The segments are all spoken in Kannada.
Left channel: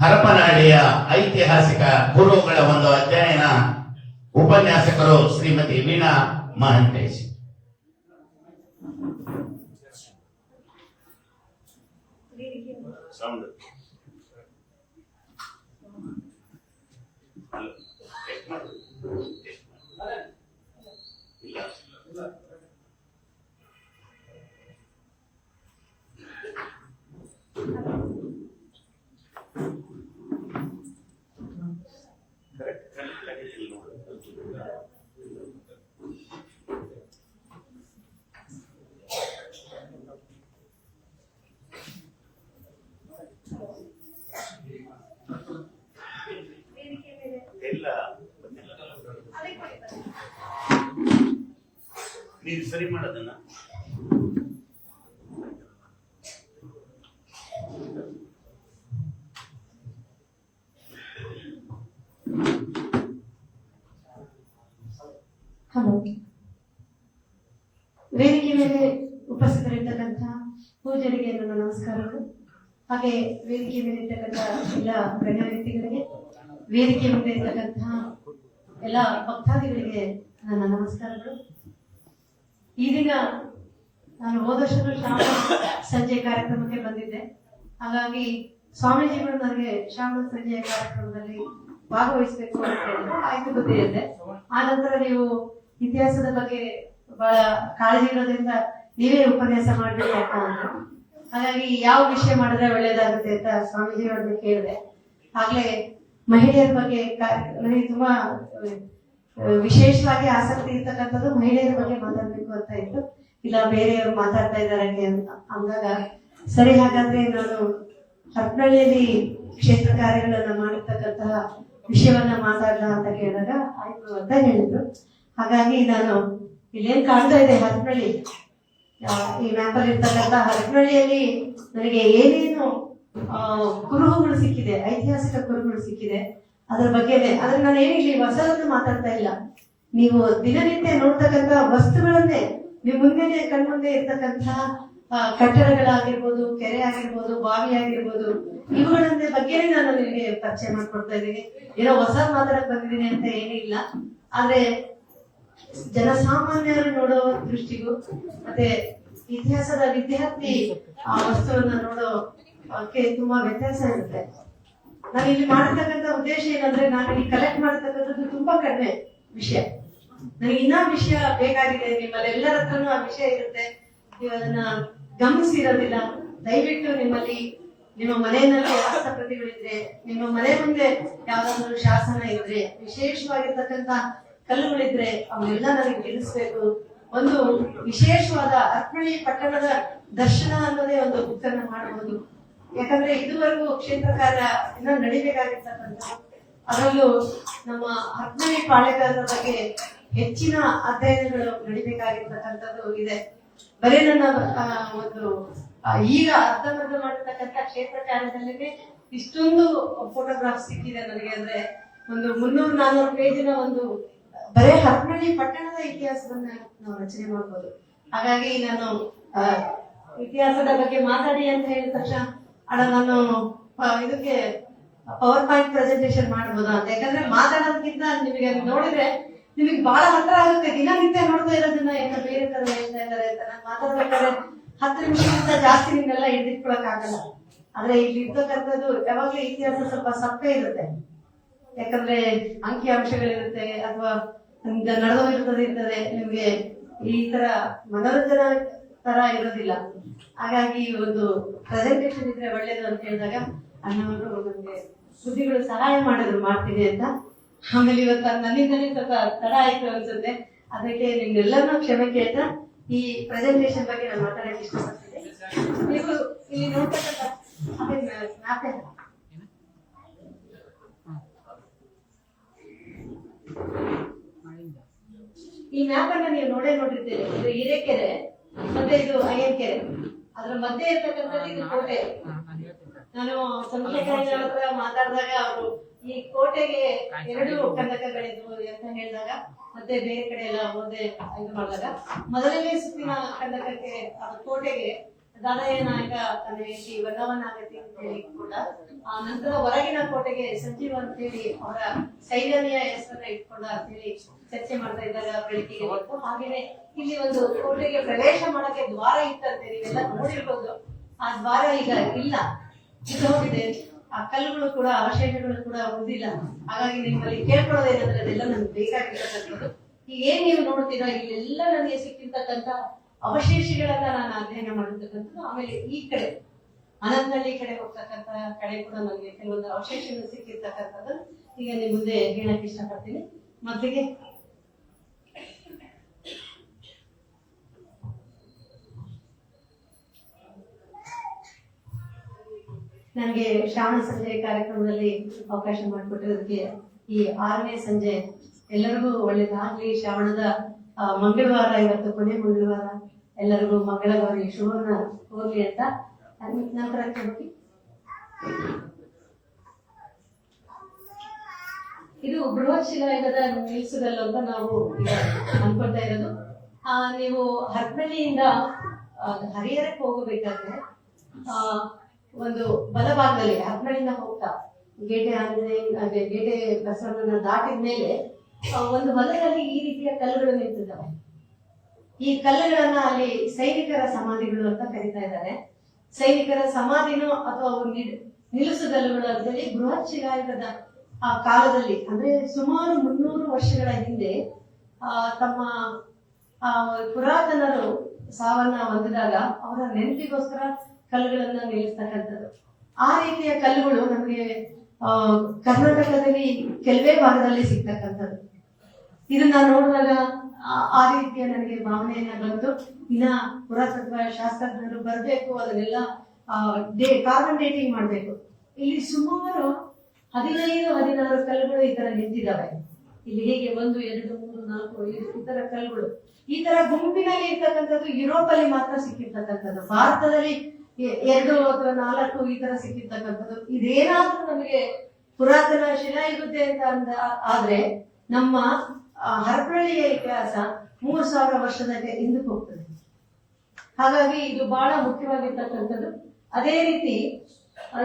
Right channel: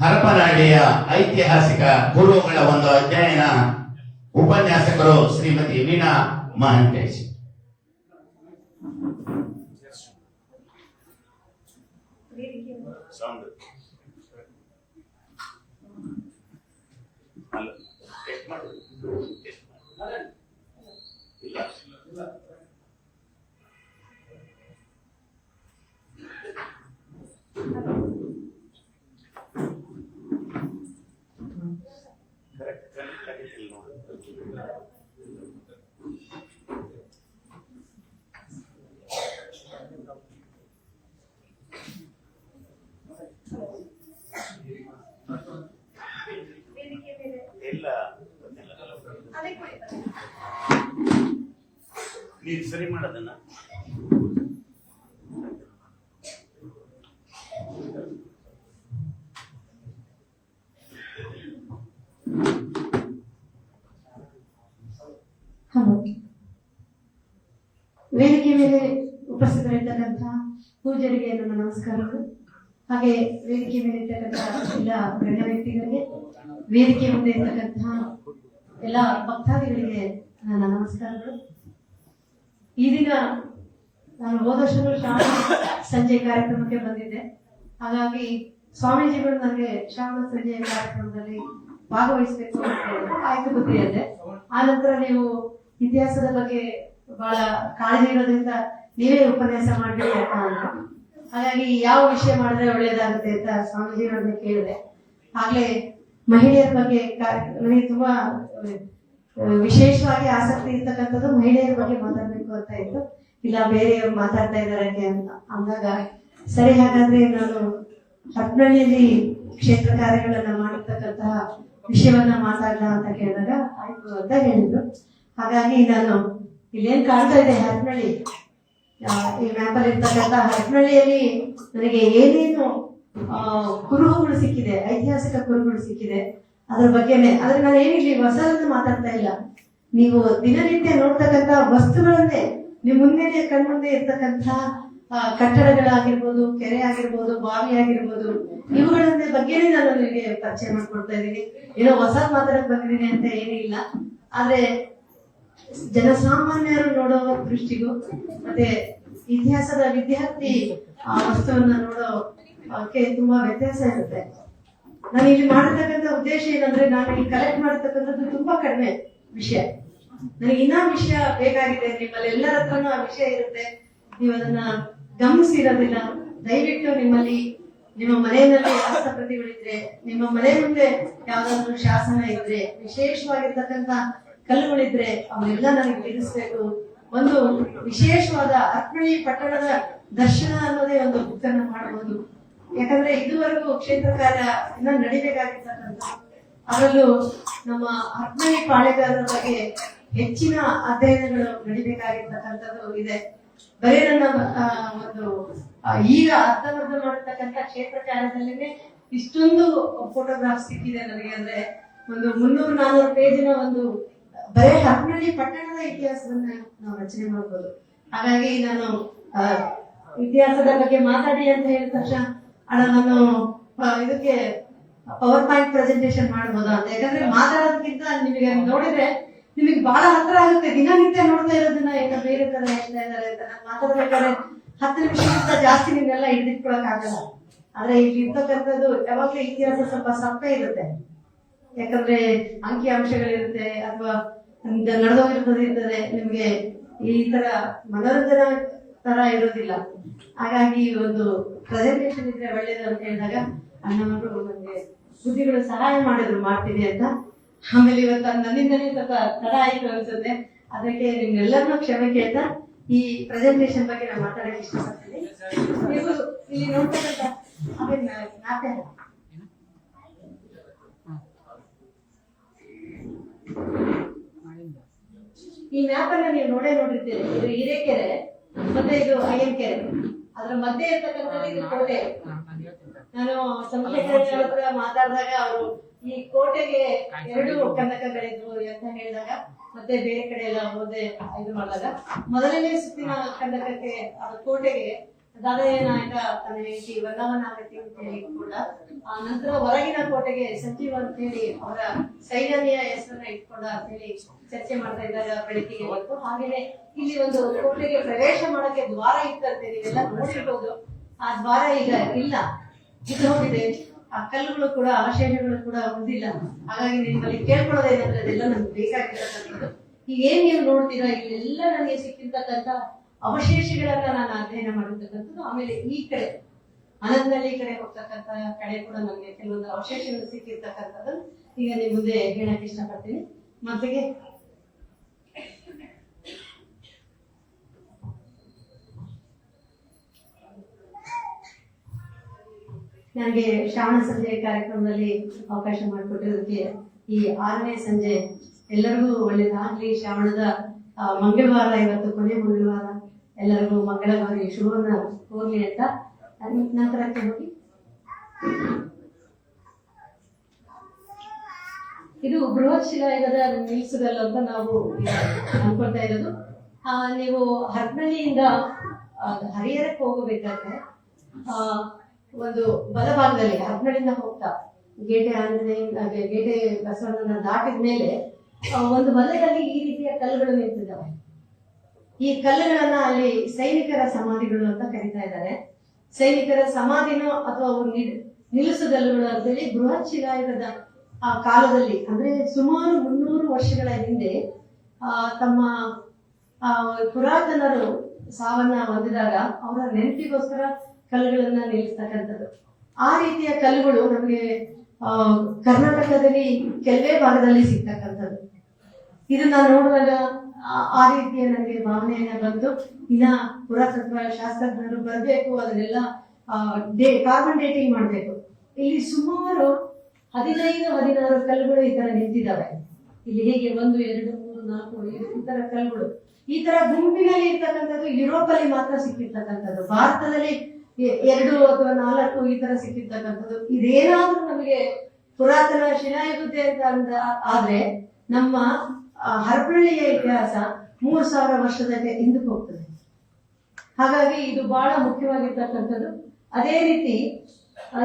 ಹರಪನಹಳ್ಳಿಯ ಐತಿಹಾಸಿಕ ಪೂರ್ವಗಳ ಒಂದು ಅಧ್ಯಯನ ಉಪನ್ಯಾಸಕರು ಶ್ರೀಮತಿ ವೀಣಾ ಮಹಂತೇಶ್. ನೀವು ಸರಿ ಮಾಡೋದನ್ನ ವೇದಿಕೆ ಮೇಲೆ ಉಪಸ್ಥಿತರಿರ್ತಕ್ಕಂತಹ ಪೂಜಾರಿಗೆ ನಮ್ಮ ನಮಸ್ಕಾರಗಳು. ಹಾಗೆ ವೇದಿಕೆ ಮೇಲೆ ಇರ್ತಕ್ಕಂತಹ ಎಲ್ಲ ಗಣ್ಯ ವ್ಯಕ್ತಿಗಳಿಗೆ, ವೇದಿಕೆ ಮುಂದೆ ಇರ್ತಕ್ಕಂತಹ ಎಲ್ಲ ಭಕ್ತಾದಿಗಳಿಗೆ ನನ್ನ ನಮಸ್ಕಾರಗಳು. ಈ ದಿನ ನಾನು ಹೋದ ವರ್ಷದ ಶ್ರಾವಣ ಸಂಜೆ ಕಾರ್ಯಕ್ರಮಕ್ಕೆ ಬಂದಿದ್ದೆ. ಹಾಗಾಗಿ ಸ್ವಾಮೀಜಿಗಳು ನನಗೆ ಶ್ರಾವಣ ಸಂಜೆಯ ಕಾರ್ಯಕ್ರಮದಲ್ಲಿ ಭಾಗವಹಿಸಬೇಕು ಅಂತ ಹೇಳಿದ್ರು. ಆಯ್ತು ಬುದ್ಧಿ ಅಂದೆ. ಆ ನಂತರ ನೀವು ಇತಿಹಾಸದ ಬಗ್ಗೆ ಬಹಳ ಕಾಳಜಿ ಇರೋದ್ರಿಂದ ನೀವೇ ಉಪನ್ಯಾಸ ಮಾಡ್ಬೇಕು ಅಂತ ಅಂದ್ರು. ಹಾಗಾಗಿ ಯಾವ ವಿಷಯ ಮಾಡಿದ್ರೆ ಒಳ್ಳೆಯದಾಗುತ್ತೆ ಅಂತ ಸ್ವಾಮೀಜಿಗಳನ್ನ ಕೇಳಿದೆ. ಆಗ್ಲೇ ಮಹಿಳೆಯರ ಬಗ್ಗೆ ನನಗೆ ತುಂಬಾ ವಿಶೇಷವಾಗಿ ಆಸಕ್ತಿ ಇರ್ತಕ್ಕಂಥದ್ದು ಮಹಿಳೆಯರ ಬಗ್ಗೆ ಮಾತಾಡ್ಬೇಕು ಅಂತ ಇತ್ತು. ಇಲ್ಲ ಬೇರೆಯವರು ಮಾತಾಡ್ತಾ ಇದ್ದಾರೆ ಅಂದಾಗ ಸರಿ, ಹಾಗಾದ್ರೆ ನಾನು ಹರಪನಹಳ್ಳಿಯಲ್ಲಿ ಕ್ಷೇತ್ರ ಕಾರ್ಯಗಳನ್ನ ಮಾಡಿರ್ತಕ್ಕಂತಹ ವಿಷಯವನ್ನ ಮಾತಾಡೋಣ ಅಂತ ಕೇಳಿದಾಗ ಆಯ್ತು ಅಂತ ಹೇಳಿದ್ರು. ಹಾಗಾಗಿ ನಾನು ಇಲ್ಲೇನ್ ಕಾಣ್ತಾ ಇದೆ ಹರಪನಹಳ್ಳಿ, ಈ ಮ್ಯಾಪರ್ ಇರ್ತಕ್ಕಂಥ ಹರಪನಹಳ್ಳಿಯಲ್ಲಿ ನನಗೆ ಏನೇನು ಕುರುಹುಗಳು ಸಿಕ್ಕಿದೆ, ಐತಿಹಾಸಿಕ ಕುರುಹುಗಳು ಸಿಕ್ಕಿದೆ ಅದ್ರ ಬಗ್ಗೆನೆ. ಆದ್ರೆ ನಾನು ಏನಿಲ್ಲ ಹೊಸದನ್ನು ಮಾತಾಡ್ತಾ ಇಲ್ಲ. ನೀವು ದಿನನಿತ್ಯ ನೋಡ್ತಕ್ಕಂಥ ವಸ್ತುಗಳನ್ನೇ ನಿಮ್ ಮುಂದೆನೆ ಕಣ್ಮುಂದೆ ಇರ್ತಕ್ಕಂಥ ಕಟ್ಟಡಗಳಾಗಿರ್ಬೋದು, ಕೆರೆ ಆಗಿರ್ಬೋದು, ಬಾವಿ ಆಗಿರ್ಬೋದು, ಇವುಗಳನ್ನ ಬಗ್ಗೆನೇ ನಾನು ನಿಮಗೆ ಪರಿಚಯ ಮಾಡ್ಕೊಡ್ತಾ ಇದ್ದೀನಿ. ಏನೋ ಹೊಸ ಮಾತಾಡಕ್ ಬಂದಿದ್ದೀನಿ ಅಂತ ಏನಿಲ್ಲ. ಆದ್ರೆ ಜನಸಾಮಾನ್ಯರು ನೋಡೋ ದೃಷ್ಟಿಗೂ ಮತ್ತೆ ಇತಿಹಾಸದ ವಿದ್ಯಾರ್ಥಿ ಆ ವಸ್ತುವನ್ನ ನೋಡೋಕೆ ತುಂಬಾ ವ್ಯತ್ಯಾಸ ಇರುತ್ತೆ. ನಾನು ಇಲ್ಲಿ ಮಾಡಿರ್ತಕ್ಕಂಥ ಉದ್ದೇಶ ಏನಂದ್ರೆ, ನಾನು ಇಲ್ಲಿ ಕಲೆಕ್ಟ್ ಮಾಡತಕ್ಕಂಥದ್ದು ತುಂಬಾ ಕಡಿಮೆ ವಿಷಯ. ನನಗೆ ಇನ್ನೂ ವಿಷಯ ಬೇಕಾಗಿದೆ. ನಿಮ್ಮಲ್ಲಿ ಎಲ್ಲರ ಹತ್ರನೂ ಆ ವಿಷಯ ಇರುತ್ತೆ, ನೀವು ಅದನ್ನ ಗಮನಿಸಿರೋದಿಲ್ಲ. ದಯವಿಟ್ಟು ನಿಮ್ಮಲ್ಲಿ ನಿಮ್ಮ ಮನೆಯಲ್ಲಿ ಹಸ್ತಪ್ರತಿಗಳಿದ್ರೆ, ನಿಮ್ಮ ಮನೆ ಮುಂದೆ ಯಾವ್ದಾದ್ರು ಶಾಸನ ಇದ್ರೆ, ವಿಶೇಷವಾಗಿರ್ತಕ್ಕಂಥ ಕಲ್ಲುಗಳಿದ್ರೆ ಅವನ್ನೆಲ್ಲ ನನಗೆ ತಿಳಿಸ್ಬೇಕು. ಒಂದು ವಿಶೇಷವಾದ ಹರಪನಹಳ್ಳಿ ಪಟ್ಟಣದ ದರ್ಶನ ಅನ್ನೋದೇ ಒಂದು ಬುಕ್ಕನ್ನು ಮಾಡಬಹುದು. ಯಾಕಂದ್ರೆ ಇದುವರೆಗೂ ಕ್ಷೇತ್ರ ಕಾರ್ಯ ಇನ್ನೂ ನಡಿಬೇಕಾಗಿರ್ತಕ್ಕಂಥ, ಅದರಲ್ಲೂ ನಮ್ಮ ಹರಪನಹಳ್ಳಿ ಪಾಳೆಗಾರರ ಬಗ್ಗೆ ಹೆಚ್ಚಿನ ಅಧ್ಯಯನಗಳು ನಡಿಬೇಕಾಗಿರ್ತಕ್ಕಂಥದ್ದು ಇದೆ. ಬರೀ ನನ್ನ ಒಂದು ಈಗ ಅರ್ಧಮರ್ಧ ಮಾಡತಕ್ಕಂಥ ಕ್ಷೇತ್ರ ಕಾರ್ಯದಲ್ಲಿನೇ ಇಷ್ಟೊಂದು ಫೋಟೋಗ್ರಾಫ್ ಸಿಕ್ಕಿದೆ ನನಗೆ. ಅಂದ್ರೆ ಒಂದು 300-400 ಪೇಜಿನ ಒಂದು ಬರೇ ಹರಪನಹಳ್ಳಿ ಪಟ್ಟಣದ ಇತಿಹಾಸವನ್ನ ನಾವು ರಚನೆ ಮಾಡಬಹುದು. ಹಾಗಾಗಿ ನಾನು ಇತಿಹಾಸದ ಬಗ್ಗೆ ಮಾತಾಡಿ ಅಂತ ಹೇಳಿದ ತಕ್ಷಣ ನಾನು ಇದಕ್ಕೆ ಪವರ್ ಪಾಯಿಂಟ್ ಪ್ರೆಸೆಂಟೇಶನ್ ಮಾಡಬಹುದಾ ಅಂತ. ಯಾಕಂದ್ರೆ ಮಾತಾಡೋದಕ್ಕಿಂತ ನಿಮಗೆ ನೋಡಿದ್ರೆ ನಿಮಗೆ ಬಹಳ ಹತ್ರ ಆಗುತ್ತೆ. ದಿನನಿತ್ಯ ನೋಡ್ತಾ ಇರೋದನ್ನ ಏನೋ ಬೇರೆ ತರ ಹೇಳ್ತಾ ಇದ್ದಾರೆ ಅಂತ. ನಾನು ಮಾತಾಡ್ಬೇಕಾದ್ರೆ 10 ನಿಮಿಷಕ್ಕಿಂತ ಜಾಸ್ತಿ ನಿಮ್ಗೆಲ್ಲ ಹಿಡಿದಿಟ್ಕೊಳಕ್ ಆಗಲ್ಲ. ಆದ್ರೆ ಇಲ್ಲಿ ಇರ್ತಕ್ಕಂಥದ್ದು ಯಾವಾಗ್ಲೂ ಇತಿಹಾಸ ಸ್ವಲ್ಪ ಸಪ್ಪೆ ಇರುತ್ತೆ. ಯಾಕಂದ್ರೆ ಅಂಕಿ ಅಂಶಗಳಿರುತ್ತೆ ಅಥವಾ ನಡೆದೋಗಿರ್ತದೆ. ನಿಮ್ಗೆ ಈ ತರ ಮನೋರಂಜನಾ ತರ ಇರೋದಿಲ್ಲ. ಹಾಗಾಗಿ ಒಂದು ಪ್ರೆಸೆಂಟೇಶನ್ ಇದ್ರೆ ಒಳ್ಳೇದು ಅಂತ ಹೇಳಿದಾಗ ಅಣ್ಣವರು ನಮ್ಗೆ ಸುದ್ದಿಗಳು ಸಹಾಯ ಮಾಡಿದ್ರು ಮಾಡ್ತೀನಿ ಅಂತ. ಆಮೇಲೆ ಇವತ್ತು ನನ್ನಿಂದಲೇ ಸ್ವಲ್ಪ ತಡ ಆಯ್ತು ಅನ್ಸುತ್ತೆ. ಅದಕ್ಕೆ ನಿಮ್ಗೆಲ್ಲರೂ ಕ್ಷಮೆ ಕೇಳ್ತಾ ಈ ಪ್ರೆಸೆಂಟೇಶನ್ ಬಗ್ಗೆ ನಾನು ಮಾತಾಡಕ್ಕೆ ಇಷ್ಟಪಡ್ತೀನಿ. ನೀವು ಇಲ್ಲಿ ನೋಡ್ತಕ್ಕಂಥ ಈ ಮ್ಯಾಪ್ ಅನ್ನ ನೀವು ನೋಡಿರ್ತೀರಿ. ಇದು ಹಿರೇಕೆರೆ ಮತ್ತೆ ಇದು ಅಯ್ಯನ್ ಕೆರೆ. ಅದ್ರ ಮಧ್ಯೆ ಇರ್ತಕ್ಕಂಥ ಇದು ಕೋಟೆ. ನಾನು ಚಂದ್ರಶೇಖರ ಹತ್ರ ಮಾತಾಡಿದಾಗ ಅವರು ಈ ಕೋಟೆಗೆ 2 ಕಂದಕಗಳಿದ್ವು ಅಂತ ಹೇಳಿದಾಗ, ಮತ್ತೆ ಬೇರೆ ಕಡೆ ಎಲ್ಲ ಮುಂದೆ ಇದು ಮಾಡಿದಾಗ, ಮೊದಲನೇ ಸುತ್ತಿನ ಕಂದಕಕ್ಕೆ ಅದು ಕೋಟೆಗೆ ದಾದಯ್ಯ ನಾಯಕ ತನ್ನ ಹೆಂಡತಿ ವಲ್ಲವನಾಗತಿ ಅಂತ ಹೇಳಿ ಕೂಡ ನಂತರ ಹೊರಗಿನ ಕೋಟೆಗೆ ಸಂಜೀವ್ ಅಂತ ಹೇಳಿ ಅವರ ಸೈನ್ಯದ ಹೆಸರನ್ನ ಇಟ್ಕೊಂಡ ಅಂತ ಹೇಳಿ ಚರ್ಚೆ ಮಾಡ್ತಾ ಇದ್ದಾರೆ ಬೆಳಕಿಗೆ ಹೊತ್ತು. ಹಾಗೇನೆ ಇಲ್ಲಿ ಒಂದು ಕೋಟೆಗೆ ಪ್ರವೇಶ ಮಾಡೋಕೆ ದ್ವಾರ ಇತ್ತಂತೆ, ನೀವೆಲ್ಲ ನೋಡಿರ್ಬೋದು. ಆ ದ್ವಾರ ಈಗ ಇಲ್ಲ, ಹೋಗಿದೆ. ಆ ಕಲ್ಲುಗಳು ಕೂಡ ಅವಶೇಷಗಳು ಕೂಡ ಉಳಿದಿಲ್ಲ. ಹಾಗಾಗಿ ನಿಮ್ಮಲ್ಲಿ ಕೇಳ್ಕೊಳ್ಳೋದೇನಂದ್ರೆ ಅದೆಲ್ಲ ನಮ್ಗೆ ಬೇಕಾಗಿರತಕ್ಕಂಥದ್ದು. ಈಗ ಏನ್ ನೀವು ನೋಡ್ತೀರಾ, ಇಲ್ಲೆಲ್ಲ ನನಗೆ ಸಿಕ್ಕಿರ್ತಕ್ಕಂಥ ಅವಶೇಷಗಳನ್ನ ನಾನು ಅಧ್ಯಯನ ಮಾಡಿರ್ತಕ್ಕಂಥದ್ದು. ಆಮೇಲೆ ಈ ಕಡೆ ಅನಂತನಹಳ್ಳಿ ಕಡೆ ಹೋಗ್ತಕ್ಕಂಥ ಕಡೆ ಕೂಡ ನನಗೆ ಕೆಲವೊಂದು ಅವಶೇಷಗಳು ಸಿಕ್ಕಿರ್ತಕ್ಕಂಥದ್ದು ಈಗ ನಿಮ್ಮ ಮುಂದೆ ಹೇಳಕ್ ಇಷ್ಟಪಡ್ತೀನಿ. ಮೊದಲಿಗೆ ನನಗೆ ಶ್ರಾವಣ ಸಂಜೆ ಕಾರ್ಯಕ್ರಮದಲ್ಲಿ ಅವಕಾಶ ಮಾಡಿಕೊಟ್ಟಿರೋದಕ್ಕೆ ಈ 6ನೇ ಸಂಜೆ ಎಲ್ಲರಿಗೂ ಒಳ್ಳೇದಾಗ್ಲಿ. ಶ್ರಾವಣದ ಮಂಗಳವಾರ, ಇವತ್ತು ಕೊನೆ ಮಂಗಳವಾರ, ಎಲ್ಲರಿಗೂ ಮಂಗಳವಾರ ಶುಭವನ್ನ ಕೋರ್ಲಿ ಅಂತ ನಂತರಕ್ಕೆ ಹೋಗಿ. ಇದು ಬೃಹತ್ ಶಿಲಾಯುಗದ ನಿಲ್ಸುಗಲ್ಲು ಅಂತ ನಾವು ಅನ್ಕೊಳ್ತಾ ಇರೋದು. ನೀವು ಹರಪನಹಳ್ಳಿಯಿಂದ ಹರಿಹರಕ್ಕೆ ಹೋಗಬೇಕಾದ್ರೆ ಒಂದು ಬಲಭಾಗದಲ್ಲಿ ಹರಪನಹಳ್ಳಿಯಿಂದ ಹೋಗ್ತಾ ಗೇಟೆ ಆಂಜನೇಯ ಗೇಟೆ ಬಸವಣ್ಣನ ದಾಟಿದ ಮೇಲೆ ಒಂದು ಹೊಲದಲ್ಲಿ ಈ ರೀತಿಯ ಕಲ್ಲುಗಳು ನಿಂತಿದ್ದಾವೆ. ಈ ಕಲ್ಲುಗಳನ್ನ ಅಲ್ಲಿ ಸೈನಿಕರ ಸಮಾಧಿಗಳು ಅಂತ ಕರೀತಾ ಇದ್ದಾರೆ. ಸೈನಿಕರ ಸಮಾಧಿನೋ ಅಥವಾ ನಿಲ್ಲಿಸುಗಲ್ಲುಗಳು ಅಂತೇಳಿ ಬೃಹತ್ ಶಿಲಾಯುಗದ ಆ ಕಾಲದಲ್ಲಿ, ಅಂದ್ರೆ ಸುಮಾರು 300 ವರ್ಷಗಳ ಹಿಂದೆ ತಮ್ಮ ಪುರಾತನರು ಸಾವನ್ನ ಹೊಂದಿದಾಗ ಅವರ ನೆನಪಿಗೋಸ್ಕರ ಕಲ್ಲುಗಳನ್ನ ನಿಲ್ಲಿಸ್ತಕ್ಕಂಥದ್ದು. ಆ ರೀತಿಯ ಕಲ್ಲುಗಳು ನಮಗೆ ಕರ್ನಾಟಕದಲ್ಲಿ ಕೆಲವೇ ಭಾಗದಲ್ಲಿ ಸಿಗ್ತಕ್ಕಂಥದ್ದು. ಇದನ್ನ ನೋಡಿದಾಗ ಆ ರೀತಿಯ ನನಗೆ ಭಾವನೆಯನ್ನ ಬಂತು. ಇನ್ನ ಪುರಾತತ್ವ ಶಾಸ್ತ್ರಜ್ಞರು ಬರಬೇಕು, ಅದನ್ನೆಲ್ಲ ಕಾರ್ಬನ್ ಡೇಟಿಂಗ್ ಮಾಡಬೇಕು. ಇಲ್ಲಿ ಸುಮಾರು 15-16 ಕಲ್ಲುಗಳು ಈ ತರ ನಿಂತಿದ್ದಾವೆ. ಇಲ್ಲಿ ಹೇಗೆ 1, 2, 3, 4, 5 ಈ ತರ ಕಲ್ಲುಗಳು ಈ ತರ ಗುಂಪಿನಲ್ಲಿ ಇರ್ತಕ್ಕಂಥದ್ದು ಯುರೋಪ್ ಅಲ್ಲಿ ಮಾತ್ರ ಸಿಕ್ಕಿರ್ತಕ್ಕಂಥದ್ದು. ಭಾರತದಲ್ಲಿ 2 ಅಥವಾ 4 ಈ ತರ ಸಿಕ್ಕಿರ್ತಕ್ಕಂಥದ್ದು. ಇದೇನಾದ್ರೂ ನಮಗೆ ಪುರಾತನ ಶಿಲಾಯುಗತೆ ಅಂತ ಆದ್ರೆ ನಮ್ಮ ಹರಪನಹಳ್ಳಿಯ ಇತಿಹಾಸ 3000 ವರ್ಷದ ಹಿಂದಕ್ಕೆ ಹೋಗ್ತದೆ. ಹಾಗಾಗಿ ಇದು ಬಹಳ ಮುಖ್ಯವಾಗಿರ್ತಕ್ಕಂಥದ್ದು. ಅದೇ ರೀತಿ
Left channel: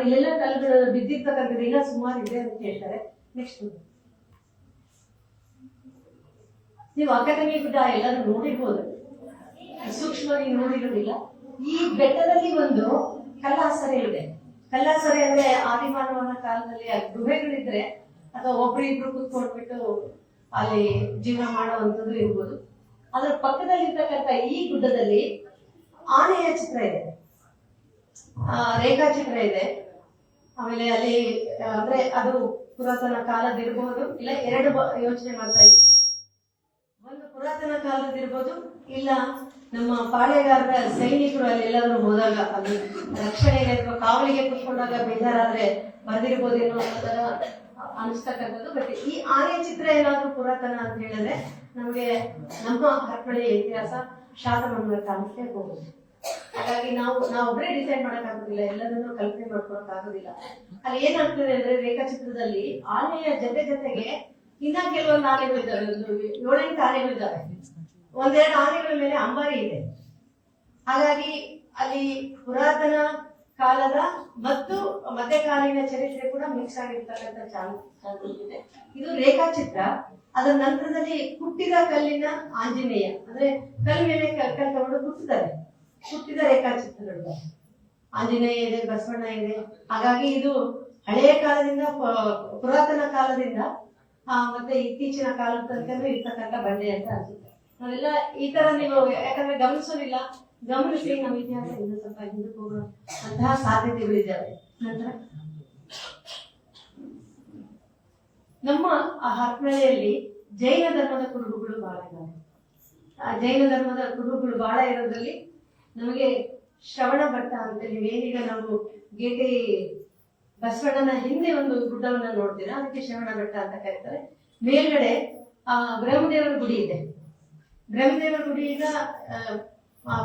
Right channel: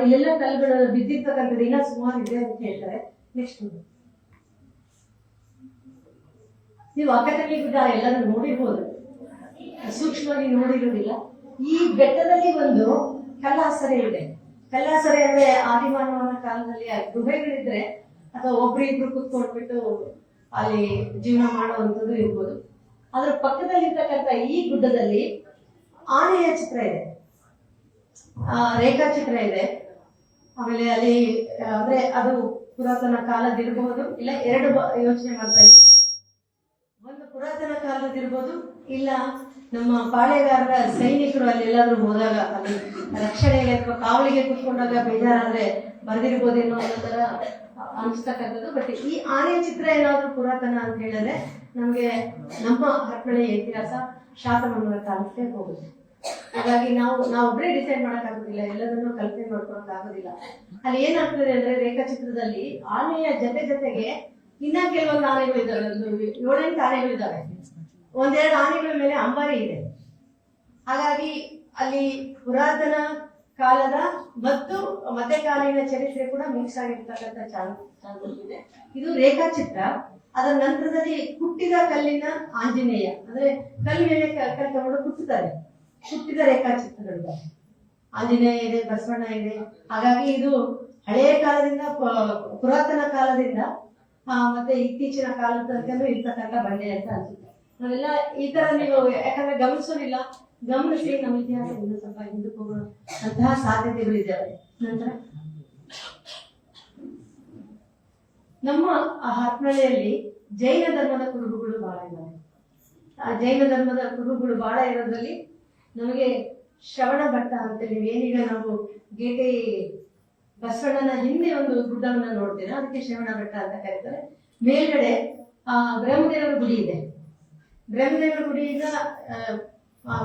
ಇಲ್ಲೆಲ್ಲ ಕಲ್ಲುಗಳು ಬಿದ್ದಿರ್ತಕ್ಕಂಥದ್ದು ಇನ್ನ ಸುಮಾರು ಇದೆ ಅಂತ ಹೇಳ್ತಾರೆ. ನೆಕ್ಸ್ಟ್ ನೀವು ಅಕ್ಕತಂಗಿ ಗುಡ್ಡ ಎಲ್ಲರೂ ನೋಡಿರ್ಬೋದು, ಸೂಕ್ಷ್ಮವಾಗಿ ನೋಡಿರೋದಿಲ್ಲ. ಈ ಬೆಟ್ಟದಲ್ಲಿ ಒಂದು ಕಲ್ಲಾಸರೆ ಇದೆ. ಕಲ್ಲಾಸರೆ ಅಂದ್ರೆ ಆದಿಮಾನವನ ಕಾಲದಲ್ಲಿ ಗುಹೆಗಳಿದ್ರೆ ಅಥವಾ ಒಬ್ರು ಕುತ್ಕೊಂಡ್ಬಿಟ್ಟು ಅಲ್ಲಿ ಜೀವನ ಮಾಡುವಂಥದ್ದು ಇರ್ಬೋದು. ಅದ್ರ ಪಕ್ಕದಲ್ಲಿ ಇರ್ತಕ್ಕಂಥ ಈ ಗುಡ್ಡದಲ್ಲಿ ಆನೆಯ ಚಿತ್ರ ಇದೆ, ರೇಖಾಚಿತ್ರ ಇದೆ. ಆಮೇಲೆ ಅಲ್ಲಿ ಅಂದ್ರೆ ಅದು ಪುರಾತನ ಕಾಲದಿರ್ಬಹುದು, ಇಲ್ಲ 2 ಯೋಚನೆ ಮಾಡ್ತಾ ಇದ್ದೀವಿ. ಒಂದು ಪುರಾತನ ಕಾಲದಿರ್ಬೋದು, ಇಲ್ಲ ನಮ್ಮ ಪಾಳೆಗಾರರ ಸೈನಿಕರು ಅಲ್ಲಿ ಎಲ್ಲಾದ್ರೂ ಹೋದಾಗ ಅಲ್ಲಿ ರಕ್ಷಣೆಗೆ ಅಥವಾ ಕಾವಲಿಗೆ ಕೂತ್ಕೊಂಡಾಗ ಬೇಜಾರಾದ್ರೆ ಬರೆದಿರ್ಬೋದೇನೋ ಅನ್ನೋ ತರ ಅನಿಸ್ತಕ್ಕಂಥದ್ದು. ಬಟ್ ಈ ಆನೆ ಚಿತ್ರ ಏನಾದ್ರೂ ಪುರಾತನ ಅಂತ ಹೇಳಿದ್ರೆ ನಮ್ಗೆ ನಮ್ಮ ಹರಪನಹಳ್ಳಿಯ ಇತಿಹಾಸ ಶಾತವಾಹನರ ಕಾಲಕ್ಕೆ ಹೋಗುತ್ತೆ. ಹಾಗಾಗಿ ನಾವೊಬ್ಬರೇ ಡಿಸೈಡ್ ಮಾಡಕ್ಕಾಗೋದಿಲ್ಲ, ಎಲ್ಲದನ್ನು ಕಲ್ಪನೆ ಮಾಡ್ಕೊಳಕ್ಕಾಗೋದಿಲ್ಲ. ಅಲ್ಲಿ ಏನಾಗ್ತದೆ ಅಂದ್ರೆ ರೇಖಾಚಿತ್ರದಲ್ಲಿ ಆನೆಯ ಜೊತೆಗೆ ಇನ್ನ ಕೆಲವೊಂದು ಆನೆಗಳಿದ್ದಾವೆ, 7-8 ಆನೆಗಳಿದ್ದಾವೆ. 1-2 ಆನೆಗಳ ಮೇಲೆ ಅಂಬಾರಿ ಇದೆ. ಹಾಗಾಗಿ ಅಲ್ಲಿ ಪುರಾತನ ಕಾಲದ ಮತ್ತು ಮಧ್ಯಕಾಲೀನ ಚರಿತ್ರೆ ಕೂಡ ಮಿಕ್ಸ್ ಆಗಿರ್ತಕ್ಕಂಥ ಚಾನ್ಸಸ್ ಇದೆ. ಇದು ರೇಖಾಚಿತ್ರ. ಅದರ ನಂತರದಲ್ಲಿ ಕುಟ್ಟಿದ ಕಲ್ಲಿನ ಆಂಜನೇಯ, ಅಂದ್ರೆ ಕಲ್ಲು ಮೇಲೆ ತಗೊಂಡು ಕುಟ್ಟುತ್ತಾರೆ, ಕುಟ್ಟಿದ ರೇಖಾಚಿತ್ರಗಳಿದೆ. ಆಂಜನೇಯ ಇದೆ, ಬಸವಣ್ಣ ಇದೆ. ಹಾಗಾಗಿ ಇದು ಹಳೆಯ ಕಾಲದಿಂದ ಪುರಾತನ ಕಾಲದಿಂದ ಮತ್ತೆ ಇತ್ತೀಚಿನ ಕಾಲದ ತನಕ ಇರ್ತಕ್ಕಂಥ ಬಂಡೆ ಅಂತ ಅನ್ಸುತ್ತೆ. ನಾವೆಲ್ಲ ಈ ತರ ನೀವು ಯಾಕಂದ್ರೆ ಗಮನಿಸೋದಿಲ್ಲ, ಗಮನಿಸಿ ನಮ್ಮ ಇತಿಹಾಸ ಇನ್ನೂ ಸ್ವಲ್ಪ ಹಿಂದಕ್ಕೆ ಹೋಗುವಂತಹ ಸಾಧ್ಯತೆಗಳಿದ್ದಾವೆ. ನಂತರ ನಮ್ಮ ಹರಪನಹಳ್ಳಿಯಲ್ಲಿ ಜೈನ ಧರ್ಮದ ಕುರುಹುಗಳು ಬಹಳ ಇದ್ದಾವೆ. ಆ ಜೈನ ಧರ್ಮದ ಕುರುಹುಗಳು ಬಹಳ ಇರೋದ್ರಲ್ಲಿ ನಮಗೆ ಶ್ರವಣ ಭಟ್ಟ ಅಂತ ನೀವೇನೀಗ ನಾವು ಗೇಟೆ ಬಸವಣ್ಣನ ಹಿಂದೆ ಒಂದು ಗುಡ್ಡವನ್ನ ನೋಡ್ತೀರಾ, ಅದಕ್ಕೆ ಶ್ರವಣ ಬೆಟ್ಟ ಅಂತ ಕರೀತಾರೆ. ಮೇಲ್ಗಡೆ ಬ್ರಹ್ಮದೇವರ ಗುಡಿ ಇದೆ. ಬ್ರಹ್ಮದೇವರ ಗುಡಿಯಿಂದ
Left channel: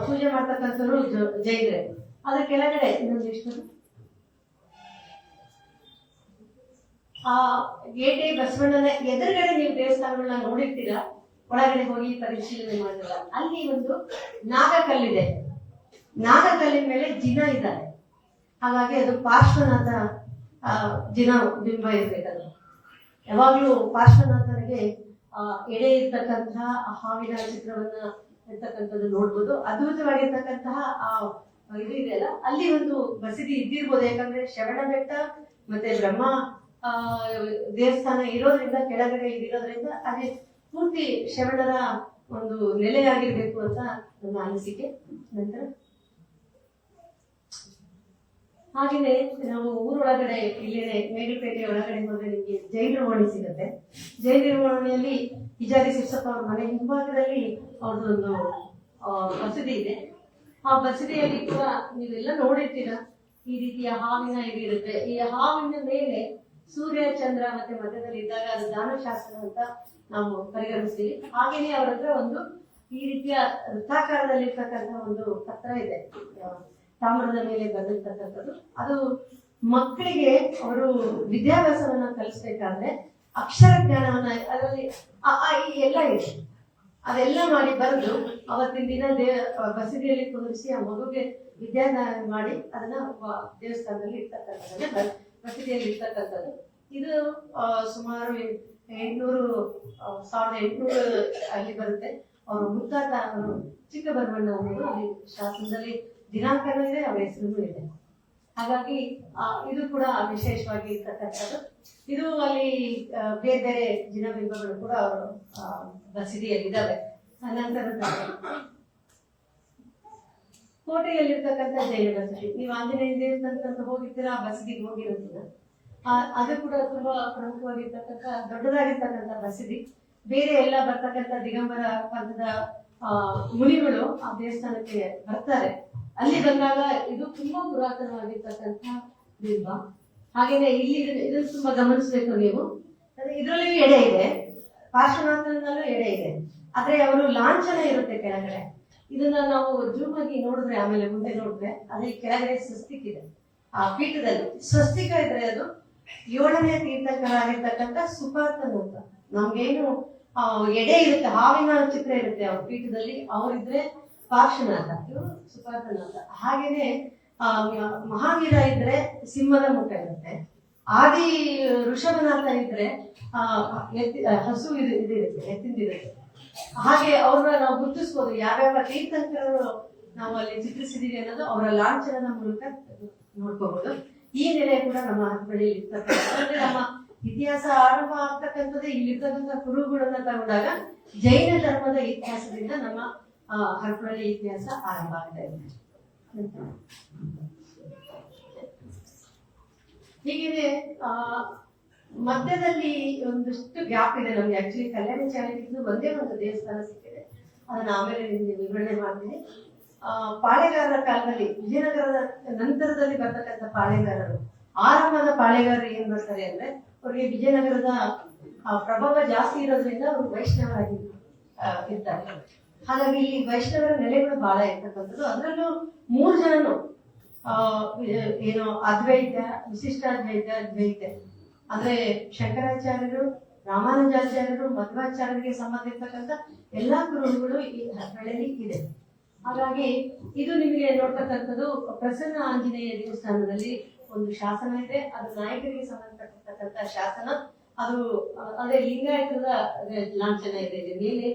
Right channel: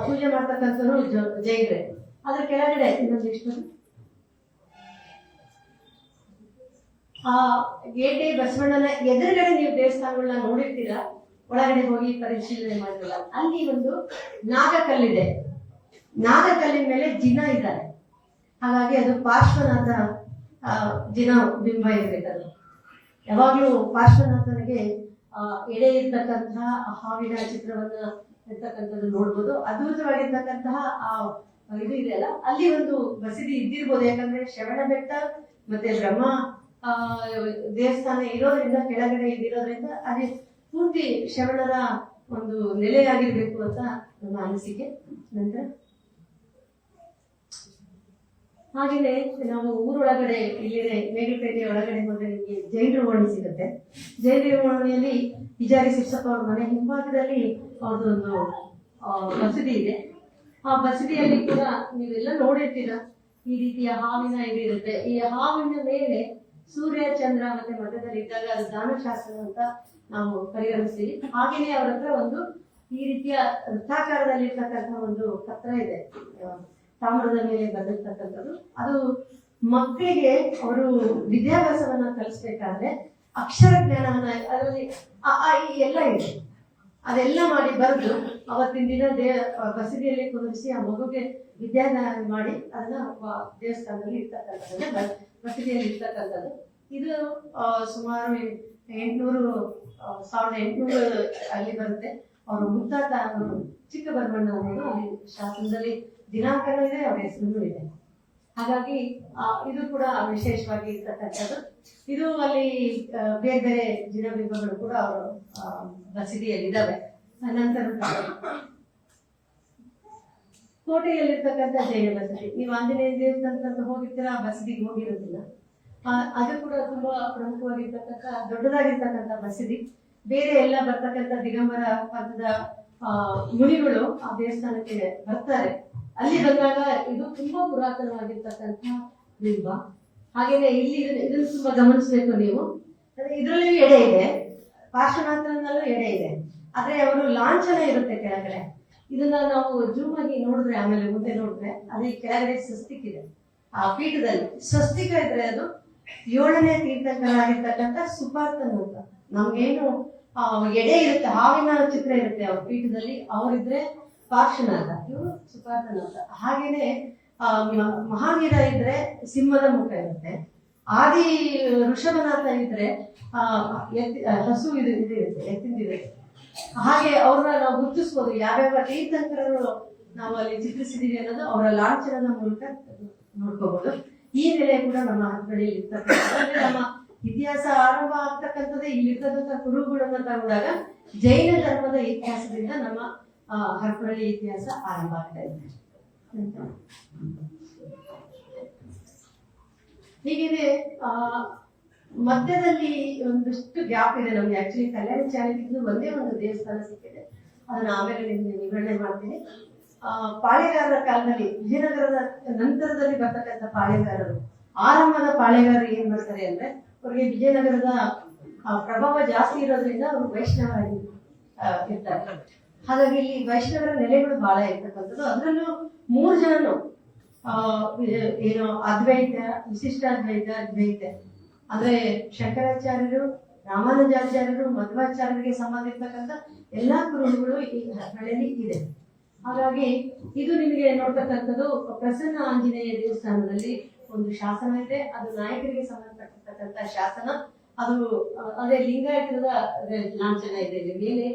ಪೂಜೆ ಮಾಡ್ತಕ್ಕಂಥವ್ರು ಜೈನರೇ. ಅದ್ರ ಕೆಳಗಡೆ ಇನ್ನೊಂದಿಷ್ಟು ಆ ಗೇಟೆ ಬಸವಣ್ಣನ ಎದುರುಗಡೆ ನೀವು ದೇವಸ್ಥಾನಗಳನ್ನ ನೋಡಿರ್ತೀರಾ, ಒಳಗಡೆ ಹೋಗಿ ಪರಿಶೀಲನೆ ಮಾಡಿಲ್ಲ. ಅಲ್ಲಿ ಒಂದು ನಾಗಕಲ್ಲಿದೆ. ನಾಗಕಲ್ಲಿನ ಮೇಲೆ ಜಿನ ಇದ್ದಾರೆ. ಹಾಗಾಗಿ ಅದು ಪಾರ್ಶ್ವನಾಥ ಜಿನ ಬಿಂಬ ಇರಬೇಕಲ್ಲ. ಯಾವಾಗಲೂ ಪಾರ್ಶ್ವನಾಥನಿಗೆ ಎಡೆ ಇರ್ತಕ್ಕಂತಹ ಹಾವಿನ ಚಿತ್ರವನ್ನ ಇರ್ತಕ್ಕಂಥದ್ದು ನೋಡ್ಬೋದು. ಅದ್ಭುತವಾಗಿರ್ತಕ್ಕಂತಹ ಇದು ಇದೆಯಲ್ಲ, ಅಲ್ಲಿ ಒಂದು ಮಸೀದಿ ಇದ್ದಿರ್ಬೋದು. ಯಾಕಂದ್ರೆ ಶ್ರವಣ ಬೆಟ್ಟ ಮತ್ತೆ ಬ್ರಹ್ಮ ದೇವಸ್ಥಾನ ಇರೋದ್ರಿಂದ, ಕೆಳಗಡೆ ಇರೋದ್ರಿಂದ ಅಲ್ಲಿ ಪೂರ್ತಿ ಶ್ರವಣರ ಒಂದು ನೆಲೆಯಾಗಿರ್ಬೇಕು ಅಂತ ನಮ್ಮ ಅನಿಸಿಕೆ. ನಂತರ ಹಾಗೆಯೇ ನಾವು ಊರೊಳಗಡೆ ಇಲ್ಲಿದೆ ಮೇಲುಪೇಟೆ ಒಳಗಡೆ ಹೋದ್ರೆ ನಿಮಗೆ ಜೈನ ನಿರ್ವಹಣೆ ಸಿಗುತ್ತೆ. ಜೈನ ನಿರ್ವಹಣೆಯಲ್ಲಿ ವಿಜಾರಿ ಶಿಕ್ಷಕ ಅವ್ರ ಮನೆ ಹಿಂಭಾಗದಲ್ಲಿ ಅವ್ರದ್ದೊಂದು ಮಸೀದಿ ಇದೆ. ಆ ಮಸೀದಿಯಲ್ಲಿ ಕೂಡ ನೀವೆಲ್ಲ ನೋಡಿರ್ತೀರ, ಈ ರೀತಿಯ ಹಾವಿನ ಇದು ಇರುತ್ತೆ. ಈ ಹಾವಿನ ಮೇಲೆ ಸೂರ್ಯ ಚಂದ್ರ ಮತ್ತೆ ಮಧ್ಯದಲ್ಲಿ ಇದ್ದಾಗ ಅದು ದಾನಶಾಸ್ತ್ರ ಅಂತ ನಾವು ಪರಿಗಣಿಸ್ತೀವಿ. ಹಾಗೇನೆ ಅವರ ಹತ್ರ ಒಂದು ಈ ರೀತಿಯ ವೃತ್ತಾಕಾರದಲ್ಲಿ ಇರ್ತಕ್ಕಂಥ ಒಂದು ಪತ್ರ ಇದೆ, ತಾಮ್ರದ ಮೇಲೆ ಬರೆದಿರ್ತಕ್ಕಂಥದ್ದು. ಅದು ಮಕ್ಕಳಿಗೆ ಅವರು ವಿದ್ಯಾಭ್ಯಾಸವನ್ನ ಕಲಿಸ್ಬೇಕಾದ್ರೆ ಅಕ್ಷರ ಜ್ಞಾನವನ್ನ ಅದರಲ್ಲಿ ಈ ಎಲ್ಲ ಇದೆ, ಅದೆಲ್ಲ ಮಾಡಿ ಬರೆದು ಅವತ್ತಿನ ದಿನ ಮಸೀದಿಯಲ್ಲಿ ಕುದಿಸಿ ಆ ಮಗುಗೆ ವಿದ್ಯಾದಾನ ಮಾಡಿ ಅದನ್ನ ದೇವಸ್ಥಾನದಲ್ಲಿ ಇರ್ತಕ್ಕಂಥದ್ದು, ಮಸೀದಿಯಲ್ಲಿ ಇರ್ತಕ್ಕಂಥದ್ದು. ಇದು ಸುಮಾರು 1800 ಅಲ್ಲಿ ಬರುತ್ತೆ. ಅವರು ಮುತ್ತಾತ ಚಿಕ್ಕಬರ್ಮಣ್ಣ ಅನ್ನೋದು ಅಲ್ಲಿ ಶಾಸನದಲ್ಲಿ ದಿನಾಂಕನೂ ಇದೆ, ಅವರ ಹೆಸರು ಇದೆ. ಹಾಗಾಗಿ ಇದು ಕೂಡ ವಿಶೇಷವಾಗಿ ಇರ್ತಕ್ಕಂಥದ್ದು. ಇದು ಅಲ್ಲಿ ಬೇರೆ ಬೇರೆ ಜಿನಬಿಂಬಗಳು ಕೂಡ ಅವರು ಮಸೀದಿಯಲ್ಲಿದ್ದಾವೆ. ನಂತರ ಕೋಟೆಯಲ್ಲಿರ್ತಕ್ಕಂಥ ಜೈನ ಬಸದಿ, ನೀವು ಆಂಜನೇಯ ದೇವಸ್ಥಾನಕ್ಕೆ ಹೋಗಿರ್ತೀರ, ಆ ಬಸದಿಗೆ ಹೋಗಿರೋದಿಲ್ಲ. ಅದು ಕೂಡ ತುಂಬಾ ಪ್ರಮುಖವಾಗಿರ್ತಕ್ಕಂಥ ದೊಡ್ಡದಾಗಿರ್ತಕ್ಕಂಥ ಮಸೀದಿ. ಬೇರೆ ಎಲ್ಲ ಬರ್ತಕ್ಕಂಥ ದಿಗಂಬರ ಪಂಥದ ಮುನಿಗಳು ಆ ದೇವಸ್ಥಾನಕ್ಕೆ ಬರ್ತಾರೆ. ಅಲ್ಲಿ ಬಂದಾಗ ಇದು ತುಂಬಾ ಪುರಾತನವಾಗಿರ್ತಕ್ಕಂಥ ಬಿಂಬ. ಹಾಗೇನೆ ಇಲ್ಲಿ ಇದನ್ನು ತುಂಬಾ ಗಮನಿಸಬೇಕು ನೀವು. ಇದರಲ್ಲಿಯೂ ಎಡೆ ಇದೆ, ಪಾರ್ಶ್ವನಾಥನಲ್ಲೂ ಎಡೆ ಇದೆ, ಆದ್ರೆ ಅವರು ಲಾಂಛನ ಇರುತ್ತೆ ಕೆಳಗಡೆ. ಇದನ್ನ ನಾವು ಜೂಮ್ ಆಗಿ ನೋಡಿದ್ರೆ, ಆಮೇಲೆ ಮುಂದೆ ನೋಡಿದ್ರೆ ಅದೇ ಕೆಳಗಡೆ ಸ್ವಸ್ತಿಕ್ ಇದೆ. ಆ ಪೀಠದಲ್ಲಿ ಸ್ವಸ್ತಿಕ ಇದ್ರೆ ಅದು 7ನೇ ತೀರ್ಥಂಕರಾಗಿರ್ತಕ್ಕಂಥ ಸುಪಾರ್ತನ್ ಅಂತ. ನಮ್ಗೇನು ಎಡೆ ಇರುತ್ತೆ, ಹಾವಿನ ಚಿತ್ರ ಇರುತ್ತೆ ಅವ್ರ ಪೀಠದಲ್ಲಿ, ಅವರಿದ್ರೆ ಪಾರ್ಶ್ವನಾಥ, ಇವರು ಸುಪಾರ್ತನ್ ಅಂತ. ಹಾಗೇನೆ ಮಹಾವೀರ ಇದ್ರೆ ಸಿಂಹದ ಮುಖ ಇರುತ್ತೆ, ಆದಿ ಋಷಭನಾಥ ಇದ್ರೆ ಹಸು ಇರುತ್ತೆ, ಎತ್ತಿಂದಿರುತ್ತೆ. ಹಾಗೆ ಅವ್ರನ್ನ ನಾವು ಗುರುತಿಸ್ಬೋದು, ಯಾವ್ಯಾವ ತೀರ್ಥಂಕರರು ನಾವು ಅಲ್ಲಿ ಚಿತ್ರಿಸಿದೀವಿ ಅನ್ನೋದು ಅವರ ಲಾಂಛನದ ಮೂಲಕ ನೋಡ್ಕೋಬಹುದು. ಈ ನೆಲೆ ಕೂಡ ನಮ್ಮ ಹರಪಳ್ಳಿ ಇರ್ತಕ್ಕಂಥ, ನಮ್ಮ ಇತಿಹಾಸ ಆರಂಭ ಆಗ್ತಕ್ಕಂಥದ್ದೇ ಇಲ್ಲಿರ್ತಕ್ಕಂಥ ಕುರುಹುಗಳನ್ನ ತಗೊಂಡಾಗ ಜೈನ ಧರ್ಮದ ಇತಿಹಾಸದಿಂದ ನಮ್ಮ ಹರಪಳ್ಳಿ ಇತಿಹಾಸ ಆರಂಭ ಆಗ್ತಾ ಇದೆ. ಹೀಗೆ ಮಧ್ಯದಲ್ಲಿ ಒಂದಷ್ಟು ಗ್ಯಾಪ್ ಇದೆ ನಮ್ಗೆ. ಆಕ್ಚುಲಿ ಕಲ್ಯಾಣಚಾರ್ಯರಿಂದ ಒಂದೇ ಒಂದು ದೇವಸ್ಥಾನ ಸಿಕ್ಕಿದೆ, ಅದನ್ನ ಆಮೇಲೆ ನಿಮ್ಗೆ ವಿವರಣೆ ಮಾಡ್ತೀನಿ. ಪಾಳೆಗಾರರ ಕಾಲದಲ್ಲಿ, ವಿಜಯನಗರದ ನಂತರದಲ್ಲಿ ಬರ್ತಕ್ಕಂಥ ಪಾಳೆಗಾರರು, ಆರಂಭದ ಪಾಳೆಗಾರರು ಏನ್ ಮಾಡ್ತಾರೆ ಅಂದ್ರೆ, ಅವ್ರಿಗೆ ವಿಜಯನಗರದ ಪ್ರಭಾವ ಜಾಸ್ತಿ ಇರೋದ್ರಿಂದ ಅವರು ವೈಷ್ಣವರಾಗಿ ಇರ್ತಾರೆ. ಹಾಗಾಗಿ ಇಲ್ಲಿ ವೈಷ್ಣವರ ನೆಲೆಗಳು ಬಹಳ ಇರ್ತಕ್ಕಂಥದ್ದು. ಅದರಲ್ಲೂ 3 ಜನನು ಏನು ಅದ್ವೈತ, ವಿಶಿಷ್ಟಾದ್ವೈತ, ದ್ವೈತ ಅಂದ್ರೆ ಶಂಕರಾಚಾರ್ಯರು, ರಾಮಾನುಜಾಚಾರ್ಯರು, ಮಧ್ವಾಚಾರ್ಯರಿಗೆ ಸಂಬಂಧಿರ್ತಕ್ಕಂಥ ಎಲ್ಲಾ ಗುರುಗಳು ಈ ಹರಪಳ್ಳಿಯಲ್ಲಿ ಇದೆ. ಹಾಗಾಗಿ ಇದು ನಿಮಗೆ ನೋಡ್ತಕ್ಕಂಥದ್ದು ಪ್ರಸನ್ನ ಆಂಜನೇಯ ದೇವಸ್ಥಾನದಲ್ಲಿ ಒಂದು ಶಾಸನ ಇದೆ. ಅದು ನಾಯಕರಿಗೆ ಸಂಬಂಧಪಟ್ಟಿರ್ತಕ್ಕಂಥ ಶಾಸನ. ಅದು ಅದೇ ಲಿಂಗಾಯತದ ಲಾಂಛನ ಇದೆ. ಮೇಲೆ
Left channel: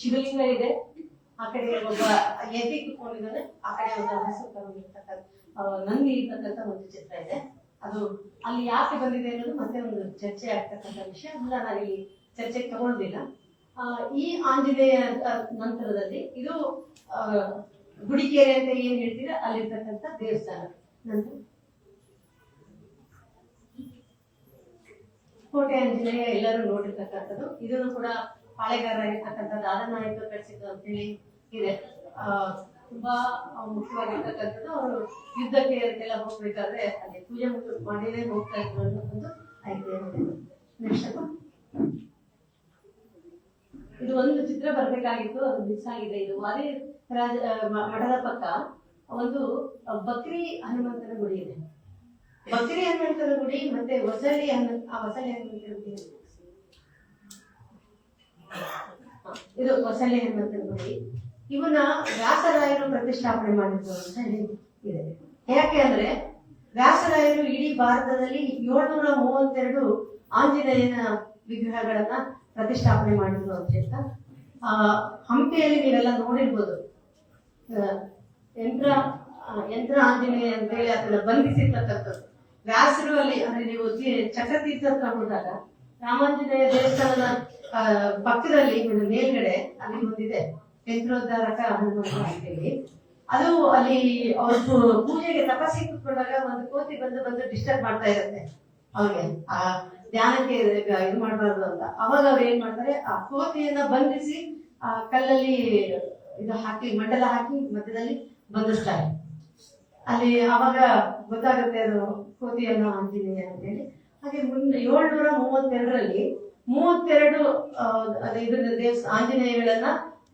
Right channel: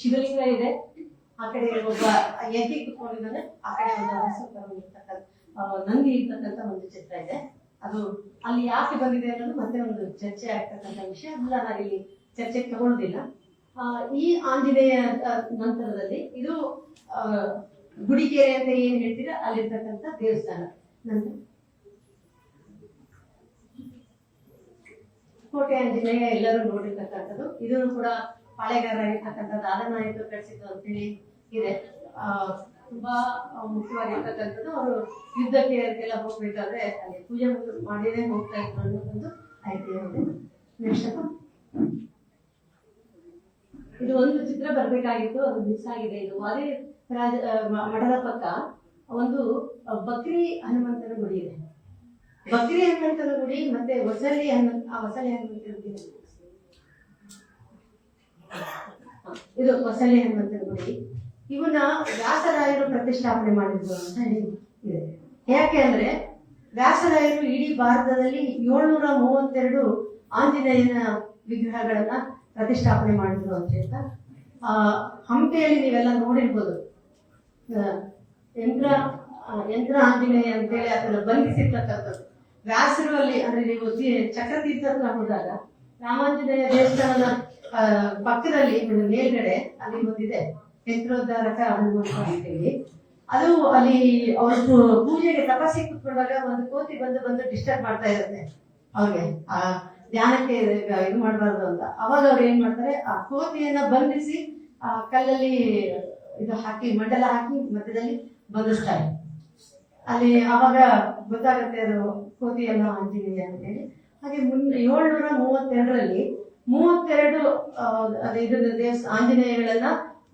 ಶಿವಲಿಂಗ ಇದೆ, ಆ ಕಡೆ ಒಬ್ಬ ಎದಿ ಕುತ್ಕೊಂಡಿದ್ದಾನೆ, ಆ ಕಡೆ ಒಂದು ಹಸು ತಗೊಂಡಿರ್ತಕ್ಕಂಥ ನಂದಿ ಇರ್ತಕ್ಕಂಥ ಒಂದು ಚಿತ್ರ ಇದೆ. ಅದು ಅಲ್ಲಿ ಯಾಕೆ ಬಂದಿದೆ ಅನ್ನೋದು ಮತ್ತೆ ಒಂದು ಚರ್ಚೆ ಆಗ್ತಕ್ಕಂಥ ವಿಷಯ. ಅಲ್ಲ, ನಾವಿಲ್ಲಿ ಚರ್ಚೆಗೆ ತಗೊಳ್ಳೋದಿಲ್ಲ. ಈ ಆಂಜನೇಯ ನಂತರದಲ್ಲಿ ಇದು ಗುಡಿಕೆರೆ ಅಂತ ಏನ್ ಹೇಳ್ತೀರಾ ಅಲ್ಲಿರ್ತಕ್ಕಂಥ ದೇವಸ್ಥಾನ. ನಂತರ ಕೋಟೆ ಆಂಜನೇಯ ಎಲ್ಲರೂ ನೋಡಿರ್ತಕ್ಕಂಥದ್ದು. ಇದನ್ನು ಕೂಡ ಪಾಳೆಗಾರ ಆಗಿರ್ತಕ್ಕಂಥ ದಾದನಾಯಕ ಕಳಿಸಿದ್ದು ಅಂತೇಳಿ ಇದೆ. ತುಂಬಾ ಮುಖ್ಯವಾಗಿರ್ತಕ್ಕಂಥದ್ದು. ಅವರು ಯುದ್ಧಕ್ಕೆ ಎಲ್ಲ ಹೋಗ್ಬೇಕಾದ್ರೆ ಅಲ್ಲಿ ಪೂಜೆ ಮಾಡಿನೇ ಹೋಗ್ತಾ ಇದ್ರು ಅನ್ನೋ ಒಂದು ಐತಿಹ್ಯ ಇದೆ. ನೆಕ್ಸ್ಟ್ ಇದು ಒಂದು ಚಿತ್ರ ಬರ್ಬೇಕಾಗಿತ್ತು, ಅದು ಮಿಸ್ ಆಗಿದೆ. ಇದು ವಾದಿ ಮಠದ ಪಕ್ಕ ಒಂದು ಬಕ್ರಿ ಹನುಮಂತನ ಗುಡಿ ಇದೆ. ಬಕ್ರಿ ಹನುಮಂತನ ಗುಡಿ ಮತ್ತೆ ವಸಲಿ ಹನುಮಂತನ ಗುಡಿ, ಇದು ವಸಲಿ ಹನುಮಂತನ ಗುಡಿ. ಇವನ್ನ ವ್ಯಾಸರಾಯರು ಪ್ರತಿಷ್ಠಾಪನೆ ಮಾಡಿದ್ರು ಅಂತ ಇದೆ. ಯಾಕೆ ಅಂದ್ರೆ ವ್ಯಾಸರಾಯರು ಇಡೀ ಭಾರತದಲ್ಲಿ 732 ಆಂಜನೇಯನ ವಿಗ್ರಹಗಳನ್ನ ಪ್ರತಿಷ್ಠಾಪನೆ ಮಾಡಿದ್ರು ಅಂತ ಹಂಪಿಯಲ್ಲಿ ನೀವೆಲ್ಲ ನೋಡಿರ್ಬೋದು. ಯಂತ್ರ ಆಂಜನೇಯ ಅಂತೇಳಿ ಅದನ್ನ ಬಂಧಿಸಿರ್ತಕ್ಕಂಥದ್ದು ವ್ಯಾಸರು ಅಲ್ಲಿ. ಅಂದ್ರೆ ನೀವು ಚಕ್ರತೀರ್ಥ ಹತ್ರ ಹೋದಾಗ ರಾಮಾಂಜನೇಯ ದೇವಸ್ಥಾನದ ಪಕ್ಕದಲ್ಲಿ ಮೇಲ್ಗಡೆ ಅಲ್ಲಿ ಒಂದಿದೆ ಯಂತ್ರೋದ್ಧಾರಕ ಹನುಮಂತ ಅಂತೇಳಿ. ಅದು ಅಲ್ಲಿ ಅವರು ಪೂಜೆಗೆ ತಪಸ್ಸಿಗೆ ಕುತ್ಕೊಂಡಾಗ ಒಂದು ಕೋತಿ ಬಂದು ಡಿಸ್ಟರ್ಬ್ ಮಾಡ್ತಾ ಇರುತ್ತೆ ಅವ್ರಿಗೆ, ಆ ಧ್ಯಾನಕ್ಕೆ ಇದು ಮಾಡಬಾರ್ದು ಅಂತ. ಅವಾಗ ಅವ್ರು ಏನ್ ಮಾಡ್ತಾರೆ, ಆ ಕೋತಿಯನ್ನ ಬಂಧಿಸಿ ಆ ಕಲ್ಲಲ್ಲಿ ಇದು ಹಾಕಿ ಮಂಡಲ ಹಾಕಿ ಮಧ್ಯದಲ್ಲಿ ಬಂಧಿಸ್ತಾರೆ. ಅಲ್ಲಿ ಅವಾಗ ಗೊತ್ತಾಗುತ್ತೆ ಅದು ಕೋತಿಯನ್ನ ಆಂಜನೇಯ ಅಂತೇಳಿ. ಹಾಗೆ 732ರಲ್ಲಿ 32 ಆಂಜನೇಯಗಳನ್ನ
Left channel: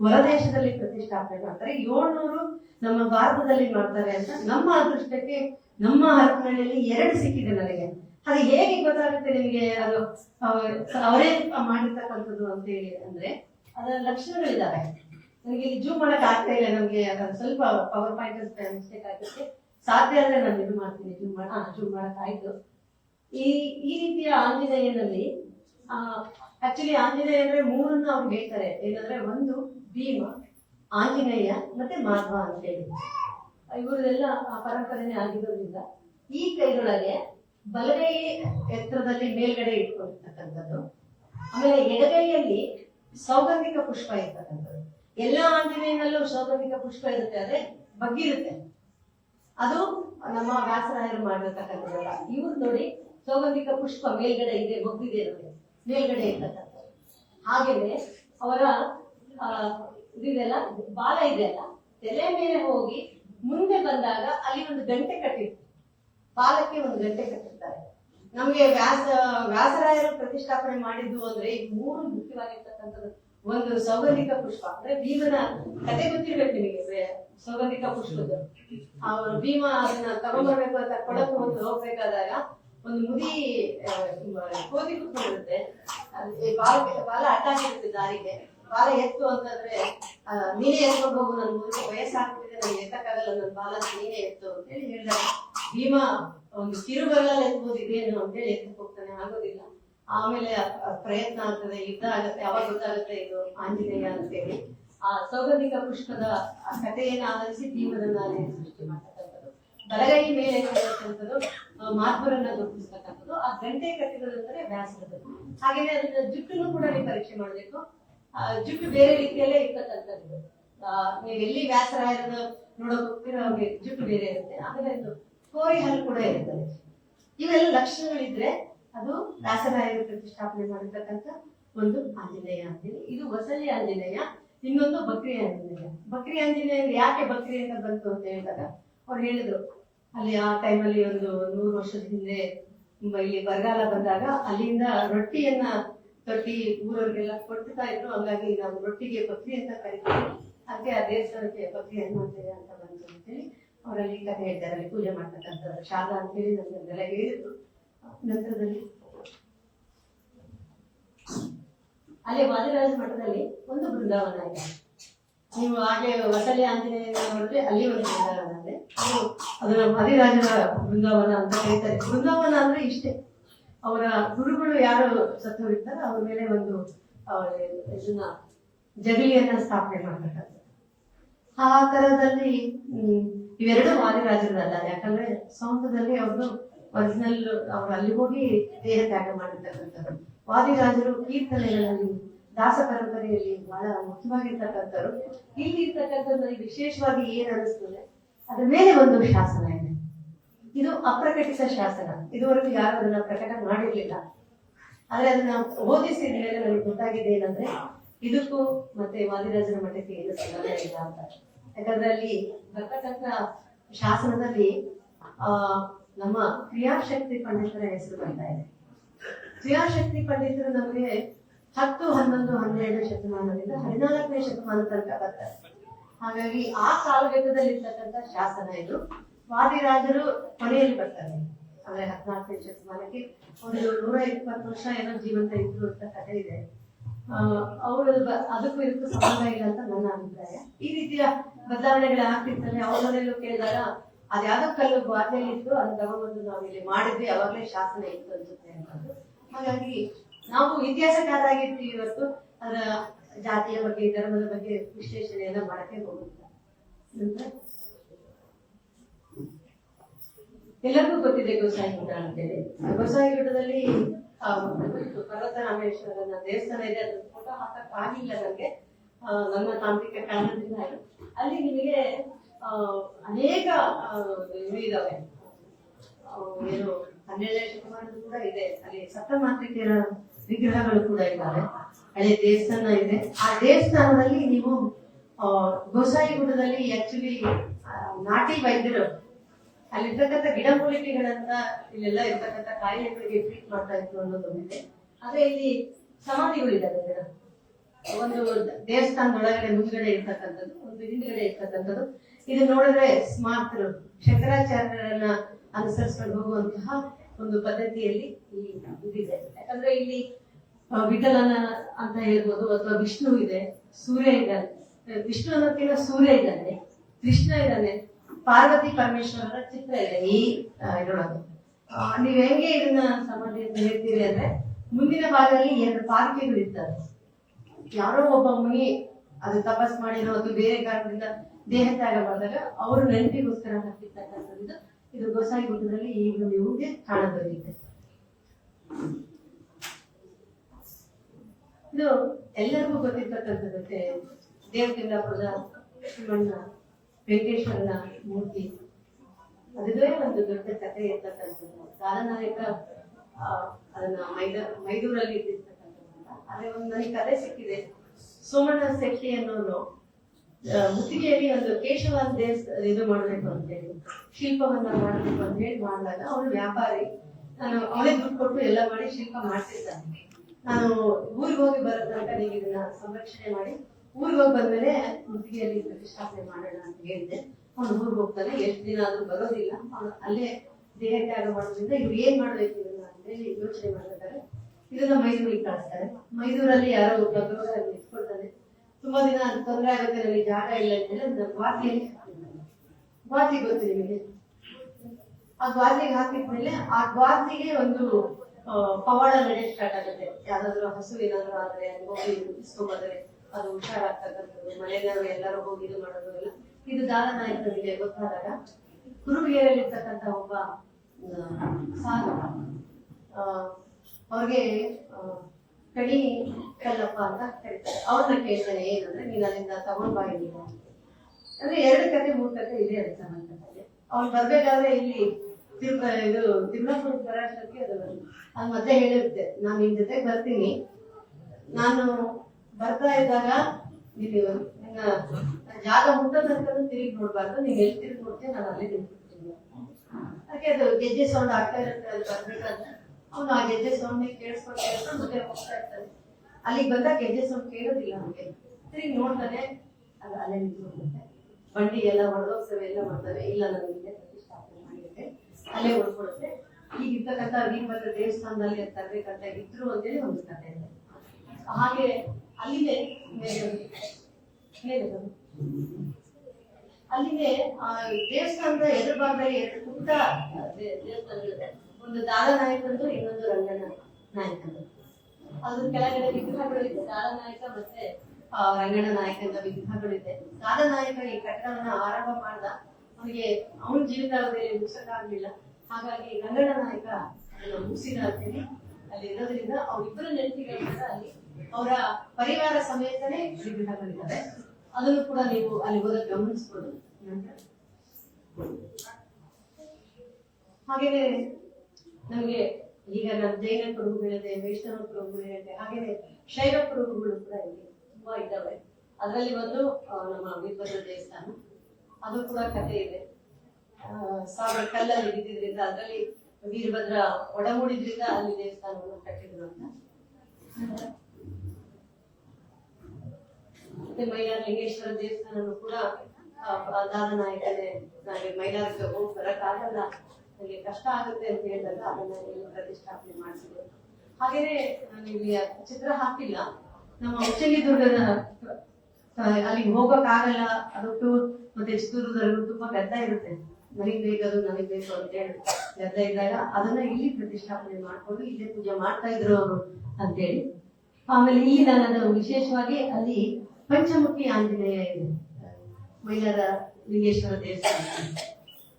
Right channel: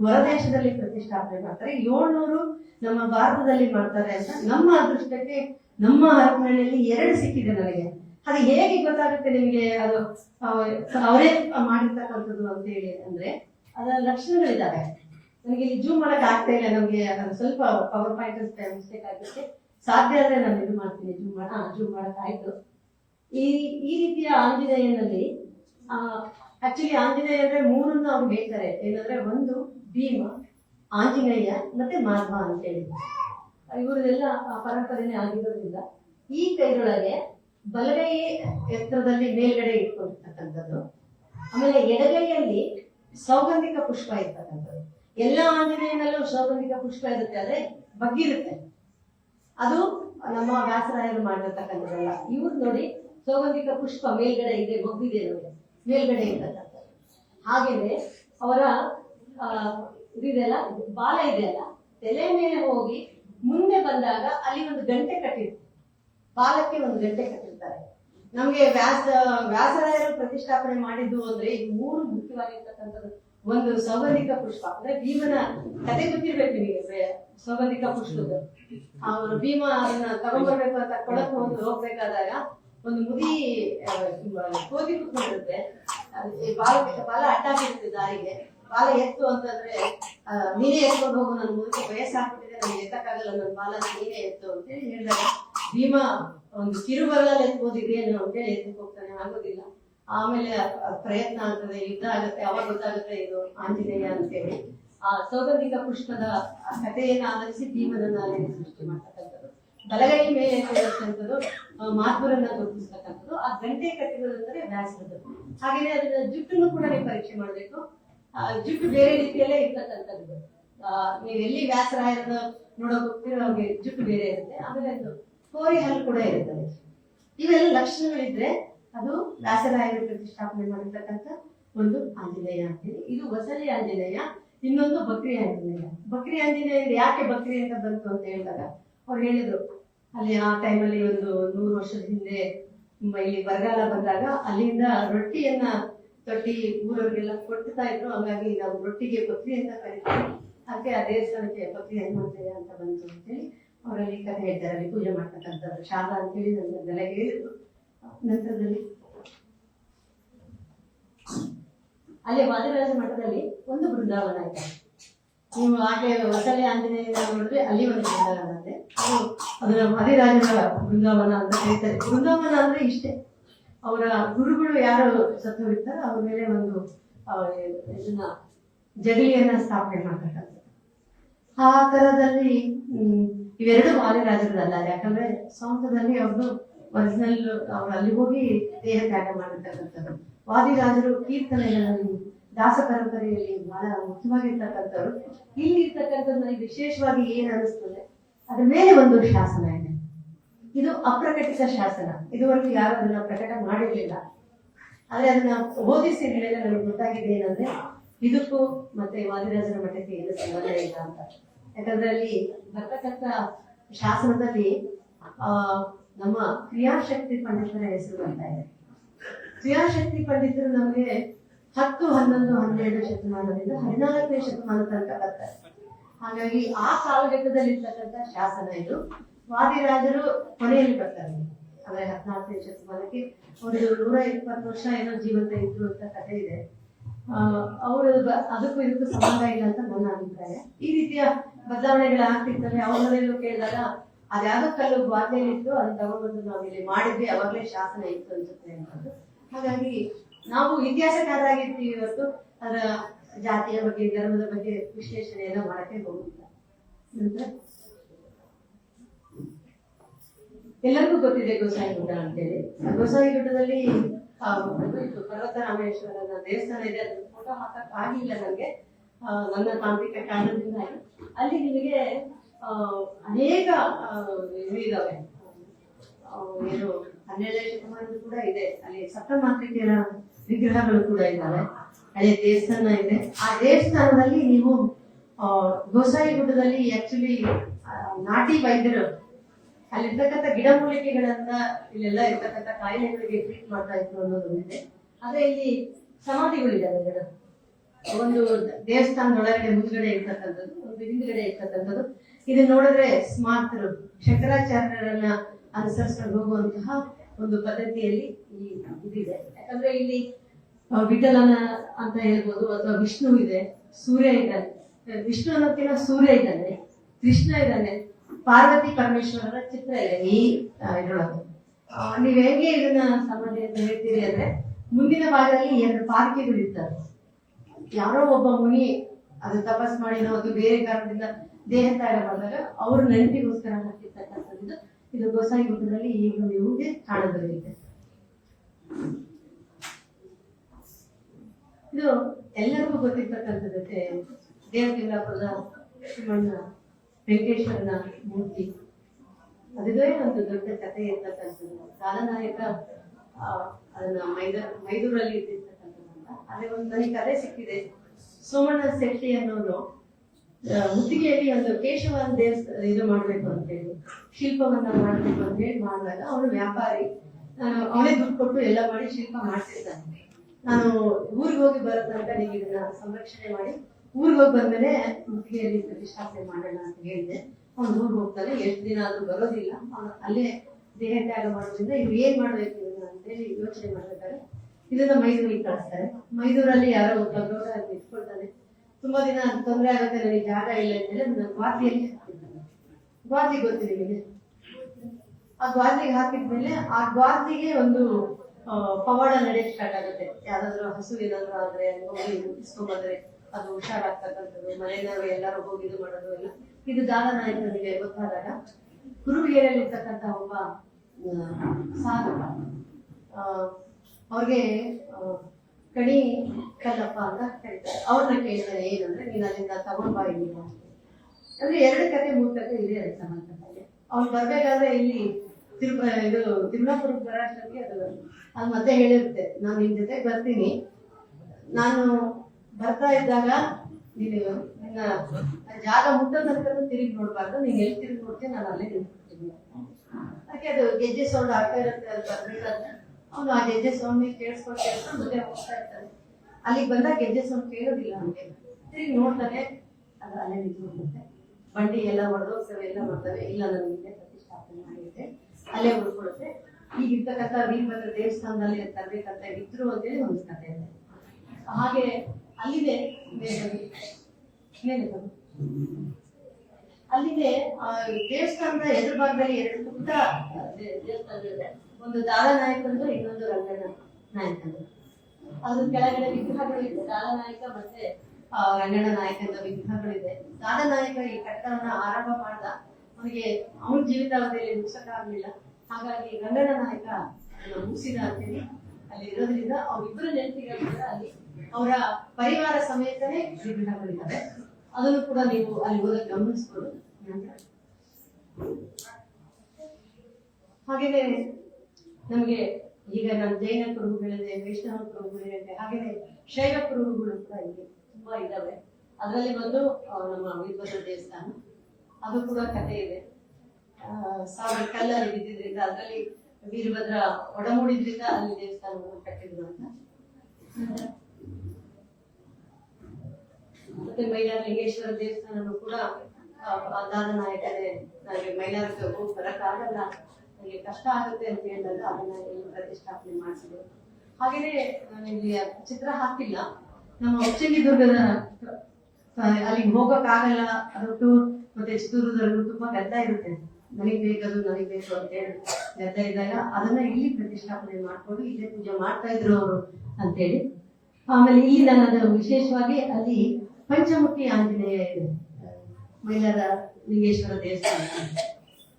ಹೊರದೇಶದಲ್ಲಿ ಪ್ರತಿಷ್ಠಾಪನೆ ಮಾಡ್ತಾರೆ. 700 ನಮ್ಮ ಭಾರತದಲ್ಲಿ ಮಾಡ್ತಾರೆ ಅಂತ ನಮ್ಮ ಅದೃಷ್ಟಕ್ಕೆ ನಮ್ಮ ಹರಪನಹಳ್ಳಿಯಲ್ಲಿ 2 ಸಿಕ್ಕಿದೆ ನನಗೆ. ಅದು ಹೇಗೆ ಗೊತ್ತಾಗುತ್ತೆ ನಿಮಗೆ, ಅದು ಅವರೇ ಮಾಡಿರ್ತಕ್ಕಂಥದ್ದು ಅಂತ ಹೇಳಿ ಅಂದ್ರೆ ಅದರ ಲಕ್ಷಣಗಳಿದ್ದಾವೆ. ನನಗೆ ಇಲ್ಲಿ ಜೂಮ್ ಮಾಡಕ್ ಆಗ್ತಾ ಇಲ್ಲ, ನಮ್ಗೆ ಸ್ವಲ್ಪ ಪವರ್ ಪಾಯಿಂಟ್ ಮಿಸ್ಟೇಕ್ ಆಗುತ್ತೆ. ಸಾಧ್ಯ ಆದ್ರೆ ನಾನು ಇದು ಮಾಡ್ತೀನಿ, ಜೂಮ್ ಮಾಡಕ್ ಆಯ್ತು. ಈ ರೀತಿಯ ಆಂಜನೇಯನಲ್ಲಿ ಆಕ್ಚುಲಿ ಆಂಜನೇಯ ಅಂದ್ರೆ 3 ಅವ್ರು ಹೇಳ್ತಾರೆ. ಏನಂದ್ರೆ ಒಂದು ಭೀಮ, ಆಂಜನೇಯ ಮತ್ತೆ ಮಾಧವ ಅಂತ ಹೇಳಿ. ಇವರೆಲ್ಲ ಪರಂಪರೆನೇ ಆಗಿರೋದ್ರಿಂದ ಈ ಕೈಗಳೊಳಗೆ ಬಲಗೈ ಎತ್ತರದಲ್ಲಿ ಮೇಲ್ಗಡೆ ಇಟ್ಕೊಂಡಿರ್ತಕ್ಕಂಥದ್ದು, ಆಮೇಲೆ ಎಡಗೈಯಲ್ಲಿ ಸೌಗಂಧಿಕ ಪುಷ್ಪ ಇರ್ತಕ್ಕಂಥದ್ದು. ಎಲ್ಲ ಆಂಜನೇಯನಲ್ಲೂ ಸೌಗಂಧಿಕ ಪುಷ್ಪ ಇರುತ್ತೆ, ಆದ್ರೆ ಬಗ್ಗಿರುತ್ತೆ. ಅದು ನಮ್ಮ ವ್ಯಾಸರಾಯರು ಮಾಡಿರ್ತಕ್ಕಂಥದ್ದಲ್ಲ. ಇವ್ರು ನೋಡಿ ಸೌಗಂಧಿಕ ಪುಷ್ಪ ಮೇಲ್ಗಡೆ ಇದೆ, ಬಗ್ಗಿದೆ ನೋಡಿ ಮೇಲ್ಗಡೆ ಇರ್ತಕ್ಕಂಥದ್ದು. ಹಾಗೆಯೇ ಅವರ ಇದೆಲ್ಲ ಬಾಲ ಇದೆಯಲ್ಲ, ತಲೆ ಮೇಲೆ ಹೋಗಿ ಮುಂದೆ ಬಂದಾಗ ಅಲ್ಲಿ ಒಂದು ಗಂಟೆ ಕಟ್ಟಿರ್ತಾರೆ, ಬಾಲಕ್ಕೆ ಒಂದು ಗಂಟೆ ಕಟ್ಟಿರ್ತಾರೆ. ನಮ್ಗೆ ವ್ಯಾಸರಾಯರು ಪ್ರತಿಷ್ಠಾಪನೆ ಮಾಡಿದ್ದು ಅಂದ್ರೆ 3 ಮುಖ್ಯವಾಗಿರ್ತಕ್ಕಂಥದ್ದು. ಒಂದು ಸೌಗಂಧಿಕ ಪುಷ್ಪ, ಅಂದ್ರೆ ಭೀಮನ ಕತೆ ಗೊತ್ತಿರ್ಬೇಕು ನಿಮಗೆ. ಸೌಗಂಧಿಕ ಪುಷ್ಪದ ಅವರು ಭೀಮ ಅದನ್ನ ತಗೊಂಡ್ಬರ್ಬೇಕು ಅಂತ ಕೊಳಕು ಹೋಗ್ಬೇಕಾದಾಗ ಒಂದು ಮುದಿ ಕೋತಿ ಕುತ್ಕೊಂಡಿರುತ್ತೆ, ಬಾಲ ಅಟ್ಟಾಗಿರುತ್ತೆ ದಾರಿಗೆ. ಬಾಲ ಎತ್ತು ಅಂತಂದ್ರೆ ನೀನೇ ಎತ್ಕೊಂಡು ಹೋಗು, ನನ್ನ ಮುದುಕ ವಯಸ್ಸಾಗ್ತಿದೆ, ನನಗೆ ಎತ್ತಕ್ಕಾಗಲ್ಲ, ನನ್ನ ಬಾಲ ನೀನೇ ಎತ್ತು ಅಂತೇಳಿ ಹೇಳಿದಾಗ ಭೀಮ ಒಂದು ಕಿರುಬರಲಲ್ಲಿ ಎತ್ಬೋದಿದೇನು ಅಂತೇಳಿ ಎತ್ತಕ್ಕೆ ಹೋಗ್ತಾನೆ, ಆಗೋದಿಲ್ಲ. ಆಮೇಲೆ ಪ್ರಯತ್ನ ಆಗ್ತದೆ, ಯುದ್ಧ ಆಗುತ್ತೆ, ಅವಾಗ ಗೊತ್ತಾಗುತ್ತೆ ಇದು ಆಂಜನೇಯ ಅಂತೇಳಿ. ಆ ಸೌಗಂಧಿಕ ಪುಷ್ಪದ ಕಥೆಯನ್ನು ಆಧರಿಸಿ ಭೀಮನನ್ನ ಅಲ್ಲಿ ಸೃಷ್ಟಿ ಮಾಡ್ತಕ್ಕಂಥದ್ದು. ಬಲಗೈ ಮೇಲೆ ಇರ್ತಕ್ಕಂಥದ್ದು ಮಾತುರನ್ನ ಗುರುತಿಸ್ತಕ್ಕಂಥದ್ದು. ಆ ಗಂಟೆ ಕಟ್ಟಿರೋದಂದ್ರೆ ವ್ಯಾಸರದ್ದು. ಹಾಗೇನೆ ಅದನ್ನ ಜುಟ್ಟನ್ನು ಕೂಡ ನೀವು ಪರೀಕ್ಷೆ ಮಾಡಬೇಕು. ಜುಟ್ಟು ಬೇರೆ ರೀತಿಯಲ್ಲೇ ಇರ್ತಕ್ಕಂಥದ್ದು. ನೀವು ಎಲ್ಲಿ ವ್ಯಾಸರಾಯರನ್ನು ನೋಡೋಕೆ ಹೋಗ್ತೀರೋ ಅವ್ರಿಗೆ ಜುಟ್ಟು ಬೇರೆ ಇರುತ್ತೆ. ಆಮೇಲೆ ಒಂದು ಕೋರಿ ಹಲ್ಲು ಕೂಡ ಇರ್ತದೆ. ಇವೆಲ್ಲ ಲಕ್ಷಣಗಳಿದ್ರೆ ಅದು ವ್ಯಾಸರಾಯರು ಪ್ರತಿಷ್ಠಾಪನೆ ಮಾಡಿರ್ತಕ್ಕಂಥ ಒಂದು ಆಂಜನೇಯ ಅಂತೇಳಿ. ಇದು ವಸಲೆ ಆಂಜನೇಯ. ಇನ್ನೊಂದು ಬಕ್ರಿ ಆಂಜನೇಯ. ಬಕ್ರಿ ಆಂಜನೇಯ ಯಾಕೆ ಬಕ್ರಿ ಅಂತ ಬಂತು ಅಂತ ಹೇಳಿದಾಗ ಅವ್ರು ಹೇಳಿದ್ರು, ಅಲ್ಲಿ ಆ ಟೈಮಲ್ಲಿ ಒಂದು 100 ವರ್ಷದ ಹಿಂದೆ ಇಲ್ಲಿ ಬರಗಾಲ ಬಂದಾಗ ಅಲ್ಲಿಂದ ರೊಟ್ಟಿಯನ್ನ ಕಟ್ಟಿ ಊರವ್ರಿಗೆಲ್ಲ ಕೊಡ್ತಾ ಇದ್ರು. ಹಂಗಾಗಿ ನಾವು ರೊಟ್ಟಿಗೆ ಬಕ್ರಿ ಅಂತ ಕರಿತೀವಿ, ಅದಕ್ಕೆ ಆ ದೇವಸ್ಥಾನಕ್ಕೆ ಬಕ್ರಿ ಹನುಮಂತಯ್ಯ ಅಂತ ಬಂತು ಅಂತೇಳಿ ಅವರಲ್ಲಿ ಕಥೆ ಹೇಳ್ತಾರೆ. ಅಲ್ಲಿ ಪೂಜೆ ಮಾಡ್ತಕ್ಕಂಥದ್ದು ಶಾಲಾ ಅಂತೇಳಿ ನಮ್ಗೆ ಬೆಲೆ ಹೇಳಿದ್ರು. ನಂತರದಲ್ಲಿ ಅಲ್ಲಿ ವಾದಿರಾಜ ಮಠದಲ್ಲಿ ಒಂದು ಬೃಂದಾವನ ಇದೆ. ನೀವು ಹಾಗೆ ಹೊಸಳೆ ಆಂಜನೇಯ ನೋಡಿದ್ರೆ ಅಲ್ಲಿ ಒಂದು ಬೃಂದಾವನ ಇದೆ. ಅದರ ವಾದಿರಾಜರ ಬೃಂದಾವನ ಅಂತ ಹೇಳ್ತಾರೆ. ಬೃಂದಾವನ ಅಂದ್ರೆ ಇಷ್ಟೇ, ಅವರ ಗುರುಗಳು ಯಾರು ಸತ್ತು ಹೋಗಿರ್ತಾರೋ ಅವ್ರ ಮೇಲೆ ಒಂದು ಇದನ್ನ ಜಗಲಿಯನ್ನ ಸ್ಥಾಪನೆ ಮಾಡ್ತಕ್ಕಂಥದ್ದು. ಆ ತರದಲ್ಲಿ ಇವೆರಡು ವಾದಿರಾಜರಲ್ಲ. ಯಾಕಂದ್ರೆ ಸೋಂಕದಲ್ಲಿ ಅವ್ರದ್ದು ಒರಿಜಿನಲ್ ಅವ್ರು ಅಲ್ಲಿ ಹೋಗಿ ದೇಹ ತ್ಯಾಗ ಮಾಡಿರ್ತಕ್ಕಂಥದ್ದು. ವಾದಿರಾಜರು ಕೀರ್ತನೆಗಳಲ್ಲಿ ದಾಸ ಪರಂಪರೆಯಲ್ಲಿ ಬಹಳ ಮುಖ್ಯವಾಗಿರ್ತಕ್ಕಂಥವ್ರು. ಇಲ್ಲಿ ಇರ್ತಕ್ಕಂಥದ್ದಲ್ಲಿ ವಿಶೇಷವಾಗಿ ಏನ್ ಅನಿಸ್ತದೆ, ಅದ್ರ ಮೇಲೆ ಒಂದು ಶಾಸನ ಇದೆ. ಇದು ಅಪ್ರಕಟಿತ ಶಾಸನ. ಇದುವರೆಗೂ ಯಾರು ಅದನ್ನ ಪ್ರಕಟ ಮಾಡಿರ್ಲಿಲ್ಲ. ಆದ್ರೆ ಅದನ್ನ ಓದಿಸಿದ ಮೇಲೆ ನನಗೆ ಗೊತ್ತಾಗಿದೆ ಏನಂದ್ರೆ ಇದಕ್ಕೂ ಮತ್ತೆ ವಾದಿರಾಜರ ಮಠಕ್ಕೆ ಏನು ಸಂಬಂಧ ಇಲ್ಲ ಅಂತ. ಯಾಕಂದ್ರೆ ಅಲ್ಲಿ ಬರ್ತಕ್ಕಂಥ ಶಾಸನದಲ್ಲಿ ನಮ್ಮ ಕ್ರಿಯಾಶಕ್ತಿ ಪಂಡಿತರ ಹೆಸರು ಬರ್ತಾ ಇದೆ. ಕ್ರಿಯಾಶಕ್ತಿ ಪಂಡಿತರು ನಮಗೆ 10, 11, 12 ಶತಮಾನದಿಂದ 14ನೇ ಶತಮಾನ ತನಕ ಬರ್ತಾರೆ. ಹಾಗಾಗಿ ಆ ಕಾಲಘಟ್ಟದಲ್ಲಿ ಇರ್ತಕ್ಕಂಥ ಶಾಸನ ಇದು. ವಾದಿರಾಜರು ಕೊನೆಯಲ್ಲಿ ಬರ್ತಾರೆ, ಅಂದ್ರೆ 14ನೇ ಶತಮಾನಕ್ಕೆ ಒಂದು 120 ವರ್ಷ ಏನೋ ಜೀವಂತ ಇದ್ರು ಅಂತ ಕಥೆ ಇದೆ. ಅವರು ಅದಕ್ಕೂ ಇದಕ್ಕೂ ಸಂಬಂಧ ಇಲ್ಲ ಅಂತ ನನ್ನ ಅಭಿಪ್ರಾಯ. ಈ ರೀತಿಯ ಬದಲಾವಣೆಗಳು ಆಗ್ತಿರ್ತವೆ. ಅವುಗಳಲ್ಲೂ ಕೇಳಿದಾಗ ಅದ್ಯಾವುದೋ ಕಲ್ಲು ಬಾಧ್ಯಲಿತ್ತು, ಅದನ್ನ ತಗೊಂಡ್ಬಂದು ನಾವು ಇಲ್ಲಿ ಮಾಡಿದ್ವಿ, ಅವಾಗಲೇ ಶಾಸನ ಇತ್ತು ಅನ್ಸುತ್ತೆ ಅನ್ನೋದು. ಹಾಗಾಗಿ ನಾವು ಇತಿಹಾಸಕಾರರಾಗಿರ್ತೀವಿ ಇವತ್ತು ಅದರ ಜಾತಿಯ ಬಗ್ಗೆ ಧರ್ಮದ ಬಗ್ಗೆ ವಿಶ್ಲೇಷಣೆಯನ್ನ ಮಾಡಕ್ಕೆ ಹೋಗಿಲ್ಲ. ಎಲ್ಲರಿಗೂ ಗೊತ್ತಿದೆ ಗೋಸಾಯಿಗುಡ್ಡ ಅಂತೇಳಿ. ಗೋಸಾಯಿಗುಡ್ಡದಲ್ಲಿ ಪರ್ವತ ರಾಮೇಶ್ವರನ ದೇವಸ್ಥಾನ ಇದೆ. ಅದನ್ನ ಫೋಟೋ ಹಾಕಕ್ ಆಗಿಲ್ಲ ನನಗೆ, ನನ್ನ ತಾಂತ್ರಿಕ ಕಾರಣದಿಂದ. ಅಲ್ಲಿ ನಿಮಗೆ ಅನೇಕ ಇದಾವೆ. ಏನು 12ನೇ ಶತಮಾನದ ಕೂಡ ಇದೆ. ಅಲ್ಲಿ ಸಪ್ತಮಾತೃಕೆಯರ ವಿಗ್ರಹಗಳು ಕೂಡ ಇದ್ದಾವೆ. ಹಳೆ ದೇವಸ್ಥಾನ ಇದೆ. ಆ ದೇವಸ್ಥಾನದಲ್ಲಿ ನೀವು ಗೋಸಾಯಿಗುಡ್ಡದಲ್ಲಿ ಆಕ್ಚುಲಿ ನಾಟಿ ವೈದ್ಯರು ಅಲ್ಲಿರ್ತಕ್ಕಂಥ ಗಿಡಮೂಲಿಕೆಗಳನ್ನ ಇಲ್ಲೆಲ್ಲ ಇರ್ತಕ್ಕಂಥ ಕಾಯಿಲೆಗಳಿಗೆ ಟ್ರೀಟ್ ಮಾಡ್ತಾ ಇದ್ರು ಅನ್ನೋದೊಂದಿದೆ. ಅದೇ ಇಲ್ಲಿ ಸಮಾಧಿಗಳಿದ್ದಾವೆ. ಒಂದು ದೇವಸ್ಥಾನದೊಳಗಡೆ ಮುಂದ್ಗಡೆ ಇರ್ತಕ್ಕಂಥದ್ದು, ಒಂದು ಹಿಂದ್ಗಡೆ ಇರ್ತಕ್ಕಂಥದ್ದು. ಇದನ್ನ ನೋಡಿದ್ರೆ ಸ್ಮಾರ್ತರು ಶಂಕರಾಚಾರ್ಯರನ್ನ ಅನುಸರಿಸ್ಕೊಂಡು ಹೋಗುವಂತಹ ಒಂದು ಪದ್ಧತಿಯಲ್ಲಿ ಈ ಇದಿದೆ. ಯಾಕಂದ್ರೆ ಇಲ್ಲಿ ವಿಠಲನ ಅಂತ ಹೇಳ್ಬೋದು, ಅಥವಾ ವಿಷ್ಣು ಇದೆ, ಸೂರ್ಯ ಇದ್ದಾನೆ. ವಿಷ್ಣು ಅನ್ನೋದಕ್ಕಿಂತ ಸೂರ್ಯ ಇದ್ದಾನೆ, ಕೃಷ್ಣ ಇದ್ದಾನೆ, ಪಾರ್ವತಿ ಪರಮೇಶ್ವರರ ಚಿತ್ರ ಇದೆ ಈ ಇದರೊಳಗೆ. ನೀವ್ ಹೆಂಗೆ ಇದನ್ನ ಸಮಾಧಿ ಅಂತ ಹೇಳ್ತೀರಿ ಅಂದ್ರೆ, ಮುಂದಿನ ಭಾಗದಲ್ಲಿ 2 ಪಾರ್ಕಿಗಳು ಇರ್ತವೆ. ಯಾರೋ ಒಬ್ಬ ಮುನಿ ಅದು ತಪಸ್ ಮಾಡಿನೋ ಅಥವಾ ಬೇರೆ ಕಾರಣದಿಂದ ದೇಹ ತ್ಯಾಗ ಮಾಡಿದಾಗ ಅವ್ರ ನೆನಪಿಗೋಸ್ಕರ ಹಾಕಿರ್ತಕ್ಕಂಥದ್ದು ಇದು ಗೋಸಾಯಿಗುಡ್ಡದಲ್ಲಿ ಈಗ ನಿಮಗೆ ಕಾಣದೊರೆಯುತ್ತೆ. ಇದು ಎಲ್ಲರಿಗೂ ಗೊತ್ತಿರ್ತಕ್ಕಂಥದ್ದು. ದೇವತಿಂದಾಪುರದ ಶಿವಣ್ಣ ವೆಂಕಟೇಶ್ವರನ ಮೂರ್ತಿ, ಅದುವೇ ಒಂದು ದೊಡ್ಡ ಕಥೆ ಇರ್ತಕ್ಕಂಥದ್ದು. ದಾನನಾಯಕ ಅದನ್ನ ಮೈದೂರಲ್ಲಿ ಇದ್ದಿರ್ತಕ್ಕಂಥದ್ದು ಅಂತ. ಅದೇ ಒಂದು ನನಗೆ ಕಥೆ ಸಿಕ್ಕಿದೆ. ಸೋಮಣ್ಣ ಶೆಟ್ಟಿ ಅನ್ನೋನು ಮುತ್ತಿಗೆಯಲ್ಲಿ ಒಂದು ಕೇಶವನ ದೇವಸ್ಥಾನ ಇದು ಮಾಡ್ಬೇಕು ಅಂತೇಳಿ, ಶಿಲ್ಪವನ್ನ ಮಾಡ್ಬೇಕು ಅಂತ ಹೇಳಿ ಮಾಡಿದಾಗ ಅವನು ವ್ಯಾಪಾರಿ. ನಾನು ಅವನೇ ದುಡ್ಡು ಕೊಟ್ಟು ಎಲ್ಲ ಮಾಡಿ ಶಿಲ್ಪ ಮಾಡ್ತಿದ್ದಾನೆ. ನಾನು ಊರಿಗೆ ಹೋಗಿ ಬರೋ ತನಕ ನೀವು ಇದನ್ನ ಸಂರಕ್ಷಣೆ ಮಾಡಿ ಊರಿಗೆ ಹೋಗಿ ಬಂದ್ಮೇಲೆ ಮುತ್ತಿಗೆಯಲ್ಲಿ ಪ್ರತಿಷ್ಠಾಪನೆ ಮಾಡೋಣ ಅಂತ ಹೇಳಿದೆ. ಅವ್ನು ಊರಿಗೆ ಹೋಗ್ತಾನೆ, ಎಷ್ಟು ದಿನ ಆದ್ರೂ ಬರೋದಿಲ್ಲ. ಅವನು ಅಲ್ಲೇ ದೇಹ ತ್ಯಾಗ ಮಾಡೋದ್ರಿಂದ ಇದು ಏನ್ ಮಾಡ್ಬೇಕು ಇದನ್ನ ಅಂತೇಳಿ ಯೋಚನೆ ಮಾಡಿರ್ತಾರೆ. ಇದನ್ನ ಮೈಸೂರಿಗೆ ಕಳಿಸ್ತಾರೆ. ಮೈಸೂರಲ್ಲಿ ಯಾರೋ ಒಬ್ಬ ಗೌಡ ಅಲ್ಲಿ ಇಟ್ಕೊಳ್ತಾನೆ. ತುಂಬಾ ದಿನ ತೊಂದರೆ ಆಗುತ್ತೆ, ನನಗೆ ಜಾಗ ಇಲ್ಲ ಅಂತೇಳಿ ನನ್ನ ಗ್ವಾದ್ಲಿಯಲ್ಲಿ ಹಾಕಿದ್ದಾನೆ. ಗ್ವಾದ್ಲಿ ಗೊತ್ತಿದೆ ನಿಮಗೆ? ಆ ಗ್ವಾದ್ಲಿಗೆ ಹಾಕಿದ್ಮೇಲೆ ಆ ಗ್ವಾದ್ಲಿಗೆ ಒಂದು ಪವಾಡ ನಡೆಯಕ್ಕೆ ಸ್ಟಾರ್ಟ್ ಆಗುತ್ತೆ. ಯಾರಾದ್ರೂ ಹಸು ಏನಾದ್ರು ಆದ್ರೆ ಹೋಗಿ ಇಸ್ಕೊಂಡ್ಬಂದ್ರೆ ಅದು ಹುಷಾರಾಗ್ತಕ್ಕಂಥದ್ದು, ಮನೆಯವರು ಎಲ್ಲರೂ ಹೋಗಿ ಇದು ಮಾಡೋದು ಎಲ್ಲ. ಇದು ದಾನನಾಯಕನಿಗೆ ಗೊತ್ತಾದಾಗ ಕುರುಬಿಗೆರೆಯಲ್ಲಿರ್ತಕ್ಕಂಥ ಒಬ್ಬ ಸಾಧು ಅವ್ರಿಗೆ ಕಣಿ ಕಲ್ಲಪ್ಪ ಅಂತ ಕರೀತಾರೆ. ಅವ್ರನ್ನ ಕೇಳ್ತಾರೆ, ಏನಂದ್ರೆ ನೀನ್ ಅಲ್ಲಿಂದ ತಗೊಂಡ್ ಬಾ ಇಲ್ಲ ಅಂದ್ರೆ 2 ಕತೆ 3 ಕತೆ ಇದೆ ಅದಕ್ಕೆ ಸಂಬಂಧಪಟ್ಟಂಗೆ. ಅವ್ರು ಬರ್ಬೇಕಾದ್ರೆ ಇಲ್ಲಿ ಇದು ತಿಮ್ಲಾಪುರದ ಬರೋಷ್ಟಕ್ಕೆ ಅದು ಮತ್ತೆ ಹೇಳಿರುತ್ತೆ, ನಾನು ನಿಮ್ ಜೊತೆ ಬರ್ತೀನಿ, ನಾನು ಬರ್ತಾ ಇದ್ದಾಗ ನೀನು ನಿನ್ನ ಜಾಗ ಮುಟ್ಟೋದಂತದ್ದು ತಿರುಗಿ ನೋಡ್ಬಾರ್ದು, ನೀನ್ ಎಲ್ಲಿ ತಿರುಗಿ ನೋಡ್ತೀನಿ ನಾನು ಅಲ್ಲೇ ನಿಂತ್ಬಿಡ್ತೀನಿ. ಅದಕ್ಕೆ ಅದು ಗೆಜ್ಜೆ ಸೌಂಡ್ ಆಗ್ತಾ ಇರುತ್ತೆ. ಅಲ್ಲಿ ಬರ್ಬೇಕಾದ್ರೆ ಅವನು ಆ ಗೆಜ್ಜೆ ಸೌಂಡ್ ಕೇಳಿಸ್ಕೊಂಡು ಮತ್ತೆ ಹೋಗ್ತಾ ಇರ್ತಾನೆ. ಅಲ್ಲಿಗೆ ಬಂದಾಗ ಗೆಜ್ಜೆ ಸೌಂಡ್ ಕೇಳೋದಿಲ್ಲ ನಮಗೆ. ತಿರುಗಿ ನೋಡ್ತಾನೆ, ಅದು ಅಲ್ಲೇ ನಿಂತ್ಬಿಡುತ್ತೆ. ಬಂಡಿ ಎಲ್ಲ ಹೊಡೆದೋಗ್ತವೆ, ಎಲ್ಲ ಮಾಡ್ತಾನೆ. ಇಲ್ಲ ನಾನು ಇಲ್ಲೇ ಪ್ರತಿಷ್ಠಾಪನೆ ಮಾಡಿದ್ದೆ, ಅಲ್ಲೇ ಉಳ್ಕೊಳ್ಳುತ್ತೆ. ಈಗ ಇರ್ತಕ್ಕಂಥ ವೀರಭದ್ರ ದೇವಸ್ಥಾನದಲ್ಲಿ ಅಂತ ತರಬೇಕಂತ ಇದ್ರು ಅಂತೇಳಿ ಒಂದು ಕಥೆ ಇದೆ. ಹಾಗೆ ಅಲ್ಲಿದೆ ಅಲ್ಲಿದೆ ದೇವಸ್ಥಾನದ ಎದುರು ಭಾಗದಲ್ಲಿ 2 ಪುಟ್ಟ ದೇವಸ್ಥಾನಗಳಿದೆ. ಒಂದು ದಾಳನಾಯಕಂದು, ಇನ್ನೊಂದು ರಂಗಣ್ಣ ನಾಯಕಂದು. ಅದ್ರ ಕೆಳಗಡೆ ವಿಗ್ರಹಗಳಿದೆ. ದಾಳನಾಯಕ ಮತ್ತೆ ರಂಗಣ್ಣ ನಾಯಕಂದ ವಿಗ್ರಹಗಳಿದೆ. ದಾಳನಾಯಕ ಈ ಕಟ್ಟಡವನ್ನ ಆರಂಭ ಮಾಡ್ದ, ಅವನಿಗೆ ಅವನ ಜೀವಿತಾವಧಿಯಲ್ಲಿ ಮುಗಿಸಕ್ಕಾಗ್ಲಿಲ್ಲ. ಹಾಗಾಗಿ ರಂಗಣ್ಣ ನಾಯಕ ಮುಗಿಸಿದ ಅಂತೇಳಿ ಅಲ್ಲಿ ಇರೋದ್ರಿಂದ ಅವರಿಬ್ಬರ ನೆನಪಿಗೆ ಅಲ್ಲಿ ಅವರ ಪರಿವಾರ ಸಮೇತನೇ ವಿಗ್ರಹಗಳಿದ್ದಾವೆ. ಅದನ್ನು ಕೂಡ ನೀವು ಅಲ್ಲಿ ಹೋದಾಗ ಗಮನಿಸ್ಬೋದು. ಹಾಗೇನೆ ನಮಗೆ ಈಗ ನಮ್ಮ ಜೈನ ಕುರುಹುಗಳಿದೆ, ವೈಷ್ಣವ ಕುರುಹುಗಳಿದೆ, ಹಾಗೇನೆ ಶೈವ ಕುರುಹುಗಳು ಕೂಡ ಇದೆ, ತುಂಬಾ ಇದ್ದಾವೆ. ಅದರಲ್ಲಿ ಒಂದು ನಮ್ಮ ವೀರಭದ್ರ ದೇವಸ್ಥಾನ, ಅದು ಕೂಡ ಕಥೆ ಇದೆ. 1000 ಕಲ್ಲಲ್ಲಿ ಬಿದ್ದಿದ್ರಿಂದ ಅದರಲ್ಲಿ ವೀರಭದ್ರ ಒಡಮೂಡಿದ್ರಿಂದ ಅಲ್ಲಿ ದೇವಸ್ಥಾನವನ್ನು ಕಟ್ಟಿದ್ರು ಅಂತ. ಮತ್ತೆ ಮೈಲಾರ ಲಿಂಗೇಶ್ವರ ದೇವಸ್ಥಾನನು ಕೂಡ ದಾನನಾಯಕನೇ ನನಗೆ ಮೈಲಾರಕ್ಕೆ ಹೋಗಿ ಬರಕ್ಕಾಗಲ್ಲ, ನನಗೆ ಕಷ್ಟ ಆಗುತ್ತೆ ಅಂತ ಹೇಳಿದಾಗ ಅದನ್ನ ಪ್ರತಿಷ್ಠಾಪನೆ ಮಾಡಿಸಿದೆ. ಹಾಗೇನೆ ನಾನು ಇಲ್ಲಿ ಚಿತ್ರ ಹಾಕಿಲ್ಲ, ನಮ್ಮ ಉಚ್ಚಂಗಿದುರ್ಗದ ಅಲ್ಲಿಗೆ ಹೋಗೋಕ್ಕಾಗಲ್ಲ, ಅದಕ್ಕೂ ಮತ್ತೆ ಚಿತ್ರದುರ್ಗದಲ್ಲೂ ತುಂಬಾ ಗದ್ದ ಇರುತ್ತೆ. ನನಗೆ ಬೇಕದು ನನಗೆ ಬೇಕು ಅಂತ ಹೇಳಿ ಗದ್ದ ಇದ್ದಾಗ ಅದನ್ನ ಇಲ್ಲಿ ಪ್ರತಿಷ್ಠಾಪನೆ ಮಾಡ್ಕೊಂಡು ಇಲ್ಲೇ ಪೂಜೆ ಮಾಡ್ತಾ ಇದ್ರು ಅವರು ಅಂತೇಳಿ. ಆಮೇಲೆ ಇಲ್ಲಿ ನಾನು ವಿಶೇಷವಾಗಿ ಅಲ್ಲಿ ಪಂಚಮುಖಿ ಆಂಜನೇಯ ಇದೆ, ಮೈಲಾರ ಲಿಂಗೇಶ್ವರ ದೇವಸ್ಥಾನ.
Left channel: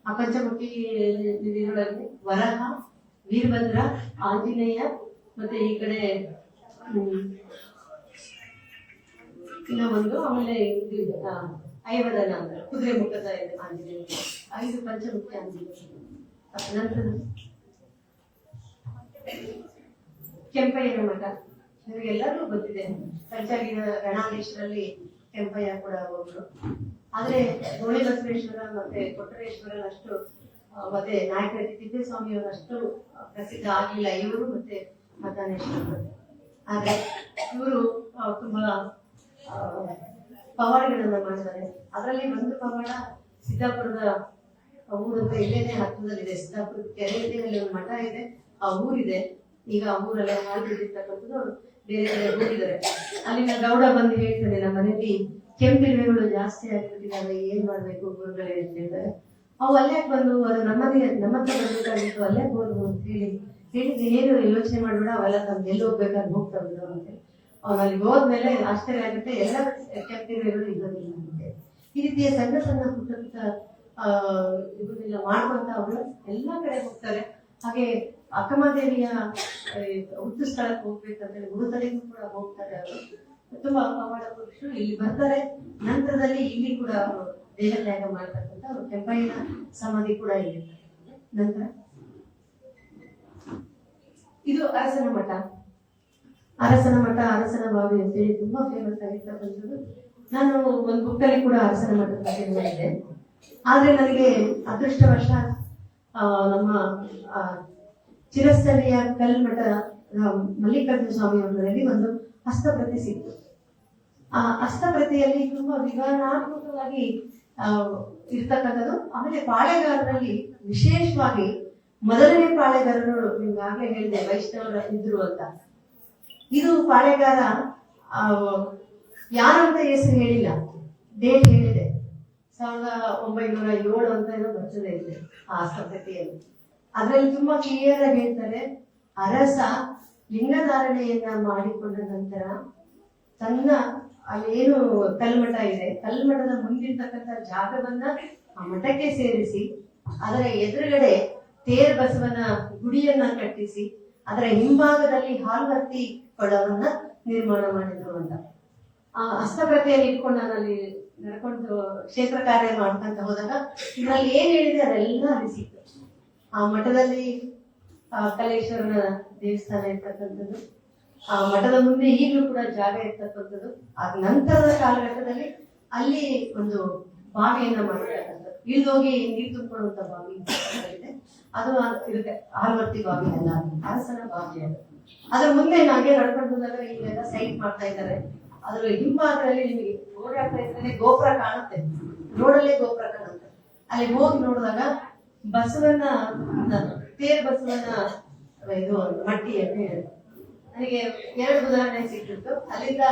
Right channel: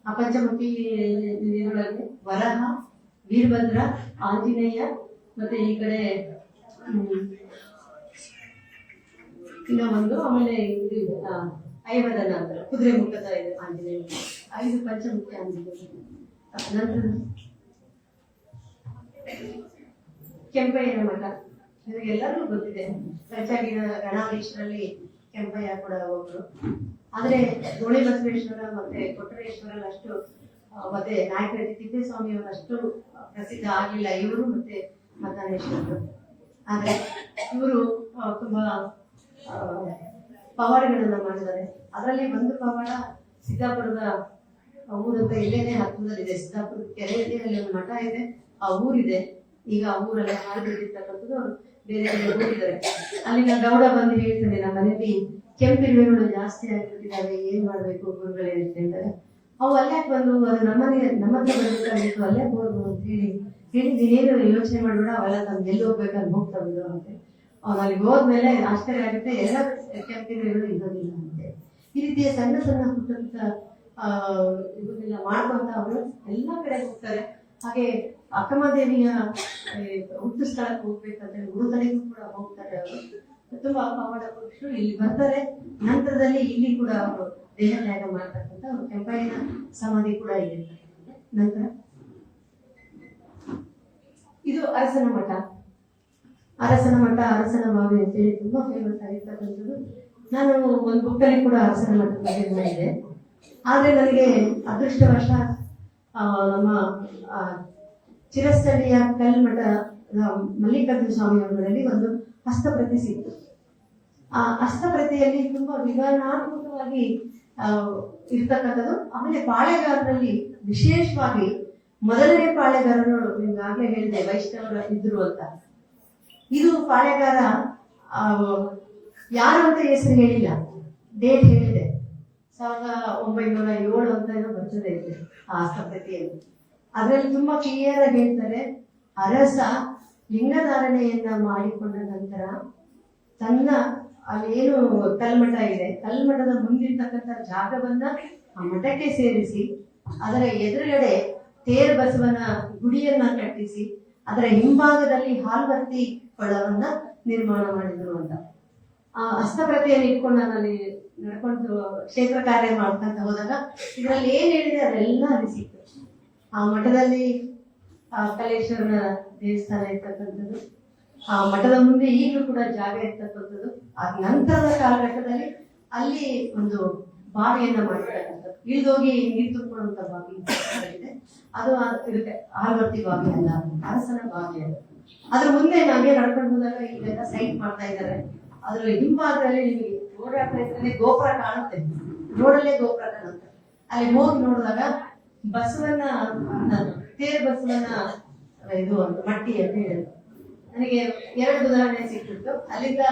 ಆ ಪಂಚಮುಖಿ ಇದರೊಳಗೆ ವರಹ, ವೀರಭದ್ರ, ಆಂಜನೇಯ ಮತ್ತೆ ಈ ಕಡೆ ಇನ್ನೂ ಒಂದು, ಆಮೇಲೆ ಇದು ಐವದನ ಅಂತ ಕುದುರೆ ಮುಖದ ಆಂಜನೇಯ, 5 ಪಂಚಮುಖಿ ಆಂಜನೇಯ. ನಂತರ ಕೆಂಪಯ್ಯನ ಮಠ ನನಗೆಲ್ಲರೂ ಗೊತ್ತಿದೆ. ಕಂಚಾಗಿನ ಗಣಾಧೀಶರಲ್ಲಿ ಕೆಂಪಯ್ಯ ಕೂಡ ಒಬ್ರು. ಆದ್ರೆ ಗೋಳಿ ಬಸವೇಶ್ವರ ಮತ್ತೆ ಕೊಟ್ಟರೇಶ್ವರ ಅಷ್ಟು ಮತ್ತೆ ನಾಯಕರಲ್ಲಿ ತಿಪ್ಪೇಸ್ವಾಮಿ ಅವರು ಅಷ್ಟು ಪ್ರಸಿದ್ಧ ಆಗ್ಲಿಲ್ಲ ಇವರು ಮತ್ತೆ ಮತಾನೇಶ್ವರರು. ಆದ್ರೆ ಇವರು ತುಂಬಾ ಪವಾಡಗಳನ್ನ ಮಾಡಿದ್ದಾರೆ. ಅದರಲ್ಲಿ ಒಂದು ಪವಾಡ ಸಿದ್ದಾಪುರದ ಊರಂತ ಇಲ್ಲೇನೆ ಹತ್ತಿರದಲ್ಲಿದೆ. ಸಿದ್ದಾಪುರ ಕೆರೆಯಲ್ಲಿ ಒಂದು ಮಠ ಇದೆ, ಆ ಊರಿದೆ. ಈಗ ಆ ಊರಲ್ಲೇ ಹಾಳು ಬಿಟ್ಟಿರ್ತಕ್ಕಂಥದ್ದು ಅವರು ಬೇರೆ ಕಡೆ ಹೋಗಿದ್ದಾರೆ. ಅಲ್ಲಿನ ಗೌಡ ಬಂದು ಹೇಳ್ತಾನೆ, ನಮ್ಮ ಮನೆಯಲ್ಲಿ ಕೆಂಪಿರುವೆಗಳು ಜಾಸ್ತಿ ಆಗಿಬಿಟ್ಟಿದ್ದಾವೆ, ಏನ್ ಮಾಡ್ಬೇಕು ಗುರುಗಳೇ ಅಂತ ಹೇಳ್ತಾರೆ. ಅವು ಅಲ್ಲೇ ಬಂದು ಅದು ನಮ್ಮ ಹತ್ರ ಬರ್ಬೇಕಾಗಿತ್ತು, ಅಲ್ಲೇ ಹೋದ್ರು ಅಂತ ಹೇಳಿದ್ದು. ಏನು ಯೋಚನೆ ಮಾಡ್ಬೇಡ, ಅವೆಲ್ಲ ನಮ್ಗೆ ಎಲ್ಲಿ ಹೋಗ್ಬೇಕಂತ ಹೋಗ್ತಾವಿದ್ರು ಅಂತ. ಅವ್ನು ಅಲ್ಲಿಗೆ ಹೋದ್ಮೇಲೆ ಆಶ್ಚರ್ಯ ಆಗುತ್ತೆ, ಎಲ್ಲ ಕೆಂಪಿರುವೆಗಳು ಇರೋದಿಲ್ಲ ಅಂತೆ. ಈ ರೀತಿಯ ಸಣ್ಣ ಸಣ್ಣ ಪುಟ್ಟ ಪುಟ್ಟ ಇದನ್ನೆಲ್ಲ ಮಾಡ್ಕೊಂತ ಅವರು ಎಲ್ಲ ಕಡೆ ಹೋಗ್ತಾರೆ. ಹಾಗೆ ಅಕ್ಕಮಹಾದೇವಿಯ ಹುಟ್ಟು ಸ್ಥಳಕ್ಕೆ ಹೋಗ್ಬೇಕಂತೇಳಿ ಗುರುತಳಿಗೂ ಕೂಡ ಹೋಗ್ತಾರೆ ಅವರು. ತುಂಬಾ ಪವಾಡ ಪುರುಷರು ಇಲ್ಲಿ ಬರ್ತಾರೆ. ನಂತರದಲ್ಲಿ ಇಲ್ಲಿ ಕೂಡ ಅವರು ದೇಹ ತ್ಯಾಗ ಮಾಡ್ತಕ್ಕಂಥ ಕೆಂಪಯ್ಯನ ಸಮಾಧಿ ಕೂಡ ಇಲ್ಲಿ. ನಂತರ ಇದು ಅರಸನ ಮಠ. ಅರಸನ ಬಾವಿ ಅಂತೇಳಿ ತುಂಬಾ ಫೇಮಸ್ ಆಗಿರ್ತಕ್ಕಂಥದ್ದು. ನಾನು ಒಂದು ಬುಕ್ಕಲ್ಲಿ ಕೂಡ ಅರಸನ ಮಠದ ಬಗ್ಗೆ ನೋಡಿದ್ದೆ. ಆದ್ರೆ ನನಗೆ ಅದೃಷ್ಟವಶ ನಮ್ಮ ಚಿರಸ್ಥಳೀಯ ಕಲ್ಮಠ ಮಲ್ಲಿಕಾರ್ಜುನ ಸ್ವಾಮಿ ಅವರಲ್ಲಿ ಒಂದು ಹಸ್ತಪ್ರತಿ ಸಿಕ್ತು. ಆ ಹಸ್ತಪ್ರತಿಯಲ್ಲಿ ತುಂಬಾ ವಿವರಣಾತ್ಮಕವಾಗಿ ಇರ್ತಕ್ಕಂಥದ್ದು. ಆಮೇಲೆ ಪಾಳೆಗಾರರಲ್ಲಿ ವಿಶೇಷವಾಗಿ ಮೊದಲನೇ ಪಾಳೆಗಾರರು ನಿಮ್ಗಾಗ್ಲೇ ಹೇಳಿದೆ ವೈಷ್ಣವರ ಇದ್ರು ಅಂತ. ಇದು ಪಾಳೆಗಾರ ಯಾರು ಅಂತ ಹೆಸರು ಹೇಳಿಲ್ಲ, ಡೇಟ್ ಹೇಳಿದೆ 1907 ಅಂತ ಏನೋ ಬರ್ತದೆ ಇದೆ ಆ ಹಸ್ತಪ್ರತಿಯಲ್ಲಿ. ಅದರಲ್ಲಿ ತುಂಬಾ ಕ್ಲಿಯರ್ ಆಗಿ ಹೇಳ್ತಾರೆ, ಅರಸ ಲಿಂಗಧಾರಣೆಯನ್ನ ಮಾಡಿಕೊಂಡ ನಂತರ ತನ್ನ ಅಲ್ಲೇನು ಕಲ್ಮಠ ಇದೆ, ಕಲ್ಮಠದ ಮುಂದಿರ್ತಕ್ಕಂಥ ಜಾಗವನ್ನ ಆ ಮಠಕ್ಕೆ ಸೇರಿಸಿ ಅದರ ಎದುರುಗಡೆ ತೇರ್ ಬಸವನ ಗುಡಿಯನ್ನ ಕಟ್ಟಿಸಿ ಅದರ ಹಿಂಭಾಗದಲ್ಲಿ ಹಾಲ್ವರ್ತಿ ಕೊಳವನ್ನ ನಿರ್ಮಾಣ ಮಾಡಿದ್ರು ಅಂತ. ಆ ಹಸ್ತಪ್ರತಿಯಲ್ಲಿ ಇಟ್ಕೊಂಡು ನಾನು ಅಲ್ಲಿ ನಡ್ಕೊಂಡು ಕ್ಷೇತ್ರ ಕಾರ್ಯ ಮಾಡ್ಕೊಂತ ಹೋದಾಗ ಇದರಲ್ಲಿ ಏನ್ ಹೇಳಿದೆ ಅದೆಲ್ಲ ಅಲ್ಲಿ ಸಿಕ್ತು. ಆ ಮಠದಲ್ಲಿ ಕಲೇಶ್ವರನ ದೇವಸ್ಥಾನ ಇರ್ತಕ್ಕಂಥದ್ದು, ಆ ಮಠದ ಮುಂದೆ ಈಗಲೂ ಕೂಡ ಜಾಗ ಇರ್ತಕ್ಕಂಥದ್ದು. ಆ ನಂತರದ ಕಾಲಘಟ್ಟದಲ್ಲಿ ಅಲ್ಲಿ ಒಂದು ಬಾವಿಯನ್ನ ಮಾಡಿರ್ತಕ್ಕಂಥದ್ದು, ಇಳಿದೋಗಿ ನೀರು ತುಂಬಿಕೊಳ್ಳುವಂತ ಬಾವಿ ಇದೆ. ಅದು ಇರುತ್ತೆ, ಆಲ್ವರ್ತಿ ಬಾವಿ ಅಲ್ಲ, ಅರಸನ ಬಾವಿ ಅದು. ಅದ್ರ ಮುಂದೆ ನಾವೇ ನಡ್ಕೊಂಡು ಹೋದಾಗ ಇಲ್ಲೆಲ್ಲ ಸೈಟ್ ಮಾಡ್ತಾ ಇದ್ದಾರೆ. ಅದ್ರ ಹಿಂಭಾಗದಲ್ಲಿ ನಿಮಗೆ ಓಡಾಡ್ತಾ ಇದ್ರೆ ಗೋಪುರ ಕಾಣುತ್ತೆ, ರೋಡಲ್ಲೇ ಗೋಪುರ ಕಾಣುತ್ತೆ. ಅಲ್ಲಿ ಹೋಗಿ ನೋಡಿದಾಗ ಬಸವನ್ನ ತೇರ್ ಬಸವನ್ನ ಇದು ಒಂದು ಮಟ್ಟಿ ಅಂತ ಹೇಳಿದ್ರು. ನನಗೆ 2 ಉದಾಹರಣೆ ಸಿಕ್ಕಿತ್ತು. ಅಲ್ಲಿಂದ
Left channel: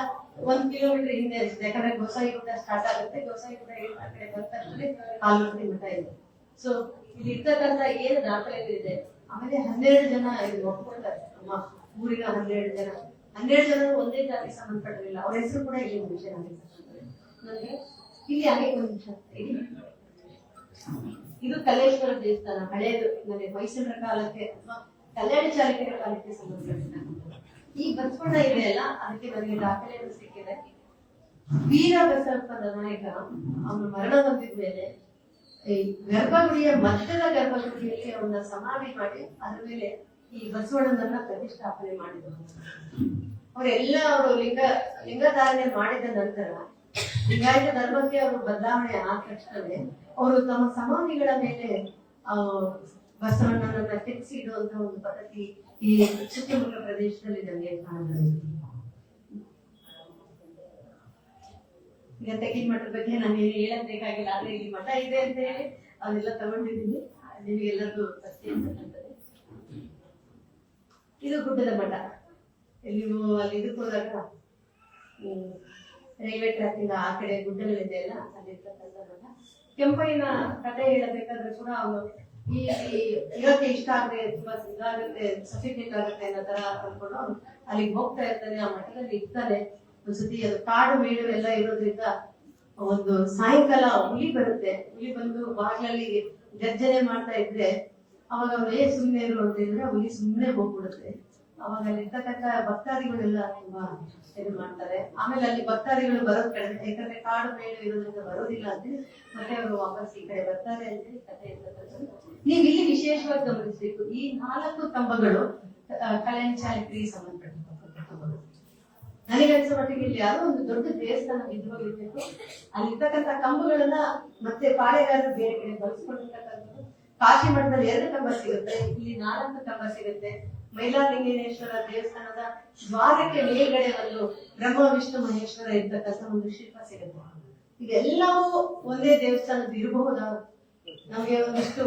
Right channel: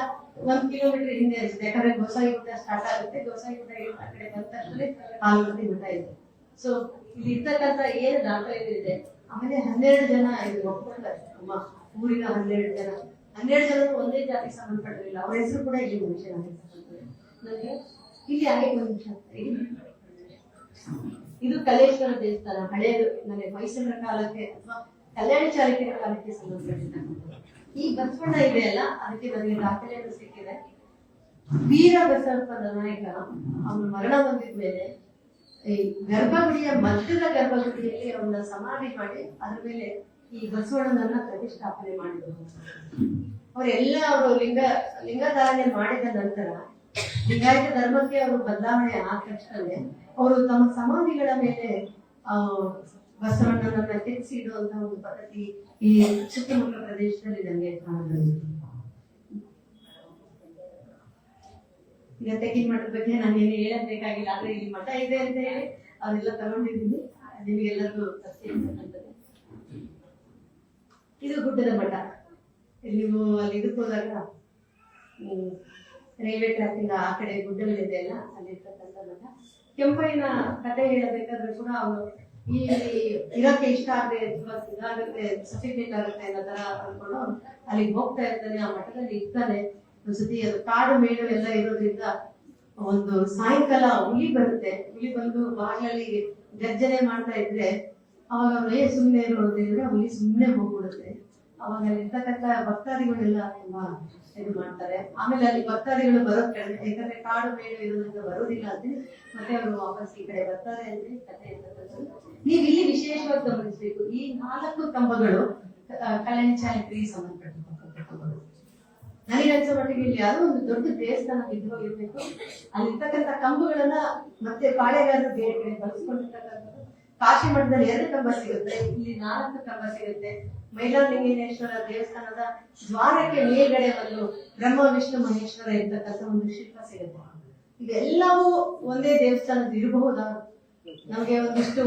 1 ಕಿಲೋಮೀಟರ್ ಹಿಂದೆ ಅನ್ಸುತ್ತೆ, ಯಾಕಂದ್ರೆ ಗೋಸಾಯಿಗುಡ್ಡ ಸ್ಟಾರ್ಟ್ ಆಗುತ್ತೆ. ಗೋಸಾಯಿಗುಡ್ಡ ಆ ಕಡೆ ಬಂದ ಆಲ್ವರ್ತಿ ಮಠ ಇದೆ. ಸೊ ಇಲ್ಲಿ ಇರ್ತಕ್ಕಂಥ ಏನು ದಾಖಲೆ ಇದೆ. ಆಮೇಲೆ 12 ಜನ ಇದು ಒಪ್ಕೊಂಡಾರೆ, ಊರಿನ 12 ಜನ. 12 ಜನರು ಒಂದೇ ಜಾತಿಗೆ ಸಂಬಂಧಪಟ್ಟಿರಲಿಲ್ಲ. ಅವ್ರ ಹೆಸರು ಕೂಡ ಇಲ್ಲಿ ಮೆನ್ಷನ್ ಆಗಿರ್ತಕ್ಕಂಥದ್ದು. ನನಗೆ ಇಲ್ಲಿ ಹಾಗೆ ಒಂದು ನಿಮಿಷ, ಇದು ಕಲೇಶ್ವರ ದೇವಸ್ಥಾನ ಹಳೇದು, ನನಗೆ ಮೈಸೂರಿನ ಕಾಲಕ್ಕೆ ಅಥವಾ ಕಲ್ಯಾಣ ಚಾಲುಕ್ಯರ ಕಾಲಕ್ಕೆ ಸಂಬಂಧಪಟ್ಟಿರ್ತಕ್ಕಂಥದ್ದು. ಈ ಬಸವಣ್ಣ ಇದೆಯಲ್ಲ, ಅದಕ್ಕೆ ನನಗೆ ದಾಖಲೆಗಳು ಸಿಕ್ಕಿದೆ. ವೀರ ಬಸವಪ್ಪನ ನಾಯಕ ಅವನು ಮರಣ ಹೊಂದಿದ ಮೇಲೆ ಈ ಗರ್ಭಗುಡಿಯ ಮಧ್ಯದ ಗರ್ಭಗುಡಿಯಲ್ಲಿ ಅವನ ಸಮಾಧಿ ಮಾಡಿ ಅದ್ರ ಮೇಲೆ ಈ ಬಸವಣ್ಣನನ್ನ ಪ್ರತಿಷ್ಠಾಪನೆ ಮಾಡಿದ್ರು. ಅವರೆಲ್ಲ ಅವರು ಲಿಂಗಧಾರಣೆ ಮಾಡಿದ ನಂತರ ಲಿಂಗಾಯತ ಧರ್ಮಕ್ಕೆ ಅವರು ಬದಲಾವಣೆ ಆದ ತಕ್ಷಣವೇ ಅವರು ತಮ್ಮ ಸಮಾಧಿಗಳ ಮೇಲೆ ಬಸವಣ್ಣನನ್ನ ಕೆತ್ತಿಸಿ ಇಡುವಂತ ಒಂದು ಪದ್ಧತಿ ಈ ಸುತ್ತಮುತ್ತ ಪ್ರದೇಶದಲ್ಲಿ ನನಗೆ ಕಾಣಬಹುದು. ಈಗ ತೆಗಿನ ಮಠದ ಬಗ್ಗೆ ನಾನು ಹೇಳೋದ್ ಬೇಕಾಗಿಲ್ಲ, ಆದ್ರೆ ಇಲ್ಲಿ ಮಠ ಇದೆ ಅಂತ ಹೇಳಿ ಅದೆಲ್ಲ ತಗೊಂಡಿದ್ದೀನಿ, ನಿಮಗೆಲ್ಲರಿಗೂ ಪರಿಚಯ ಇರ್ತಕ್ಕಂಥದ್ದು. ಇದು ಗುಡ್ಡದ ಮಠ. ನೀವು ಅಲ್ಲಿ ಇದಕ್ಕೆ ಹೋದಾಗ ರೈಲ್ವೆ ಟ್ರ್ಯಾಕ್ ಇಂದ ಆ ಕಡೆ ಗುಡ್ಡಗಳಿದೆ ಅಲ್ಲ, ಅಲ್ಲಿರ್ತಕ್ಕಂಥ ಮಠ. ಕೆಂಪಯ್ಯನ ಕಥೆ ಹೇಳಬೇಕಾದ್ರೆ ಕೂಡ ಅವನು ಈ ಇರೋಕೆ ಇಷ್ಟ ಆಗದೆ ಇದಾಗುತ್ತೆ, ಸಫಿಕೇಟ್ ಆಗುತ್ತೆ ಅನ್ನೋ ತರ ಅನ್ಕೊಂಡು ಅವ್ನು ಅಲ್ಲಿಗೆ ಹೋಗ್ತಾ ಇರ್ತಾನೆ, ಆ ಮಠದಲ್ಲಿ ಇರ್ತಾನೆ. ಒಂದ್ಸತಿ ಅದು ಕಾಡು ಮೇಡು ಎಲ್ಲ ಇರೋದ್ರಿಂದ ಒಂದು ಸಾಯಂಕಾಲ ಹುಲಿ ಬರುತ್ತೆ. ಹುಲಿ ಬಂದು ಬಾಗಿಲಲ್ಲಿ ಗರ್ಜನೆ ಮಾಡ್ತಾ ಇದ್ರೆ ಅವಾಗ ಅವನೇ ಸುಮ್ಮನೆ ಇರು ಅಂತ ಹೇಳಿದ್ರೆ ಹುಲಿ ಸುಮ್ಮನೆ ಹೋಗ್ಬಿಡುತ್ತೆ. ಅವಾಗ ಅಲ್ಲಿರ್ತಕ್ಕಂಥ ಭಕ್ತಾದಿಗಳೆಲ್ಲ ತುಂಬಾ ಇದು ಮಾಡ್ತಾರೆ. ಆಮೇಲೆ ಅಲ್ಲಿ ಭಕ್ತಾದಿಗಳು ಬರೋದ್ ಕಡಿಮೆ, ಯಾಕಂದ್ರೆ ಕಾಡು ಮೇಡು ಇರೋದ್ರಿಂದ ಬರೋದಿಲ್ಲ ಅಂತ ಮತ್ತೆ ಅವರು ವಾಪಸ್ ಈ ಕಡೆ ಬರ್ತಾರೆ ಅಂತ ಕಥೆ ಇರ್ತಕ್ಕಂಥದ್ದು. ನೀವು ಇಲ್ಲಿ ವಿಶೇಷವಾಗಿ ಗಮನಿಸಬೇಕು, ಈ 4 ಕಂಬಗಳು ಕಲ್ಯಾಣ ಚಾರಿತ್ರಿಗೆ ಸಂಬಂಧಪಟ್ಟಿರ್ತಕ್ಕಂಥ ಕಂಬಗಳು. ನನಗನ್ಸೋ ಮಟ್ಟಿಗೆ ಇಲ್ಲಿ ಯಾವುದೋ ಒಂದು ದೊಡ್ಡ ದೇವಸ್ಥಾನ ಬಿದ್ದು ಹೋಗಿರ್ಬೇಕು. ಅಲ್ಲಿರ್ತಕ್ಕಂಥ ಕಂಬಗಳನ್ನ ಮತ್ತೆ ಪಾಳೆಗಾರರು ಬೇರೆ ಕಡೆ ಬಳಸ್ಕೊಂಡಿರ್ತಕ್ಕಂಥದ್ದು. ಕಾಶಿ ಮಠದಲ್ಲಿ 2 ಕಂಬ ಸಿಗುತ್ತೆ, ಇಲ್ಲಿ 4 ಕಂಬ ಸಿಗುತ್ತೆ. ಮೈಲಾರಲಿಂಗೇಶ್ವರ ದೇವಸ್ಥಾನದ ದ್ವಾರಕ್ಕೆ ಮೇಲ್ಗಡೆ ಒಂದು ಬ್ರಹ್ಮ ವಿಷ್ಣು ಮಹೇಶ್ವರ ಇರ್ತಕ್ಕಂಥ ಒಂದು ಶಿಲ್ಪ ಸಿಗುತ್ತೆ. ಇದೆಲ್ಲವೂ ಒಂದೇ ದೇವಸ್ಥಾನದ ಇರಬಹುದಾ? ನಮ್ಗೆ ಒಂದಿಷ್ಟು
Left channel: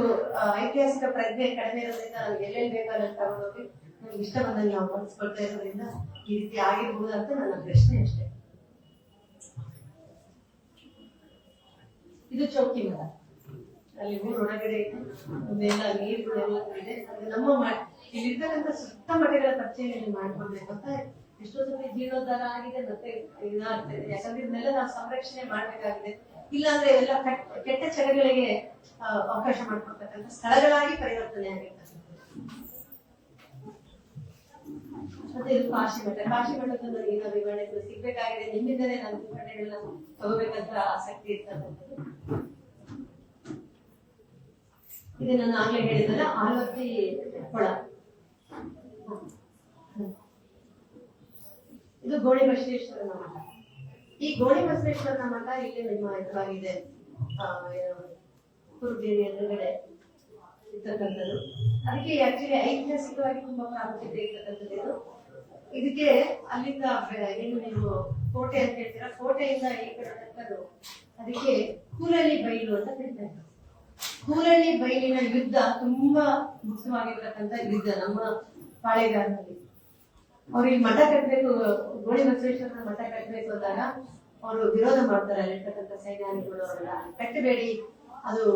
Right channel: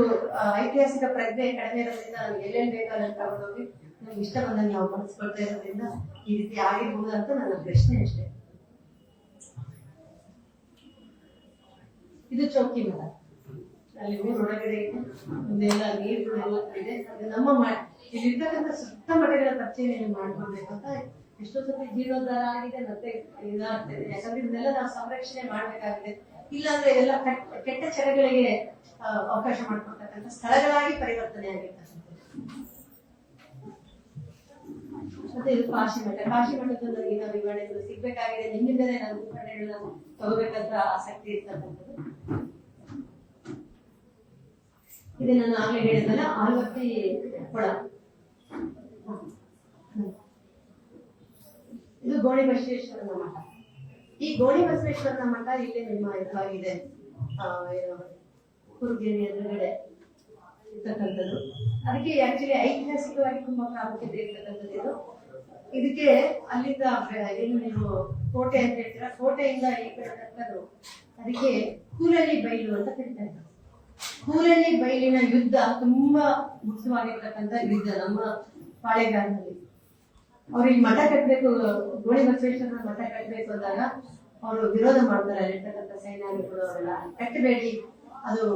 ಐತಿಹಾಸಿಕ ಪ್ರಜ್ಞೆ ಕಡಿಮೆ ಇರೋದ್ರಿಂದ ನಮ್ಗೆ ಎಲ್ಲೆಲ್ಲಿ ಬೇಕಾದ್ರೆ ತಗೊಂಡೋಗಿ ನಮ್ಗೆ ಇಷ್ಟ ಬಂದಂಗೆ ನಾವು ಬಳಸ್ಕೊಳ್ತಾ ಇರೋದ್ರಿಂದ ಈ ರೀತಿ ಆಗಿರ್ಬೋದು ಅಂತ ನನ್ನ ಪ್ರಶ್ನೆ ಅಷ್ಟೇ. ಇದು ಚೌಕಿ ಮರ, ಅಲ್ಲಿ ಊರ್ ಒಳಗಡೆ ಒಂದೆಲ್ಲ ನೀರುಗಳೆಲ್ಲ ಇದೆ. ಅದು ನಮ್ಮ ಇಲ್ಲಿರ್ತಕ್ಕಂಥ ಸುತ್ತ ಮಠಗಳ ಪರಿಚಯ ಮಾಡ್ಕೊಳ್ಬೇಕು ಅಂತ ಎಷ್ಟೋ ಸತಿ ಜೀರ್ಣೋದ್ಧಾರ ಆಗಿದೆ, ಮತ್ತೆ ಇದಾಗ್ತದೆ. ಯಾಕಂದ್ರೆ ಇದನ್ನೆಲ್ಲ ನಾವು ಸಂರಕ್ಷಣೆ ಮಾಡ್ಬೇಕಾಗಿದೆ. ಇಲ್ಲಾಂದ್ರೆ ಎಲ್ಲ ಕೆಟ್ಟ ಚಟಗಳಿಗೆ ಅವಕಾಶ ಮಾಡ್ಕೊಳ್ತಕ್ಕಂಥ ಸ್ಥಳಗಳಾಗಿ ಪರಿವರ್ತನೆ ಆಗಿರ್ತಕ್ಕಂಥ. ಮತ್ತೆ ಇದು ಕಾಶಿ ಮಠ. ಕಾಶಿ ಮಠದ ನನಗಿನ ವಿವರಣೆಗಳು ಸಿಗ್ಬೇಕಾಗಿದೆ. ನಿಮ್ಮಿಂದಲೇ ನಾನು ವಿವರಣೆಗಳನ್ನ ತಗೋಬೇಕಂತ ಆಸಕ್ತಿ ಇರ್ತಕ್ಕಂಥದ್ದು. ಇದು ನಾನು ಆಗ್ಲೇ ಹೇಳಿದ್ದಲ್ಲ, ಆಲ್ವತ್ತಿ ಕೊಳ. ಇದು ಗೋಣಿ ಬಸವೇಶ್ವರನ ಮಠ. ಈ ಗೋಣಿ ಬಸವೇಶ್ವರನ ಮಠ ಇಲ್ಲಿ ನಿಮ್ಮ ಇದಾಗಿದೆ, ಕುರುಗೇರಿ ಎದುರುಗಡೆ ಇರ್ತಕ್ಕಂಥದ್ದು. ಅದಕ್ಕೆ ಆಕ್ಚುಲಿ ಐತಿಹಾಸಿಕವಾಗಿ ತುಂಬಾ ಪ್ರಾಮುಖ್ಯತೆ ಇರ್ತಕ್ಕಂಥದ್ದು ಇದು. ಇದಕ್ಕೆ ಅಲ್ಲಿಂದ ಏನು ನೀವು ಕೋಟೆ ಅಂತ ಹೇಳ್ತೀರಾ, ಕೋಟೆಯಿಂದ ಈ ಕಡೆ ತಕ್ಕದು ಅದಕ್ಕೆ ಕೂಲಳ್ಳಿ ಬೈಲು ಅಂತ ಕರೀತಾರೆ. ಕೂಲಳ್ಳಿ ಬೈಲಿನ ಯುದ್ಧ ತುಂಬಾ ಮುಖ್ಯವಾಗಿರ್ತಕ್ಕಂಥ ಯುದ್ಧ ನಮ್ಮ ಪಾಳೆಗಾರನಲ್ಲಿ. ಅವ್ರು ಈ ಮಠ ಕಟ್ಟಬೇಕು, ಗೋಣಿ ಬಸವೇಶ್ವರನ ಮಠ ಕಟ್ಟಬೇಕು ಅಂದಾಗ ಅವರು ವಿರೋಧ ಮಾಡ್ತಾರೆ. ಅಲ್ಲಿರ್ತಕ್ಕಂಥ ಸೈನ್ಯಾನಿಗಳು ಅವರೆಲ್ಲ ಕಟ್ಟಬೇಡಿ, ಅದು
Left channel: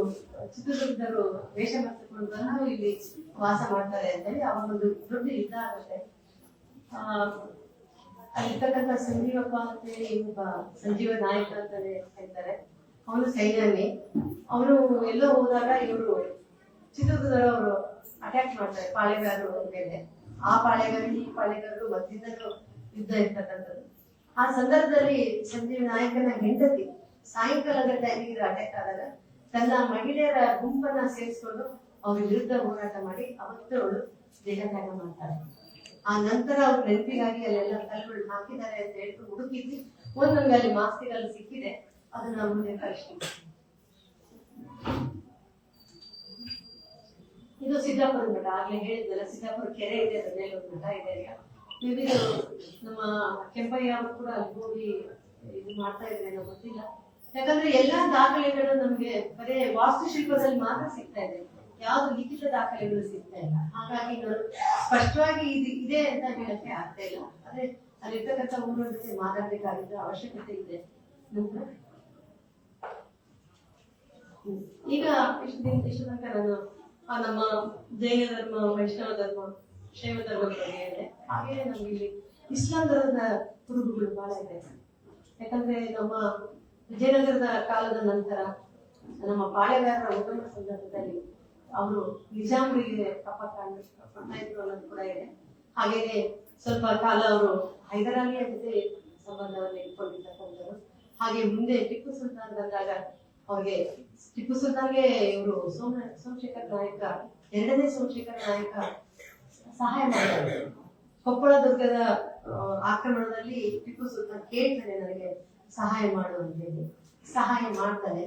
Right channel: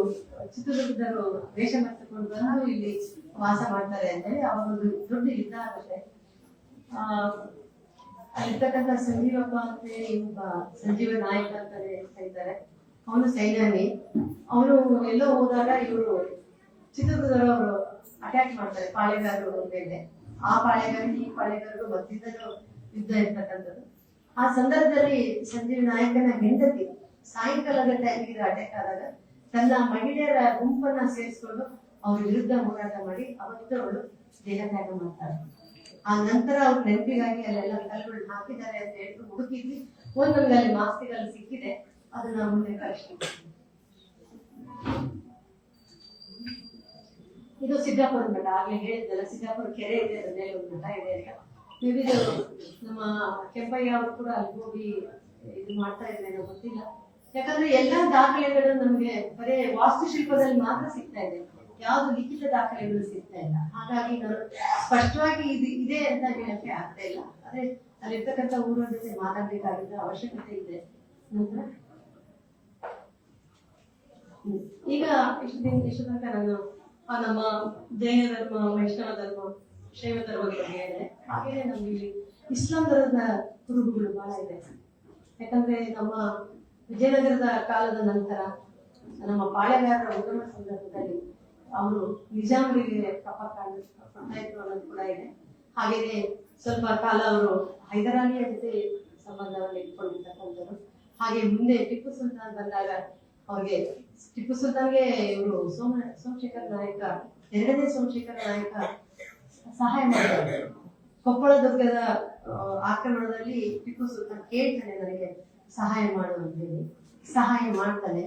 ಚಿತ್ರದುರ್ಗದವರು ವೇಷ ಮಾಡ್ಕೊಂಡು ಬಂದು ಇಲ್ಲಿ ವಾಸ ಮಾಡ್ತಾರೆ ಅಂತೇಳಿ ಅವಾಗ ಒಂದು ದೊಡ್ಡ ಯುದ್ಧ ಆಗುತ್ತೆ. ಅಲ್ಲಿರ್ತಕ್ಕಂಥ ಸಂಜೀವಪ್ಪ ಅಂತ ಹೇಳಿ ಒಬ್ಬ ಸಂಜೀವ ನಾಯಕ ಅಂತಾನೆ ಹೇಳ್ತಾರೆ. ಅವನು ಸೈನ್ಯಾನಿ. ಅವನು ಎಲ್ಲೋ ಹೋದಾಗ ಇವರು ಚಿತ್ರದುರ್ಗದವರು ಅಟ್ಯಾಕ್ ಮಾಡ್ತಾರೆ ಪಾಳೆಗಾರರು ಮೇಲೆ. ಆ ಪಾಳೆಗಾರರು ಈ ಪಾಳೆಗಾರರು ಮಧ್ಯದಲ್ಲೂ ಯುದ್ಧ ಇರ್ತಕ್ಕಂಥದ್ದು. ಆ ಸಂದರ್ಭದಲ್ಲಿ ಸಂಜೀವ ನಾಯಕನ ಹೆಂಡತಿ ಸಾಯಂಕಾಲದ ಟೈಮಿಗೆ ಅಟ್ಯಾಕ್ ಆದಾಗ ತನ್ನ ಮಹಿಳೆಯರ ಗುಂಪನ್ನ ಸೇರಿಸಿಕೊಂಡು ಅವ್ರ ವಿರುದ್ಧ ಹೋರಾಟ ಮಾಡಿ ಅವತ್ತು ಅವಳು ದೇಹತ್ಯಾಗ ಮಾಡ್ತಾರೆ. ಆ ನಂತರ ಅವ್ರ ನೆನಪಿಗಾಗಿ ಅಲ್ಲೆಲ್ಲ ಕಲ್ಲುಗಳು ಹಾಕಿದ್ದಾರೆ ಅಂತ ಹೇಳ್ತು ಹುಡುಕಿದ್ವಿ. ನಮ್ಗೆ ಅಲ್ಲಿ ಮಾಸ್ತಿಗಳು ಸಿಕ್ಕಿದೆ, ಅದನ್ನ ಮುಂದೆ ಕಳಿಸ್ತೀವಿ. ಇದು ಸಿದ್ದಾಪುರ ಮಠ. ಆಗ್ಲೇ ಹೇಳಿದ್ನಲ್ಲ, ಸಿದ್ದಾಪುರ ಕೆರೆ ಇದೆ, ಅದ್ರ ಮೇಲೆ ಒಂದು ಮಠ ಇದೆ ಅಂತ. ವಿವಿಧ ನಮ್ಮ ಕೆಂಪಯ್ಯ ಅವರು ಕೂಡ ಅಲ್ಲಿ ಹೋಗಿ ಇದು ಮಾಡ್ತಾ ಇದ್ರೆ ಗೊತ್ತಿಲ್ಲ. ಯಾಕಂದ್ರೆ ಎಲ್ಲಾ ದಾಖಲೆಗಳು ನಮ್ಗೆ ಬರೀ ವಾಸ್ತುಶಿಲ್ಪದಲ್ಲಿ ಮಾತ್ರ ಸಿಗ್ತಾ ಇದೆ, ಯಾವ್ದು ಲಿಖಿತ ದಾಖಲೆಗಳು ಸಿಗ್ತಾ ಇಲ್ಲ. ಹಾಗಾಗಿ ನಾನು ಸ್ಪಷ್ಟವಾಗಿ ಇದೆ ಅಂತ ಹೇಳಕ್ಕೆ ಆಗ್ತಾ ಇಲ್ಲ. ಆದ್ರೆ ಅಲ್ಲಿರ್ತಕ್ಕಂಥ ಊರ ಜೊತೆ ಮಾತಾಡ್ಬೇಕಾಗಿದ್ದ ಅವಶ್ಯಕತೆ ಇದೆ. ಈಗ ಇಷ್ಟು ತನಕ ನಾನು ನಮ್ಮ ಜೈನ ಧರ್ಮ, ವೈಷ್ಣವ ಧರ್ಮ, ಶೈವ ಧರ್ಮದ ಬಗ್ಗೆ ಇದೆ. ಹಾಗೆಯೇ ನಮ್ಗೆ ಇಲ್ಲಿ ಇಸ್ಲಾಂ ಧರ್ಮದ ಕುರುಹುಗಳು ಬಹಳ ಇದೆ. ಯಾಕಂದ್ರೆ ನಮ್ಮ ವಿಜಯನಗರದ ಕಾಲದ ನಂತರ ನಮ್ಮ ಪಾಳೆಗಾರರ ಉಗಮ ಸಂದರ್ಭದಲ್ಲಿ ಅವರು ನಿಜಾಮರಿಗೆ ಕೊಡ್ತಾ ಇದ್ರು ಅನ್ನೋದು ಕೂಡ ಇದೆ. ಹಾಗೇನೆ ಸ್ವಲ್ಪ ಕಾಲ ಅವರು ಹೈದರಾಲಿಯ ಜೊತೆ ಸಂಬಂಧವನ್ನು ಇಟ್ಕೊಂಡಿರ್ತಕ್ಕಂಥವ್ರು. ಹಾಗೆ ಮುಂದೆ ಟಿಪ್ಪು ಸುಲ್ತಾನ್ ಬಂದಾಗ ಅವ್ರಿಗೆ ಟಿಪ್ಪು ಸುಲ್ತಾನ್ಗೆ ಇವರು ಸೋಮಶೇಖರ್ ನಾಯಕ, 2ನೇ ಸೋಮಶೇಖರ್ ನಾಯಕ ಸಹಾಯ ಮಾಡ್ತಾರೆ. ಕೊಪ್ಪಳ ದುರ್ಗದ ಆಕ್ರಮಣದಲ್ಲಿ ಟಿಪ್ಪು ಸುಲ್ತಾನ್ ಕೇಳ್ತಾನೆ ನನಗೆ ಸಹಾಯ ಮಾಡು ಅಂತ ಹೇಳಿ. ಸಹಾಯ ಮಾಡ್ತಾನೆ.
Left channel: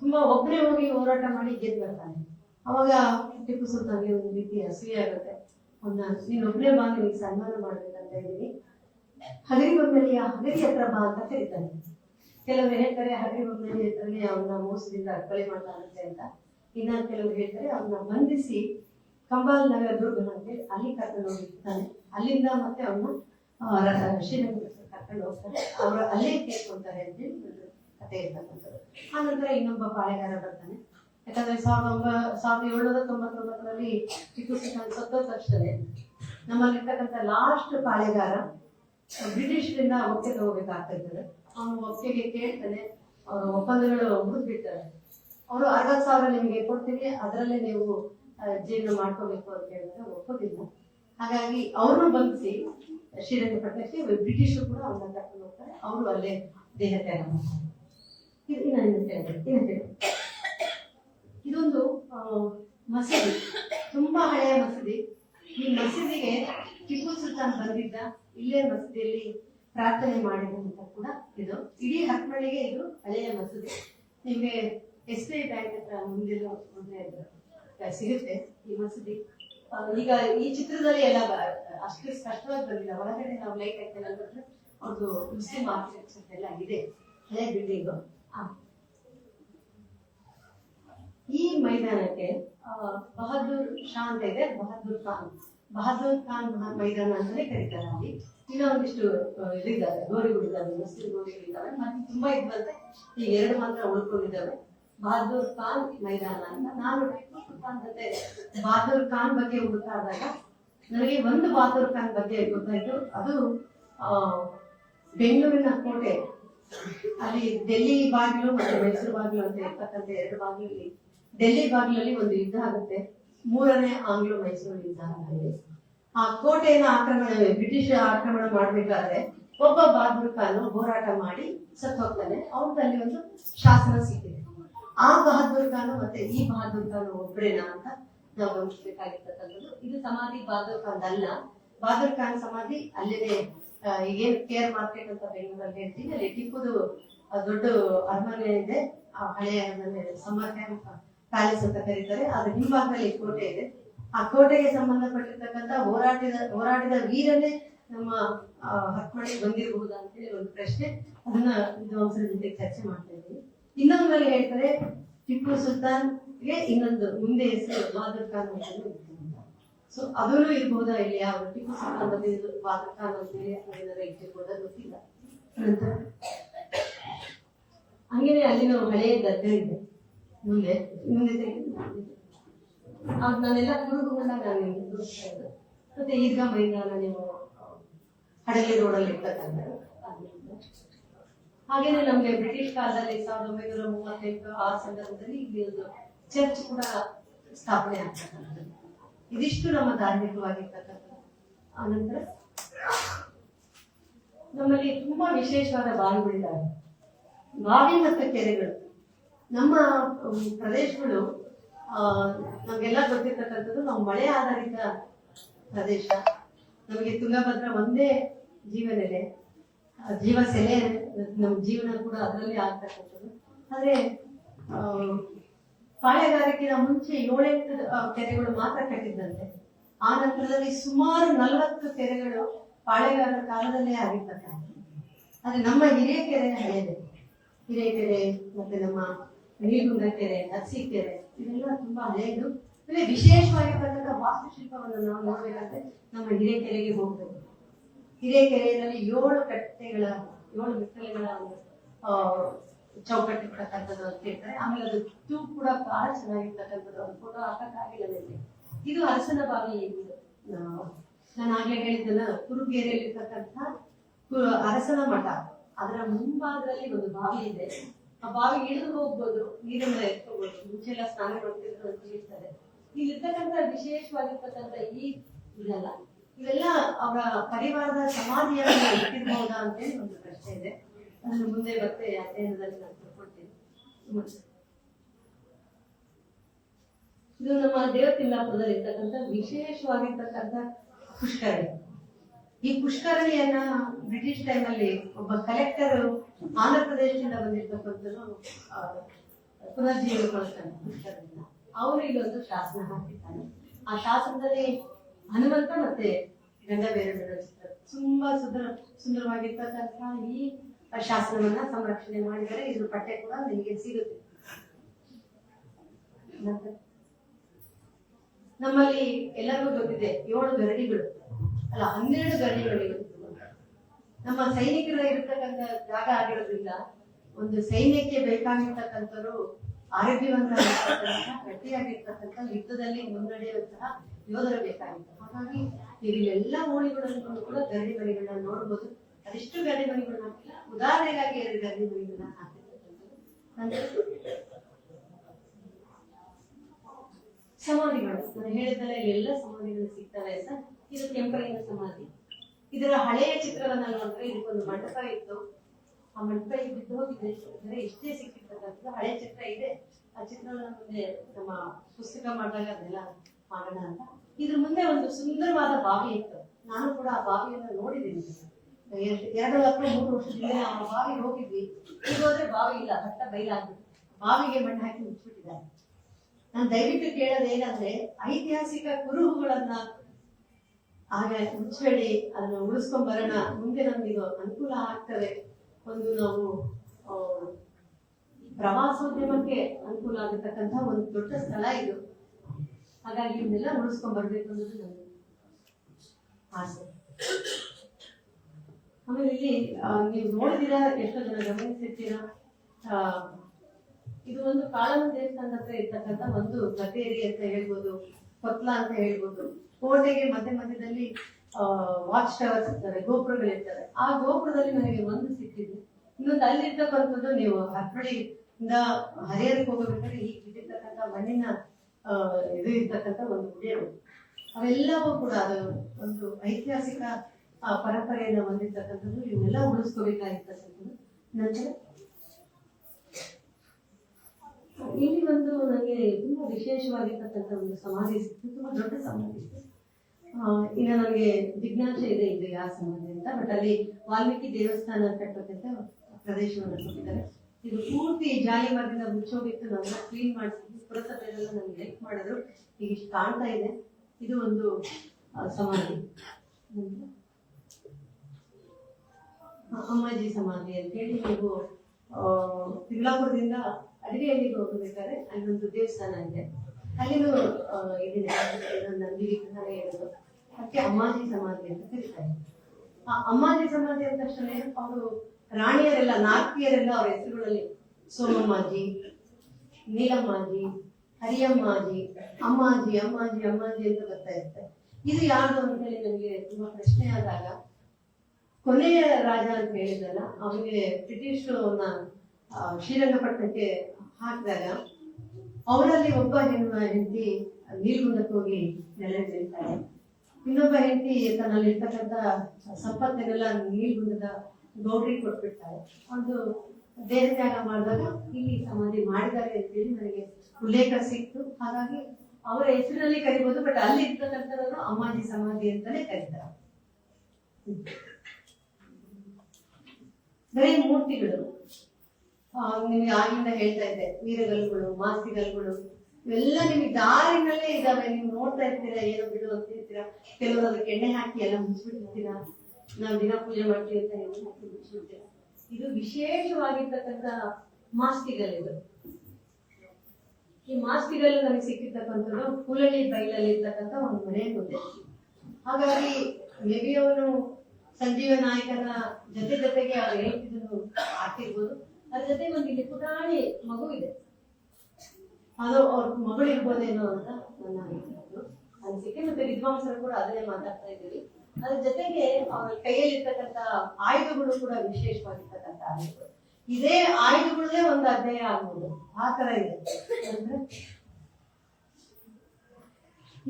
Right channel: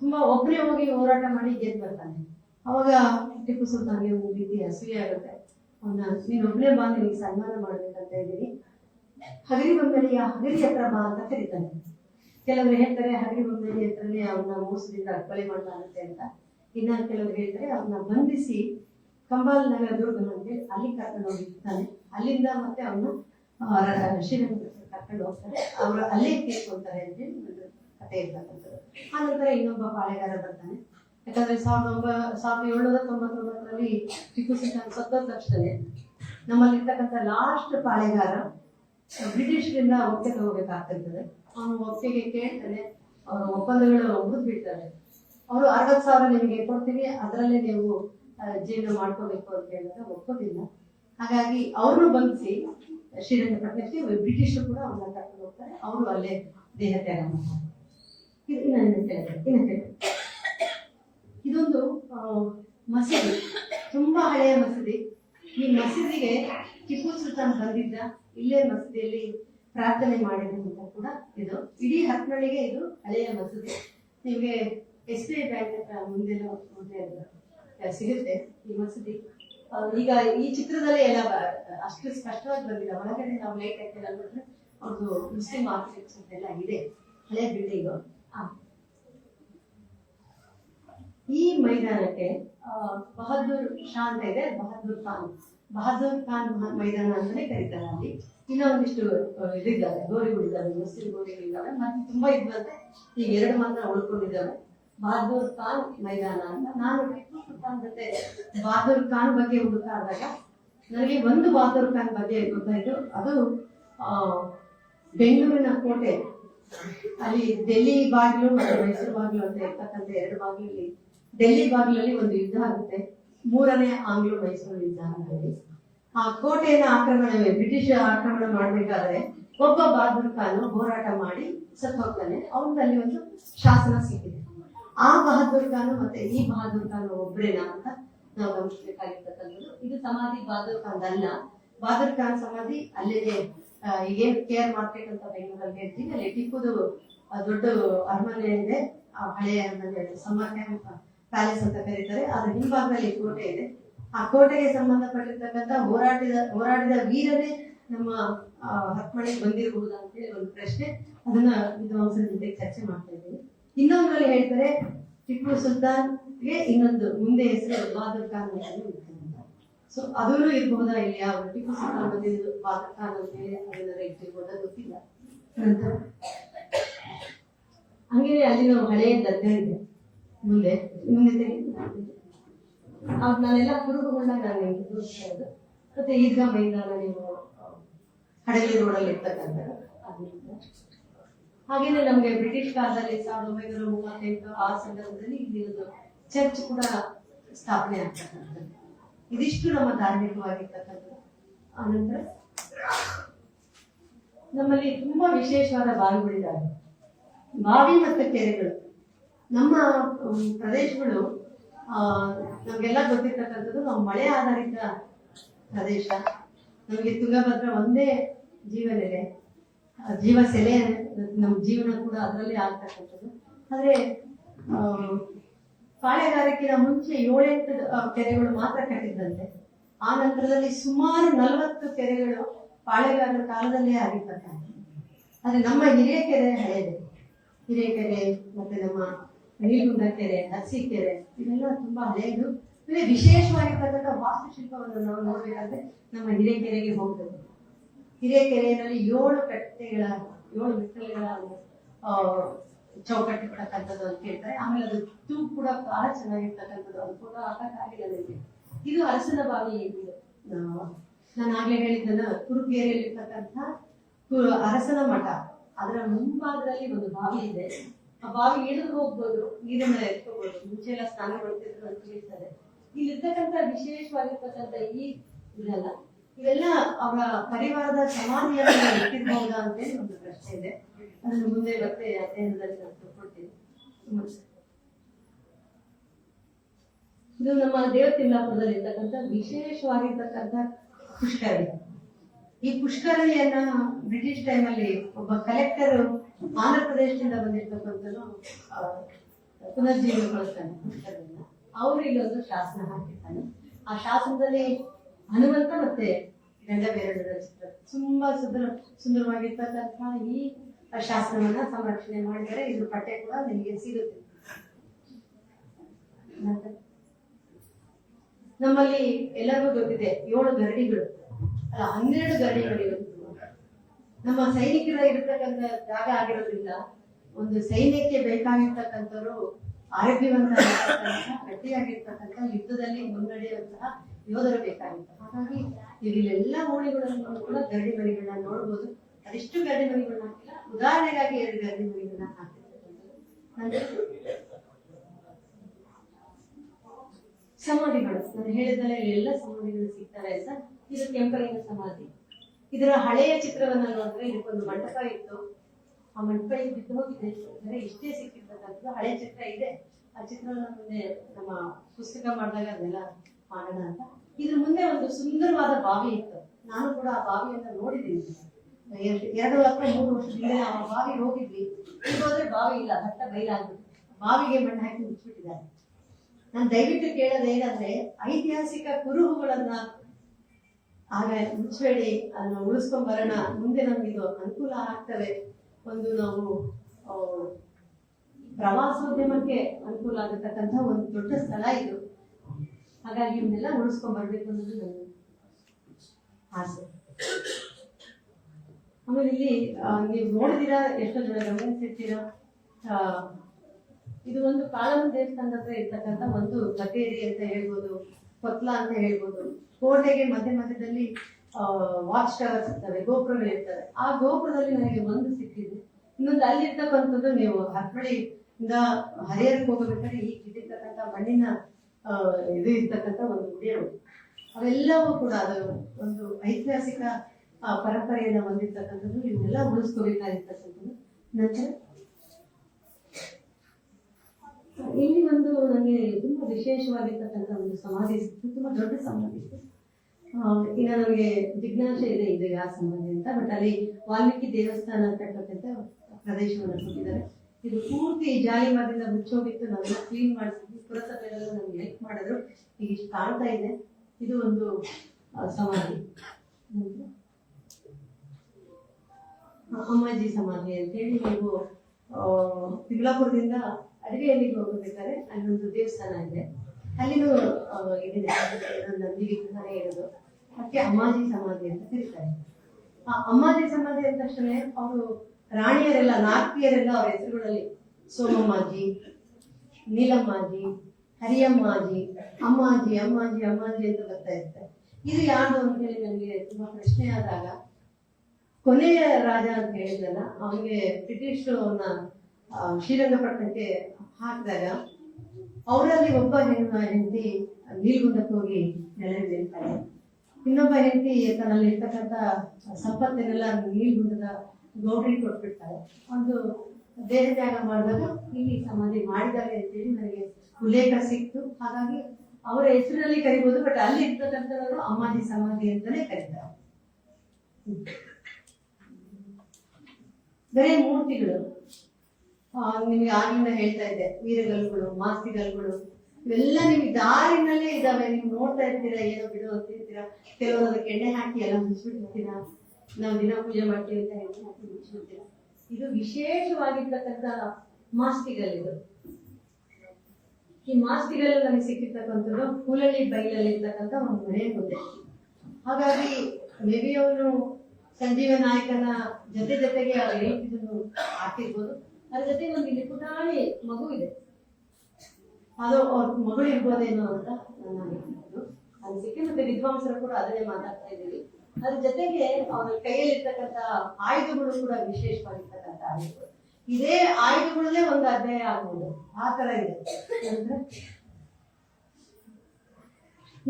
ತುಂಬಾ ಒಬ್ಬನೇ ಹೋಗಿ ಹೋರಾಟ ಮಾಡಿ ಗೆದ್ದು ಬರ್ತಾನೆ. ಅವಾಗ ಟಿಪ್ಪು ಸುಲ್ತಾನ್ಗೆ ಒಂದು ರೀತಿ ಅಸೂಯೆ ಆಗುತ್ತೆ. ನೀನ್ ಒಬ್ಬನೇ ಬಾ, ನಿನಗೆ ಸನ್ಮಾನ ಮಾಡ್ಬೇಕಂತ ಇದ್ದೀನಿ, ಹಗರಿ ಬೊಮ್ಮನೆಯ ಹಗರಿ ಹತ್ರ ಬಾ ಅಂತ ಕರೀತಾನೆ. ಕೆಲವರು ಹೇಳ್ತಾರೆ ಹಗರಿ ಬೊಮ್ಮನೆಯ ಹತ್ರನೇ ಅವನ್ನ ಮೋಸದಿಂದ ಕೊಲೆ ಮಾಡ್ತಾನಂತೆ ಅಂತ. ಇನ್ನ ಕೆಲವರು ಹೇಳ್ತಾರೆ ಅವ್ರನ್ನ ಬಂಧಿಸಿ ಕಂಬಾಲ್ ನಗರ ದುರ್ಗ ಅಂತ ಹೇಳಿ ಅಲ್ಲಿ ಕರ್ಕೊಂಡು ಹೋಗಿರ್ತಾನೆ. ಅಲ್ಲಿಂದ ಮತ್ತೆ ಅವನ್ನ ಶ್ರೀರಂಗಪಟ್ಟಣಕ್ಕೆ ಕರ್ಕೊಂಡು ಹೋಗ್ತಾರೆ. ಅವರು ಅಲ್ಲೇ ತೀರ್ಕೊಳ್ತಾರೆ ಅಂತೇಳಿ ಒಂದು ಕಥೆ ಇರ್ತಕ್ಕಂಥದ್ದು. ಆನಂತರ ಇನ್ನೊಬ್ಬ ಪಾಳೆಗಾರ ಬರ್ತಾನೆ. ಯಾಕಂದ್ರೆ 1799ರಲ್ಲಿ ಟಿಪ್ಪು ಸುಲ್ತಾನ್ ಸತ್ತ ತಕ್ಷಣ ನಮ್ಮಲ್ಲಿರ್ತಕ್ಕಂಥ ಲಾಸ್ಟ್ ಪಾಳೆಗಾರ ಬ್ರಿಟಿಷರಿಂದ ಒಪ್ಪಿಗೆ ಹೋಗ್ಬೇಕಾಗ್ತಾ ಇರ್ತದೆ. ಅವನು ಒಪ್ಪಿಗೆ ಕೇಳ್ತಾನೆ. ಅವರ ಒಪ್ಪಂದಗಳು ಮುಗಿದ್ಬಿಡ್ತಾರೆ. ಅವರು 60,000 ನಿಮಗೆ ಕೊಡ್ತೀವಿ, ಅದರಲ್ಲೇ ನೀವು ಜೀವನ ಮಾಡ್ಕೋಬೇಕು ಅಂತ ಹೇಳಿದ್ರೆ ಒಪ್ಪೋದಿಲ್ಲ. ಹಾಗಾಗಿ ಅವ್ರನ್ನೂ ಬಂಧಿಸಿ ಶ್ರೀರಂಗಪಟ್ಟಣಕ್ಕೆ ಬ್ರಿಟಿಷರು ಕೂಡ ಅವ್ರನ್ನ ಕರ್ಕೊಂಡು ಹೋಗ್ತಾರೆ. ಅವರು ಅಲ್ಲೇ ದೇಹ ತ್ಯಾಗ ಮಾಡ್ತಾರೆ. ಇದೊಂದು ಮಸೀದಿ, ತುಂಬಾ ಹಳೆಯ ಮಸೀದಿ. ಈ ಮಸೀದಿಗೆ ಟಿಪ್ಪು ಸುಲ್ತಾನ್ ಬಂದಿದ್ದ, ಇಲ್ಲೇ ಮಸೀದಿಯಲ್ಲಿ ಪ್ರಾರ್ಥನೆ ಮಾಡಿದೆ ಅಂತ ಕೂಡ ಇದು. ಇಡೀ ಹತ್ಮಳ್ಳಿಗೆ ಇದು ಹಳೆಯ ಮಸೀದಿ. ನಿಮಗೆ SBI ಬ್ಯಾಂಕ್ ಹತ್ರ ಮುಂದೆ ಸಿಗುತ್ತೆ ಈ ಮಸೀದಿ. ಈಗ ಈ ಚಿತ್ರದಲ್ಲಿ ಎಲ್ಲ ಅಷ್ಟು ಸ್ಪಷ್ಟವಾಗಿ ಬಂದಿಲ್ಲ. ಒಳಗಡೆ ನಾವು ಲೈಟ್ ಹಾಕ್ತೇವೆ ಅಂದ್ರೆ ಅದು ಮುಸ್ಲಿಂ ಆರ್ಕಿಟೆಕ್ಚರ್ ಎಲ್ಲ ಇದೆ, ಹಳೆ ಬಿಲ್ಡಿಂಗ್. ಈ ಮೈದಾನಕ್ಕೆ ಬಹದ್ದೂರ್ ಶಾ ಅಂತ ಇದೆ, ಬಹದ್ದೂರ್ ಖಾನ್ ಮೈದಾನ ಅಂತಲೇ ಕರೀತಾರೆ. ಅಲ್ಲಿ ಇನ್ನ ಒಂದಿಷ್ಟು ಇದಿದ್ದಾವೆ, ಗೋರಿಗಳಿದ್ದಾವೆ, ಮುಸ್ಲಿಂ ಗೋರಿಗಳಿದ್ದಾವೆ. ಮತ್ತೆ ತುಂಬಾ ಇದ್ವಂತೆ, ಈ 2 ಮಾತ್ರ ಉಳ್ಕೊಂಡಿದ್ದಾವೆ. ಬಹದ್ದೂರ್ ಖಾನ್ ಮೈದಾನ ಅಂತ. ನಾನು ಟಿಪ್ಪು ಸುಲ್ತಾನ್ ಜೊತೆ ಬಹದ್ದೂರ್ ಖಾನ್ ಬಗ್ಗೆ ಹುಡುಕಾದಾಗ ನನಗೆ ಒಂದು ಬಹದ್ದೂರ್ ಖಾನ್ ಬಗ್ಗೆ ಗೊತ್ತಾಯ್ತು. ಅದು ಬೆಂಗಳೂರಿನ ಕೋಟೆ, ಅಲ್ಲಿ ಡೆಲ್ಲಿ ಬಾಗಿಲು ಮತ್ತು ಮೈಸೂರು ಬಾಗಿಲು ಅಂತ ಇರ್ತಕ್ಕಂಥ 2 ಬಾಗಿಲಲ್ಲಿ ಡೆಲ್ಲಿ ಬಾಗಿಲಲ್ಲಿ ಒಂದು ಯುದ್ಧ ಆಗುತ್ತೆ, 3ನೇ ಆಂಗ್ಲೋ ಮೈಸೂರು ಯುದ್ಧ ಅಂತ ಹೇಳಿ. ಆ ಕೋಟೆಯನ್ನು ಬ್ರಿಟಿಷ್ ಆಕ್ರಮಣ ಮಾಡಬೇಕಾದ್ರೆ ಒಬ್ಬ ಬಹದ್ದೂರ್ ಖಾನ್ ಹೋರಾಟ ಮಾಡಿ ಸತ್ತು ಹೋಗ್ತಾನೆ. ಅವನಲ್ಲಿ ಒಂದು ಶಾಸನ ಸಿಕ್ಕಿದೆ. ಆ ಬಹದ್ದೂರ್ ಖಾನ್ ಮತ್ತೆ ಈ ಬಹದ್ದೂರ್ ಖಾನ್ ಒಬ್ಬರೇನಾ ಅಂತ ನಾವು ಗಮನಿಸಬೇಕಾಗಿರ್ತಕ್ಕಂಥದ್ದು. ಇದು ಸಮಾಧಿ ಬಹದ್ದೂರ್ ಖಾನ್ ಅಲ್ಲ. ಬಹದ್ದೂರ್ ಖಾನ್ ಸಮಾಧಿ ಅಲ್ಲೇ ಈಗೇನು KR ಮಾರ್ಕೆಟ್ ಅಂತ ಬೆಂಗಳೂರಲ್ಲಿ ಹೇಳ್ತೀವಿ, ಅಲ್ಲಿ ಟಿಪ್ಪುದು ದೊಡ್ಡ ಅರಮನೆ ಇದೆ. ಹಳೆಯ ಅರಮನೆ, ಸಮ್ಮರ್ ಕ್ಯಾಂಪ್ ಪ್ಯಾಲೇಸ್ ಅಂತ ಕರೀತಾರೆ. ಅದ್ರ ಹಿಂಭಾಗದಲ್ಲಿ ಕೋಟೆ ಇದೆ. ಆ ಕೋಟೆಗೆ ಸಂಬಂಧಪಟ್ಟಿರ್ತಕ್ಕಂಥ ಹೋರಾಡಿದ ವೀರನೇ ನಮ್ಮ ಹತ್ಮಳೆಗೆ ಬಂದಿರಬಹುದಾ ಅಂತ ಹೇಳಿ ಒಂದು ಪ್ರಶ್ನೆ. ಅದನ್ನ ವಿದ್ವಾಂಸರ ಜೊತೆ ಚರ್ಚೆ ಮಾಡ್ತಾ ಇದ್ದೀವಿ. ಇನ್ನೊಂದರಲ್ಲಿ ಹೇಳ್ತಾರೆ ಟಿಪ್ಪು ಸುಲ್ತಾನ್ಗೆ ಇನ್ನೊಂದು ಮುಂದೆ ಹೆಸರು ಬಹದ್ದೂರ್ ಖಾನ್ ಅಂತ. ಸೊ ಅದೂ ಇರಬಹುದಾ ಇಲ್ಲಿ? ಅವರು ಟಿಪ್ಪು ಸುಲ್ತಾನ್ ಬಂದಿದ್ದು ಬಹದ್ದೂರ್ ಖಾನ್ ಅಂತ ಹೇಳಿ ಅದನ್ನ ಇಟ್ಟಿರ್ಬೋದಾ ಗೊತ್ತಿಲ್ಲ. ನಂತರ ಹಂಗೇನೆ ಅಲ್ಲಿ ನಾವು ಹಳೆಯ ದರ್ಗಾ ಇದೆ ಮುಂದೆ ಅದು ನಾನೆಲ್ಲ ಕುರುಡುಗಳನ್ನ ನಾನು ತೋರಿಸ್ತಾ ಇದ್ದೆ. ಮತ್ತೆ ಈದ್ಗಾ ಮೈದಾನ ನೀವು ಹಡಲಿ ರೋಡಲ್ಲಿ ಇರ್ತಕ್ಕಂಥದ್ದು. ಹಾಗೇನೆ ನಮ್ಗೆ ಬ್ರಿಟಿಷ್ ಕಾಲದಲ್ಲಿ 1938 ಆ ಸಂದರ್ಭದಲ್ಲಿ ಇಲ್ಲಿ ಒಂದು ಚರ್ಚ್ ಕೂಡ ಸ್ಥಾಪನೆ ಆಗ್ತಕ್ಕಂಥದ್ದು. ಇದಿಷ್ಟು ನಮ್ಮ ಧಾರ್ಮಿಕವಾಗಿರ್ತಕ್ಕಂಥದ್ದು. ಆನಂತರ ನಮ್ಮಲ್ಲಿ ತುಂಬಾ ವಿಶೇಷವಾದ ಬಾವಿಗಳಿದ್ದಾವೆ. ಬಾವಿ ಮತ್ತು ಕೆರೆಗಳು ನಮ್ಮ ಪ್ರದೇಶಗಳು ನಮ್ಗೆಲ್ಲ ಗೊತ್ತಿರ್ತಕ್ಕಂಥದ್ದು. ನಾವು ಮಳೆ ಆಧಾರಿತ ಪ್ರದೇಶ. ನಮಗೆ ತುಂಗಭದ್ರಾ ಒಂದೇ ಜೀವನೆಲೆ, ಜೀವಸೆಲೆ. ನಮ್ಮ ಜೀವನ ಕೂಡ ಅದರಲ್ಲಿ ಆಗ್ತಕ್ಕಂಥದ್ದು. ಆದರೆ ಪಾಳೆಗಾರಿಕೆಯ ಮುಂಚೆ 7-8 ಕೆರೆಗಳು ಮಾತ್ರ ಕಟ್ಟಿದ್ದಂತೆ. ಆ ನಂತರದಲ್ಲಿ ಸುಮಾರು 40 ಕೆರೆಗಳು ಪಾಳೆಗಾರರ ಕಾಲದಲ್ಲೇ ಆಗಿರ್ತಕ್ಕಂಥ. ಆದರೆ ನಮ್ಮ ಹಿರೇಕೆರೆ ಹಳೆಯದು. ಹಿರೇಕೆರೆ ಮತ್ತೆ ನಮ್ಮ ನೀಲಗುಂದ ಕೆರೆ, ಅರಸೀಕೆರೆ ಇವೆಲ್ಲ ತುಂಬಾ ಹಳೆಯದು. ಅಂದ್ರೆ ವಿಶೇಷವಾಗಿರ್ತಕ್ಕಂಥ ವಾಸ್ತುಶಿಲ್ಪವನ್ನು ನಾವು ನೋಡ್ಬೇಕಂದ್ರೆ ನಮ್ಮ ಹಿರೇಕೆರೆಗೆ ಹೋಗ್ಬೇಕು. ಹಿರೇಕೆರೆಯಲ್ಲಿ 7 ಮೆಟ್ಟಲೆಗಳ ಚೌಕಟ್ಟಿರ್ತಕ್ಕಂಥದ್ದು ಅಂತ ಹೇಳ್ತಾರೆ. ಆಮೇಲೆ ಅದು ಟ್ಯೂಬ್ ಕೂಡ ಬಹಳ ಚೆನ್ನಾಗಿರ್ತಕ್ಕಂಥದ್ದು. ಒಂದು ಫೋಟೋ ಹಾಕಕ್ಕಾಗಿಲ್ಲ ನನಗೆ. ಇದು ಅರಸನ ಬಾವಿ. ನಾನು ಆಗ್ಲೇ ಹೇಳಿದ್ದನ್ನ ಕುರುಗೇರಿಯಲ್ಲಿರ್ತಕ್ಕಂಥ ಅರಸನ ಮಠ, ಅದರ ಮುಂಭಾಗದಲ್ಲಿ ಒಂದು ಬಾವಿ ಇದೆ. ಆ ಬಾವಿ ಇಳಿದು ಹೋಗ್ಬೋದು, ನೀರನ್ನ ಎತ್ಕೋಬಹುದು. ಮುಂಚೆ ಎಲ್ಲ ಸ್ನಾನ ಮಾಡ್ತಿದ್ರು ಅಂತ ಹೇಳ್ತಾರೆ. ಇಲ್ಲಿರ್ತಕ್ಕಂಥ ವಿಶೇಷವಾಗಿರ್ತಕ್ಕಂಥ ಈ ಇದೆಲ್ಲ ಇವೆಲ್ಲ ಅವರ ಪರಿವಾರದ ಸಮಾಧಿಯನ್ನು ಇಟ್ಟಿರ್ಬೋದಾ ಅಂತೇಳಿ ಒಂದು ಪ್ರಶ್ನೆ ಇದೆ. ಅದನ್ನು ಮುಂದೆ ಮತ್ತೆ ಅಧ್ಯಯನದಲ್ಲಿ ನಾನು ತಿಳ್ಕೊಳ್ತೀನಿ. ಇದು ನಮ್ಮ ದೇವತಿಲ್ಲಾಪುರದಲ್ಲಿ ಇರ್ತಕ್ಕಂಥ ವಿಶೇಷವಾಗಿರ್ತಕ್ಕಂಥ ಪುಷ್ಕರಣಿ. ಈ ಪುಷ್ಕರಣಿಯನ್ನ ಬ್ರಿಟಿಷ್ ಟೈಮಲ್ಲಿ ಒಬ್ಬ ಕಲೆಕ್ಟರ್ ಆಂಧ್ರ ಪ್ರದೇಶದಿಂದ ಬಂದಿರ್ತಕ್ಕಂಥದ್ದು ಪುನರ್ಜೀವನಗೊಳಿಸ್ತಾನೆ ಪುಷ್ಕರಣಿಯನ್ನ. ಅವರು ಇಲ್ಲೊಂದು ಶಾಸನ ಹಾಕಿರ್ತಾನೆ. ಆ ಶಾಸನದಲ್ಲಿ ಹನುಮಂತ ಮತ್ತೆ ಗಂಡ ಬೇರೆ ತುಂಬಾ ಸುಂದರವಾಗಿರ್ತಕ್ಕಂತಹ ಈ ಶಾಸನವನ್ನ ಸಂರಕ್ಷಣೆ ಮಾಡಿದರೆ ಇದ್ರ ಪಠ್ಯ ಕೂಡ ನಿಮಗೆ ಸಿಗುತ್ತೆ. ನಮ್ಮಲ್ಲಿ ಎಲ್ಲರಿಗೂ ಗೊತ್ತಿದೆ 7 ಗರಡಿಗಳು ಅಲ್ಲ 12 ಗರಡಿಗಳು ನಮ್ಮ ಸೈನಿಕರ ಇರತಕ್ಕಂಥ ಜಾಗ ಆಗಿರೋದ್ರಿಂದ ಒಂದು ಸೈನ್ಯಕ್ಕೆ ಬೇಕಾಗಿರ್ತಕ್ಕಂಥವ್ರು ಆರೋಗ್ಯವಂತರಾಗಿರ್ತಕ್ಕಂಥ ಗಟ್ಟಿಯಾಗಿರ್ತಕ್ಕಂಥ ಯುದ್ಧದಲ್ಲಿ ಮುನ್ನಡೆಯುವಂತಹ ಯೋಧರು ಬೇಕಾಗಿತ್ತು. ಹಾಗಾಗಿ ನೀವು ಎಲ್ಲ ಓಣಿಗಳನ್ನು ಕೂಡ ಗರಡಿ ಮರಿಗಳನ್ನ ನೋಡ್ಬೋದು. ಅದೆಷ್ಟು ಗರಡಿ ಮರಿಗಳು ಹಾಕಿಲ್ಲ, ಉದಾಹರಣೆಗಾಗಿ 2 ಗರಡಿ ಮರಿಗಳನ್ನ ಹಾಕಿರ್ತಕ್ಕಂಥದ್ದು. ಸಮಾಧಿಗಳು ನಾನು ಹೇಳಿದ್ರೆ ಎಲ್ಲ ಸಮಾಧಿಗಳು ಸಿಗ್ತವೆ ಅಂತ. ಇದು ಕೆಂಪಯ್ಯನ ಸಮಾಧಿ. ಇದರ ಹಳೆಯ ಚಿತ್ರವನ್ನ ನೋಡಿದ್ರೆ ಇದಕ್ಕೊಂದು ಮಂಟಪ ಇತ್ತು. ಆ ಮಂಟಪ ಬಿದ್ದು ಹೋಗಿದೆ, ಅಂದ್ರೆ ಇಷ್ಟೇ ಸಿಕ್ಕಿರ್ತಕ್ಕಂಥದ್ದು ಹಳೆ ಚಿತ್ರ ಇದೆ. ಆ ಚಿತ್ರವನ್ನ ಮುಂದೆ ನಮ್ಮ ಪುಸ್ತಕ ಮಾಡಿದಾಗ ಅದೆಲ್ಲ ಮಾಡೋಣ ಅಂತ. ಇದ್ರ ಮುಂದೆ ಒಂದು ಸುಂದರವಾದ ಬಾವಿ ಇತ್ತು. ನಾನು ಕೂಡ ಆ ಬಾವಿಯನ್ನ ನೋಡಿದ್ದೀನಿ. 2 ಅಥವಾ 3 ವರ್ಷದಿಂದ ಆ ಬಾವಿಗೆ ಹೋಗಿದ್ವಿ. ಈಗ ಹೋದ್ರೆ ಬಾವಿ ಇಲ್ಲ, ಭತ್ತ ಬೈಲಾಗ್ಬಿಟ್ಟು ಬಾವಿಗೆ ಮಣ್ಣು ಹಾಕಿ ಮುಚ್ಚಿಬಿಟ್ಟಿದ್ದಾರೆ. ನಾನು ದಯವಿಟ್ಟು ಕೇಳೋದೇನಂದ್ರೆ, ಐತಿಹಾಸಿಕ ಕುರುಹುಗಳನ್ನ ಆಗ ಮುಚ್ಚಬೇಡಿ, ಅದನ್ನ ಉಳಿಸ್ಕೊಂಡ್ ಬರೋಣ. ಮುಂದೆ ನಮ್ಗಿದು ಅನುಕೂಲ ಆಗ್ತದೆ. ಒಂದು ನಾವು ಪ್ರವಾಸೋದ್ಯಮಕ್ಕೆ ಅನುಕೂಲ ಆಗಿರ್ತಕ್ಕಂಥ ಒಂದು ದೊಡ್ಡ ಸ್ಥಳ ಇದು. ಹಾಗಾಗಿ ಇವನ್ನೆಲ್ಲ ಉಳಿಸ್ಕೊಂಡ್ ಬರ್ಬೇಕು ಅನ್ನೋದು ನನ್ನ ಆಸೆ. ಆಮೇಲೆ ಇಲ್ಲಿ ನೀವು ನೋಡಿದಿರಾ, ಎಷ್ಟೋ ಜನ ಗಮನಿಸಿರ್ತೀರಾ, ಇದು ಒಂದು ಕಾಳಮ್ಮ ದೇವಸ್ಥಾನದ ಹತ್ರ ಇರ್ತಕ್ಕಂಥ ಒಂದು ಕಚೇರಿ ಅಂತ ಹೇಳ್ಬೋದು, ಕೊತ್ಲ ಅಂತ ಹೇಳ್ಬೋದು. ಕೋಟೆಗೆ ಮಧ್ಯದಲ್ಲಿ ವಾಚ್ ಟವರ್ಸ್ ಇರ್ತವೆ, ಗೋಪುರಗಳಿರ್ತವೆ. ಆ ಗೋಪುರದಲ್ಲಿ ನನಗೆ ಒಂದು ಸಿಕ್ಕಿದೆ. ಇನ್ನೊಂದು ಅಲ್ಲಿರ್ತಕ್ಕಂಥದ್ದು ನೀವು ಹರಪಳಿಯಿಂದ ಹರಿಹರಕ್ಕೆ ಹೋಗಬೇಕಾದ್ರೆ ಈ ಇಟ್ಟಿರ್ತಕ್ಕಂಥ ಮಣ್ಣಿನ ಇದು ಇರ್ತಕ್ಕಂಥ ಒಂದು ಗುಡಿ. ಅವೆಲ್ಲವೂ ಕೂಡ ಅದು ಒಂದು ಐತಿಹಾಸಿಕ ಪರಂಪರೆಯನ್ನು ಹೊಂದಿರ್ತಕ್ಕಂಥದ್ದು. ಇವೆಲ್ಲ ಉಳಿಸ್ಕೋಬೇಕಾಗಿರ್ತಕ್ಕಂಥದ್ದು. ನಂತರ ಇಲ್ಲಿ ಒಂದು ನನಗೆ ತುಂಬಾ ವಿಶೇಷವಾಗಿರ್ತಕ್ಕಂಥ ಒಂದು ಸಮಾಧಿ ಸಿಕ್ತು, ತುಂಬಾ ದೊಡ್ಡ ಸಮಾಧಿ ಇತ್ತು. ಈಗ ನನಗೆ ಜಿಜ್ಞಾಸೆ ಇದೆ ಇದು ಯಾವ ಸಮಾಧಿ ಅಂತ. ಬಟ್ ಅಲ್ಲಿ ವಾಲ್ಮೀಕಿ ದೇವಸ್ಥಾನ ಕಟ್ಟೋದಕ್ಕೆ ಪ್ರದೇಶವನ್ನು ಕೊಟ್ಟಿದ್ದಾರೆ. ಇದು ಪೂರ್ತಿ ಜಾಲಿ ಮರದಿಂದ ಮುಚ್ಚೋಗಿತ್ತು. ನಾವೆಲ್ಲ ಕ್ಲೀನ್ ಮಾಡಿಸಿದ್ವಿ, ಪುರಸಭೆಲ್ಲ ನಮ್ಗೆ ಹೆಲ್ಪ್ ಮಾಡಿದ್ರು. ಈಗ ಇಷ್ಟು ಕಾಣ್ತಾ ಇದೆ. ಇದು ಒಂದು ಸಮಾಧಿ, ಅಮ್ಮಾಜಿ ಸಮಾಧಿ ಅಂತ ಹೇಳಿ. ನೀವು ತಿಗ್ಲಾಪುರದಿಂದ ಅಡಿಗೆಹಳ್ಳಿಗೆ ಹೋಗಬೇಕಾದ್ರೆ ಅಲ್ಲೊಂದು ದೇವಸ್ಥಾನ ಇದೆ, ಅಲ್ಲಿನೂ ಇದೆ ನಂದಿ ವಿಗ್ರಹ ಇರೋದು. ಅದಕ್ಕೆ ಅಮ್ಮಾಜಿ ಸಮಾಧಿ ಅಂತ ಕರೀತಾರೆ. ಆ ಅಮ್ಮಾಜಿ ಸಮಾಧಿ ಅಂದ ತಕ್ಷಣ ಅವರು ರಾಣಿಯರೆಲ್ಲ, ನಾರ್ಕಿಯರೆಲ್ಲ ಅವ್ರ ಹೆಸರುಗಳಲ್ಲಿ ಸೋಮಮ್ಮಾಜಿ, ನೀಲಮ್ಮಾಜಿ, ಹರಿಯಮ್ಮಾಜಿ, ಅಮ್ಮಾಜಿ ಅಮ್ಮಾಜಿ ಅಮ್ಮಾಜಿ ಅಂತ ಬರ್ತಾ ಇರ್ತಾರೆ. ಇದು ಯಾರು ಅಂತ ಹೇಳಿ ನನಗೆ ತುಂಬಾ ಪ್ರಶ್ನೆ ಆದಾಗ, ಕೊನೆಯ ರಾಜ ಅಂತ ಹೇಳಿದಲ್ಲ, ಅವನಿಗೆ ಬ್ರಿಟಿಷ್ ಅವನ್ನ ಶ್ರೀರಂಗಪಟ್ಟಣಕ್ಕೆ ಹಾಕಿದಾಗ ಅವರಲ್ಲಿ ಒಬ್ಬ ಹೆಂಡತಿ ನೀಲ್ಗುಂದಕ್ಕೆ ಹೋಗಿ ನೆಲೆ ನಿಲ್ತಾರೆ. ಇನ್ನೊಬ್ಬ ಹೆಂಡತಿ ತನ್ನಲ್ಲಿ ಇರ್ತಕ್ಕಂಥ ಸಂಪತ್ತಿನೆಲ್ಲ ನೀಲ್ಗುಂದದ ಗೌಡ್ರಿಗೆ ಕೊಟ್ಬಿಡ್ತಾರೆ. ಒಂದು ದೇಹ ತ್ಯಾಗ ಮಾಡಿದಾಗ ಇಲ್ಲಿ ಸಮಾಧಿ ಮಾಡಿದ್ದಾರೆ ಅಂತೇಳಿ ನನಗೆ ಉಲ್ಲೇಖ ಸಿಕ್ತು. ಹಾಗಾಗಿ ಅವರ ಹೆಸರಲ್ಲಿ ಕರಿಬಹುದು, ಬಟ್ ಅಲ್ಲಿ ಇರ್ತಕ್ಕಂಥವರು ಅಮ್ಮಾಜಿ ಸಮಾಧಿ ಅಂತಾನೆ ಕರೀತಾರೆ. ಬರೀ ಮೂರ್ತಿಗಳು ನಿಮ್ಗೆ ಆಗಿಂದ ಹೇಳ್ತಾ ಇದ್ದೆ, ವೀರಗಲ್ಲುಗಳು, ಮಾಸ್ತಿಗಲ್ಲುಗಳು ಇವೆಲ್ಲ ನಿಮ್ಗೆ ದಾರಿನಲ್ಲೇ ಇದಾವೆ. ನೀವು ನೋಡ್ತಾ ಇರ್ತೀರಾ, ಏನೋ ಬಿಡು ಅಂತ ಇರ್ತೀರಾ. ಕೆಲವರು ಅದಕ್ಕೆ ಎಣ್ಣೆ ಹಾಕಿ ಎಲ್ಲ ಮುಚ್ಚಿಬಿಟ್ಟಿರ್ತೀರಾ. ನಾವು ದಿನ ಪೂಜೆ ಮಾಡ್ತೀವಿ ಅಂತ ಎಣ್ಣೆ ಹಾಕಿ ಮುಚ್ಚಿಬಿಡ್ತೀರಾ. ಇದು ವಿಶೇಷವಾಗಿರ್ತಕ್ಕಂಥ ಮಾಸ್ತಿಗಲ್ಲು. ಈ ಮಾಸ್ತಿಗಲ್ಲು ನಮಗೆ ಸಿಕ್ಕಿರ್ತಕ್ಕಂಥದ್ದು ಕೂಲಳ್ಳಿ ಬೈಲಲ್ಲಿ ಇರ್ತಕ್ಕಂಥ ಒಂದು ಮನೆ ಮುಂದೆ. ಹಾಗಾಗಿ ಮೇಬಿ ಅವನು ಸಂಜೀವ ನಾಯಕನ ಜೊತೆಗೆ ಹೇಳ್ತಿದ್ದನ್ನು ಆಗ್ತಿರ್ಬೋದು. ಅದ್ರ ಜೊತೆಗೆ ಒಂದು ಇಲ್ಲಿ ಪುಟಾಣಿ ಮಗು ಇದೆ, ಅದು ಅವ್ರ ಮಗಳು ಇರ್ಬೋದೇನೋ ಅಂತ ನನ್ನ ಅನಿಸಿಕೆ. ಮತ್ತೆ ವಿದ್ವಾಂಸರು ಕೂಡ ಅದನ್ನೇ ಮಾತಾಡ್ತಾ ಇದ್ದೀವಿ. ಅದ್ರ ಜೊತೆಗೆ ಅವ್ರ ಕೈಯಲ್ಲಿರ್ತಕ್ಕಂಥ ಆಯುಧಗಳು ಕೂಡ ವಿಶೇಷವಾಗಿರ್ತಕ್ಕಂಥ ಆಯುಧಗಳು. ಇದೇ ಆಯುಧಗಳೇ ಒಂದು ಅಧ್ಯಾಯ ಆಗ್ಬೋದು, ಆ ತರ ಇದೆ.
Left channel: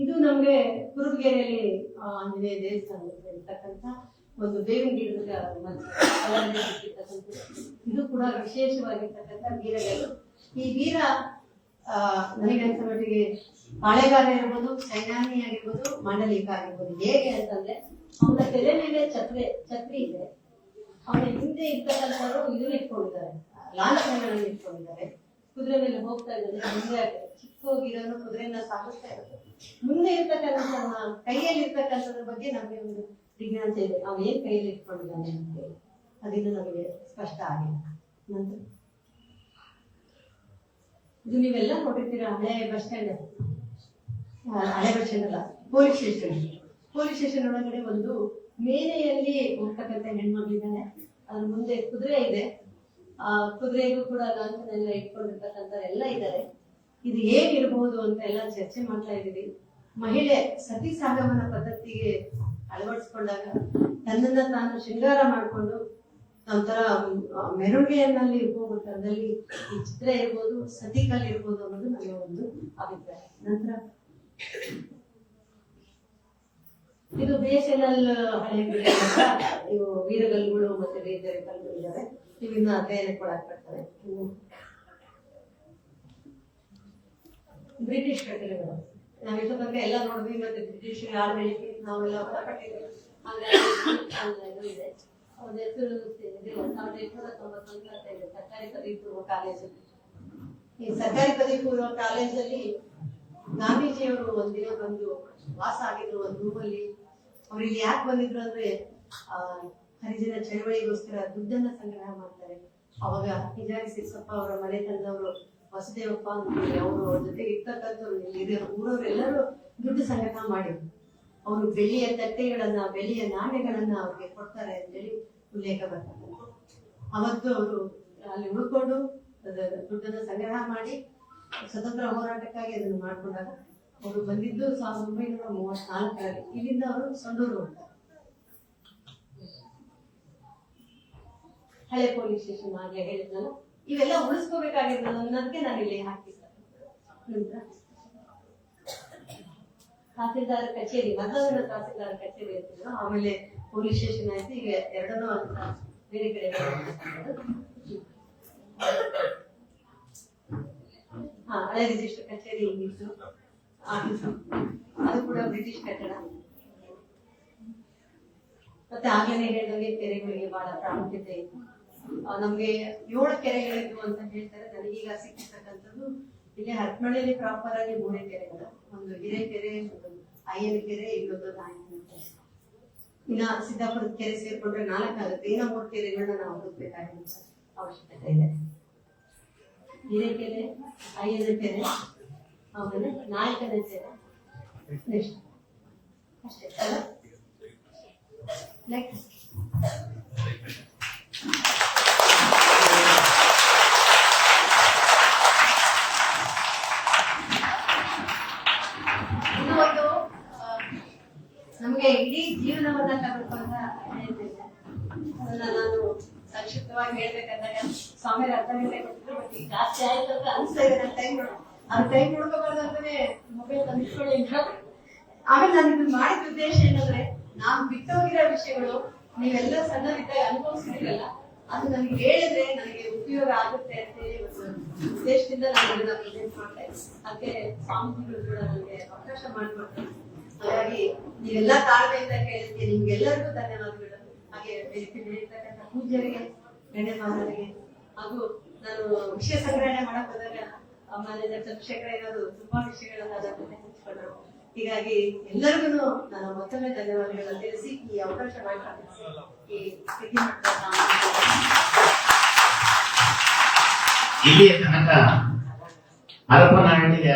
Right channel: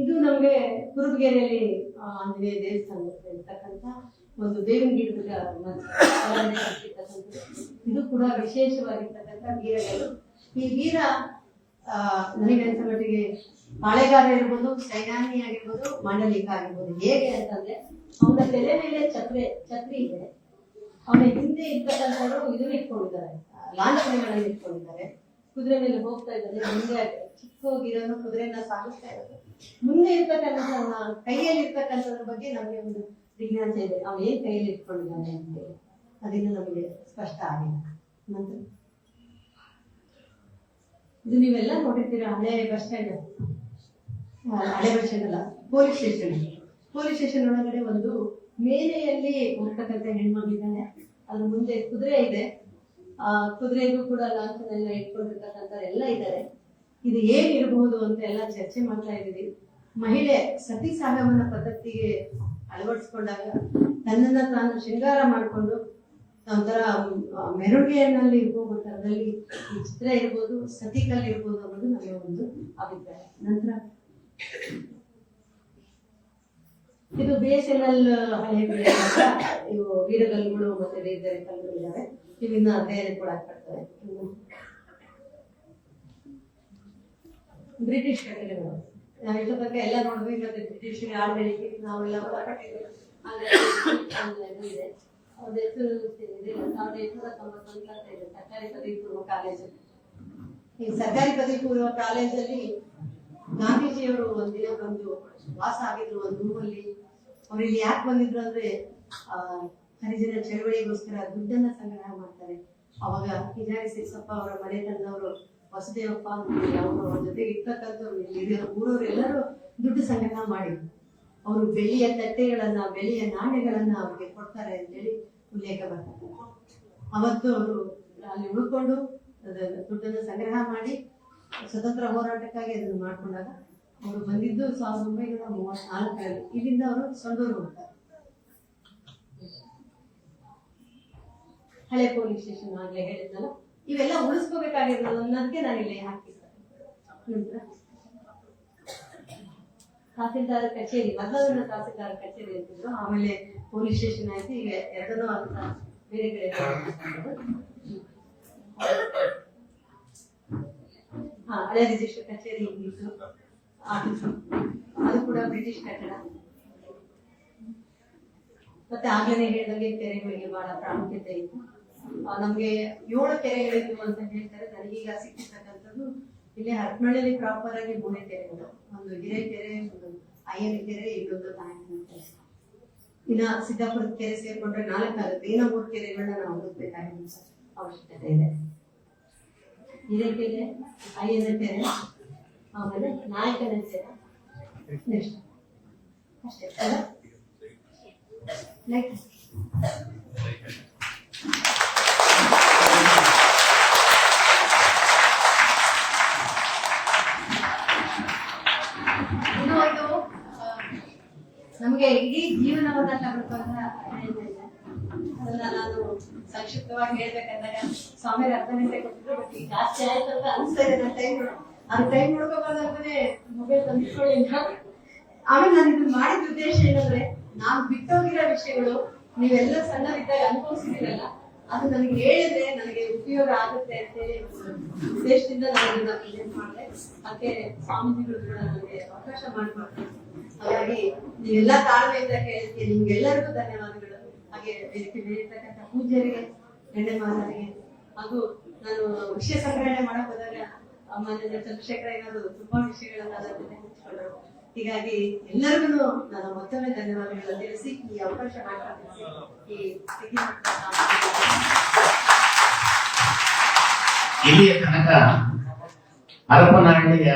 ಇದು ನಮ್ಗೆ ಕುರುಬಗೆರೆಯಲ್ಲಿ ಆಂಜನೇಯ ದೇವಸ್ಥಾನದಲ್ಲಿ ಇರ್ತಕ್ಕಂಥ ಒಂದು ಬೇವಿನ ಗಿಡದ ಇದು ಕೂಡ ವಿಶೇಷವಾಗಿರ್ತಕ್ಕಂಥ ವೀರಗಳು. ಈ ವೀರ ನನಗನ್ಸ ಮಟ್ಟಿಗೆ ಪಾಳೆಗಾರ ಇರ್ಬೋದು, ಸೈನ್ಯಾನಿ ಆಗಿರ್ಬೋದು, ಮಂಡಲಿಕ ಆಗಿರ್ಬೋದು. ಹೇಗೆ ಅಂತಂದ್ರೆ ಅವನ ತೆರೆ ಮೇಲೆ ಛತ್ರಿ ಇದೆ, ಅವನ ಹಿಂದೆ ಇರ್ತಕ್ಕಂಥವರು ಇದನ್ನ ಇಟ್ಕೊಂಡಿದ್ದಾರೆ, ಲಾಂಛನಗಳನ್ನು ಇಟ್ಕೊಂಡಿದ್ದಾರೆ. ಕುದುರೆ ಮೇಲೆ ಹೋಗ್ತಾ ಇದ್ದಾರೆ, ಮುಂದೆ ಚಿಕ್ಕೋಗಿರೋನು ಕುದುರೆಯನ್ನ ಸಾಗಿಸ್ತಾ ಇರೋದು. ಮುಂದೆ ಇರ್ತಕ್ಕಂಥ ಕೈಯಲ್ಲಿ ಇರ್ತಕ್ಕಂಥದ್ರ ಬಗ್ಗೆ ನಮಗೆ ಒಂದು ಜಿಜ್ಞಾಸೆ ಇದೆ. ಅವ್ನು ಏನ್ ಕೈಯಲ್ಲಿ ಇಟ್ಕೊಂಡಿದ್ದಾನೆ ಅಂತೇಳಿ ಅದನ್ನು ನಮಗೆ ಸ್ಪಷ್ಟ ಆಗಿಲ್ಲ. ನಂತರ ಇದು ನೀವೆಲ್ಲ ನೋಡಿರ್ತೀರ, ಹಳೆ ಬಸ್ ಸ್ಟ್ಯಾಂಡ್, ಹಳೆ ಬಸ್ ಸ್ಟ್ಯಾಂಡ್ ಅಲ್ಲ, ಪೊಲೀಸ್ ಸ್ಟೇಷನ್ ಒಳಗಡೆ ಒಂದು ಮೇಲೆಯಲ್ಲಿ ಮನೆಯಲ್ಲಿ ಹುಡ್ತಕ್ಕಂಥ ಹೆಣ್ಮಕ್ಳಿದ್ದಾನೆ. ಅದ್ರ ಮುಂದೆ ಕುದುರೆ ಇದೆ. ಆ ಕುದುರೆಗೂ ಕೂಡ ಲಾಂಛನೆಲ್ಲ ಇಟ್ಕೊಂಡಿರ್ತಕ್ಕಂಥ ಎಲ್ಲ ಇದ್ದಾರೆ. ಇದು ಏನಿರಬಹುದು ಅಂತ ಎಲ್ಲ ಚರ್ಚೆ ಮಾಡ್ತಾ ಇದ್ದೀವಿ. ಮಹಿಳೆ ಸತಿ ಸಾಗಮನ ಪದ್ಧತಿಗೆ ಅಳವಡಿಸ್ಕೊಂಡಾಗ ತನ್ನನ್ನ ತಾನು ಶೃಂಗಾರ ಮಾಡಿಕೊಂಡು ಒಂಥರ ಮೆರುಗೆಯಲ್ಲಿ ಹೋಗೋ ಥರದಲ್ಲಿ ಈ ಚಿತ್ರ ಇರ್ಬೋದು, ಸತಿಕಲ್ ಇರ್ಬೋದು ಅನ್ನೋದು ನನ್ನ ಒಂದು ಅಭಿಪ್ರಾಯ. ನಂತರ ಇದು BSNL ಹಳೆ ಇವು ವೀರಗಲ್ಲುಗಳು ಮತ್ತೆ ಬೇರೆ ಬೇರೆ ಕಲ್ಲುಗಳು ಇದ್ದಾವೆ. ಇವಿನ್ನ ಅಧ್ಯಯನ ಕೂಡ ಆಗ್ತದೆ. ಬ್ರಿಟಿಷ್ ಕಟ್ಟಡಗಳು ನಾವು ಇದ್ರ ಬಗ್ಗೆ ಎಲ್ಲ ನೋಡಿದ್ವಿ. ಮತ್ತೆ ಬ್ರಿಟಿಷ್ ಆಳ್ವಳಿಕೆ ನಾವೆಲ್ಲ ಇದೆ. ಅವ್ರ ಹೆಸರು 1895 ಸರ್ಕಾರಿ ಪದವಿ ಪೂರ್ವ ಕಾಲೇಜು. ಈ ಸರ್ಕಾರಿ ಪದವಿ ಪೂರ್ವ ಕಾಲೇಜಲ್ಲಿ ಗಾಂಧೀಜಿಯವರು ಒಂದಿನ ಬಂದು ವಾಸ ಆಗಿದ್ರು ಒಂದು ರೂಮಲ್ಲಿ. ಅವ್ರು ಇಲ್ಲಿ ಯಾಕೆ ಬಂದಿದ್ರು ಅಂದ್ರೆ ಹರಿಜನ ಚಳವಳಿಗೋಸ್ಕರ ದುಡ್ಡನ್ನ ಸಂಗ್ರಹ ಮಾಡ್ತಾರೆ. ಅವಾಗ ಹಿಜಾರಿ ಸಿರ್ಸಪ್ಪ ಅವರ ಮನೆತನದವರು ವಸುದೇವಪ್ಪ ಅವರು ಅವ್ರ ಜೊತೆಗೆ ಇರ್ತಕ್ಕಂಥವ್ರು ಇಲ್ಲಿ ಊರವರೆಲ್ಲರೂ ದುಡ್ಡು ಸಂಗ್ರಹ ಮಾಡಿದ್ರು. ಅವರು ಬೆಳ್ಳಿಯ ತಟ್ಟೆಗಳನ್ನ, ಬೆಳ್ಳಿಯ ನಾಣ್ಯಗಳನ್ನ ಅವ್ರಿಗೆ ಕೊಡ್ತಾರೆ ಅಂತೇಳಿ ಉಲ್ಲೇಖ ಬರ್ತಕ್ಕಂಥ. ಅವತ್ತು ಅವರು ಅಲ್ಲಿ ಉಳ್ಕೊಂಡು ದುಡ್ಡನ್ನ ಸಂಗ್ರಹ ಮಾಡಿ ಸ್ವತಂತ್ರ ಹೋರಾಟಕ್ಕಾಗಿ ಅದನ್ನು ಮಾಡ್ಕೊಂಡಾಗ ಅವರು ಬಂದಿದ್ದು 1934. ಇಲ್ಲಿಂದ ಅವರು ಸಂಡೂರು ಹೋಗ್ತಾರೆ. ಹಳೆ ಪೊಲೀಸ್ ಸ್ಟೇಷನ್ ಆಗ್ಲೇ ಹೇಳಿದ್ನಲ್ಲ, ಇವೆಲ್ಲ ಉಳಿಸ್ಕೋಬೇಕಾಗಿದ್ರಲ್ಲ ಅನ್ನೋದಕ್ಕೆ ನಾನು ಇಲ್ಲಿ ಹಾಕಿದ್ದೆ. ತಹಸೀಲ್ದಾರ್ ಕಚೇರಿ, ಮೊದಲ ತಹಸೀಲ್ದಾರ್ ಕಚೇರಿ ಅಂತಿದ್ರು, ಆಮೇಲೆ ಪೊಲೀಸ್ ಸ್ಟೇಷನ್ ಆಯ್ತು. ಈಗ ಎರಡನ್ನೂ ಅಂತ ಬೇರೆ ಕಡೆ ಹಳೆ ರಿಜಿಸ್ಟರ್ ಕಚೇರಿ ಇತ್ತು. ಅದು ಕೂಡ ಬ್ರಿಟಿಷ್ ಕಟ್ಟಡ. ಮತ್ತೆ ಆಗ್ಲೇ ಹೇಳಿದಂಗೆ ಕೆರೆಗಳಿಗೆ ಬಹಳ ಪ್ರಾಮುಖ್ಯತೆ ಇತ್ತು. ನಮ್ಗೆ 7 ಕೆರೆಗಳಿದ್ವು ಅಂತ ಹೇಳ್ತಾರೆ. ನನಗೀಗ ಸಿಕ್ಕಿರ್ತಕ್ಕಂಥದ್ದು ಇಲ್ಲಿ ಹರಪನಹಳ್ಳಿಯಲ್ಲಿ ಪ್ರಾಪರ್ ಆಗಿ 3 ಕೆರೆಗಳು. ಒಂದು ಹಿರೇಕೆರೆ, ಒಂದು ಅಯ್ಯನ ಕೆರೆ, ಇನ್ನೊಂದು ನಾಯಕನ ಕೆರೆ. ಇನ್ನ ಸಿದ್ದಾಪುರದ ಕೆರೆ ಸೇರ್ಕೊಂಡ್ರೆ 4 ಆಗುತ್ತೆ. ಇನ್ನ 3 ಕೆರೆಗಳನ್ನ ನಾವು ಹುಡುಕ್ಬೇಕಾಗಿರೋ ಅವಶ್ಯಕತೆ ಇದೆ. ಹಿರೇಕೆರೆ, ಅಯ್ಯನ ಕೆರೆ, ಆಮೇಲೆ ನಾಯಕನ ಕೆರೆ, ನೆಕ್ಸ್ಟ್ ಅಷ್ಟೇ. ನೆಕ್ಸ್ಟ್ ಇನ್ನೊಂದು ನಮ್ಗೆ ಇಡೀ ಜೀವನವನ್ನ ತಗೊಂಡ ಅದನ್ನ ನಾನು ಸಂಕ್ಷಿಪ್ತವಾಗಿ ಹೇಳ್ಬೇಕಂದ್ರೆ ಸ್ವಾಮಿ 10 ಗಂಟೆ ಕೊಟ್ಟಿದ್ರು. ಬಟ್ ಈಗ ಜಾಸ್ತಿ ಆಯ್ತು ಅಂತ ಅನ್ಸ್ತಾ ಇದೆ. ಟೈಮ್ ನೋಡ್ಕೋಬಾರ್ದಂತಾನೆ ಮೊಬೈಲ್ ತಂದಿಟ್ಕೊಳ್ಳಿ. ಆಮೇಲೆ ನಾನು ಇದನ್ನ ಮಾಡಿದ ಉದ್ದೇಶ ಏನಂದ್ರೆ, ನಾನು ಬಿಟ್ಟೋಗಿರೋ ವಿಷಯಗಳು ನೀವೆಲ್ಲ ಸಣ್ಣವಿದ್ದಾಗ ಅನುಭವಿಸಿದಿರಲ್ಲ, ಅದು ನನಗೆ ಹೇಳಿದ್ರೆ ನನಗೆ ಉಪಯೋಗ ಆಗುತ್ತೆ ಅಂತೇಳಿ ಒಂದು ಉದ್ದೇಶದಿಂದ ನಾನು ಇದನ್ನ ಪ್ರೆಸೆಂಟ್ ಮಾಡಿದೆ. ಅದಕ್ಕೆ ಸ್ವಾಮೀಜಿಗಳು ಕೂಡ ನನಗೆ ಅವಕಾಶ ಮಾಡಿಕೊಡ್ತೀನಿ. ಹಾಗಾಗಿ ನೀವೆಲ್ಲ ತಾಳ್ಮೆಯಿಂದ ಕೇಳಿದ್ಕೆ ನಿಮ್ಗೆಲ್ಲರಿಗೂ ಧನ್ಯವಾದಗಳು. ಹಾಗೆ ಹೇಳಿರ್ತಕ್ಕಂಥ ಪೂಜ್ಯರಿಗೆ, ಗಣ್ಯಮಾನರಿಗೆ, ಹಾಗೂ ನಾನು ವಿಷಯ ಸಂಗ್ರಹಣೆ ಮಾಡಕ್ ಹೋದಾಗ ಆಮೇಲೆ ಚಂದ್ರಶೇಖರ ಏನಾದ್ರು ತುಂಬಾ ವಿಷಯಗಳನ್ನ ಅದಕ್ಕೆ ಹಂಚಿಕೊಂಡ್ರು. ಹೀಗಾಗಿ ಎಲ್ಲರಿಗೂ ನಾನು ಮತ್ತೊಮ್ಮೆ ಧನ್ಯವಾದಗಳನ್ನು ತಿಳಿಸಿ ಈ ಅವಕಾಶ ಮಾಡಿಕೊಟ್ಟಿಸಿ ಈ ಸ್ಥಿತಿ ಇಲ್ಲಿಯ ತನಕ ಹರಪನಹಳ್ಳಿಯ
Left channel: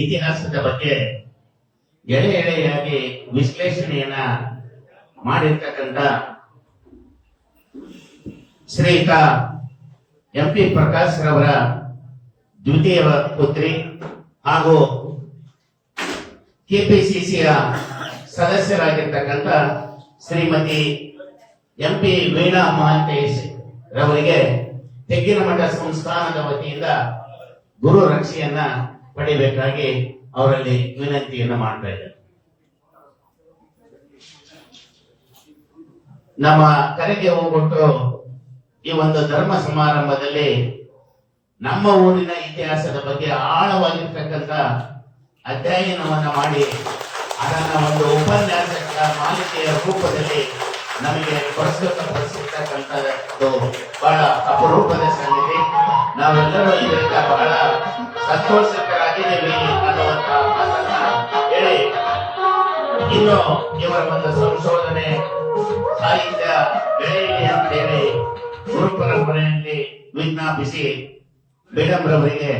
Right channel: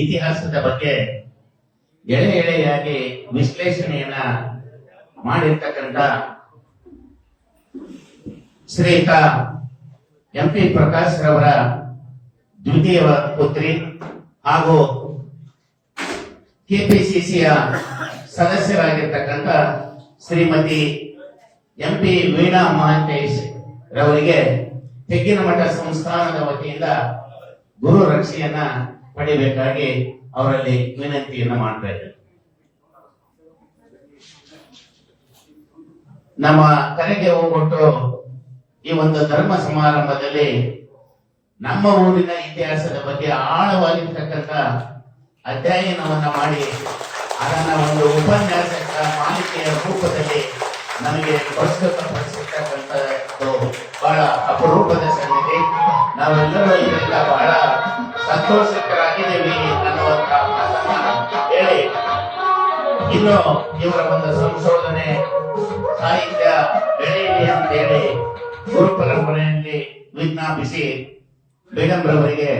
ಇತಿಹಾಸದ ಬಗ್ಗೆ ಎಳೆಯಾಗಿ ವಿಶ್ಲೇಷಣೆಯನ್ನ ಮಾಡಿರ್ತಕ್ಕಂಥ ಶ್ರೀಯುತ MP ಪ್ರಕಾಶ್ ರವರ ದ್ವಿತೀಯ ಪುತ್ರಿ ಹಾಗೂ KPCCಯ ಸದಸ್ಯರಾಗಿರ್ತಕ್ಕಂಥ ಶ್ರೀಮತಿ MP ವೀಣಾ ಮಹಾಂತೇಶ್ ರವರಿಗೆ ತೆಗ್ಗಿನಮಠ ಸಂಸ್ಥಾನದ ವತಿಯಿಂದ ಗುರು ರಕ್ಷೆಯನ್ನ ಪಡಿಬೇಕಾಗಿ ಅವರಲ್ಲಿ ವಿನಂತಿಯನ್ನ ಮಾಡ್ತಾ ಇದ್ದಾರೆ. ನಮ್ಮ ಕರೆಗೆ ಹೋಗ್ಬಿಟ್ಟು ಈ ಒಂದು ಧರ್ಮ ಸಮಾರಂಭದಲ್ಲಿ ನಮ್ಮ ಊರಿನ ಇತಿಹಾಸದ ಬಗ್ಗೆ ಆಳವಾಗಿರ್ತಕ್ಕಂಥ ಅಧ್ಯಯನವನ್ನ ಮಾಡಿ ಅದನ್ನ ಒಂದು ಉಪನ್ಯಾಸಕ ಮಾಲಿಕೆಯ ರೂಪದಲ್ಲಿ ನಮಗೆ ಪ್ರಸ್ತುತಪಡಿಸಿರ್ತಕ್ಕಂಥದ್ದು ಬಹಳ ಅಪರೂಪದ ಸಂಗತಿ. ನಾವೆಲ್ಲರೂ ಇದರಿಂದ ಬಹಳ ಸಂತೋಷಕರಾಗಿದ್ದೇವೆ ಅನ್ನುವಂತ ಮಾತನ್ನ ಹೇಳಿ, ಇನ್ನು ಇವರ ಒಂದು ಸಂಶೋಧನೆ ಸಾಹಿತ್ಯ ಬೆಳೆಯಲಿ ಅಂತೇಳಿ ಗುರು ಪರಂಪರೆಯಲ್ಲಿ ವಿಜ್ಞಾಪಿಸಿ ಮೇಡಮ್ ರವರಿಗೆ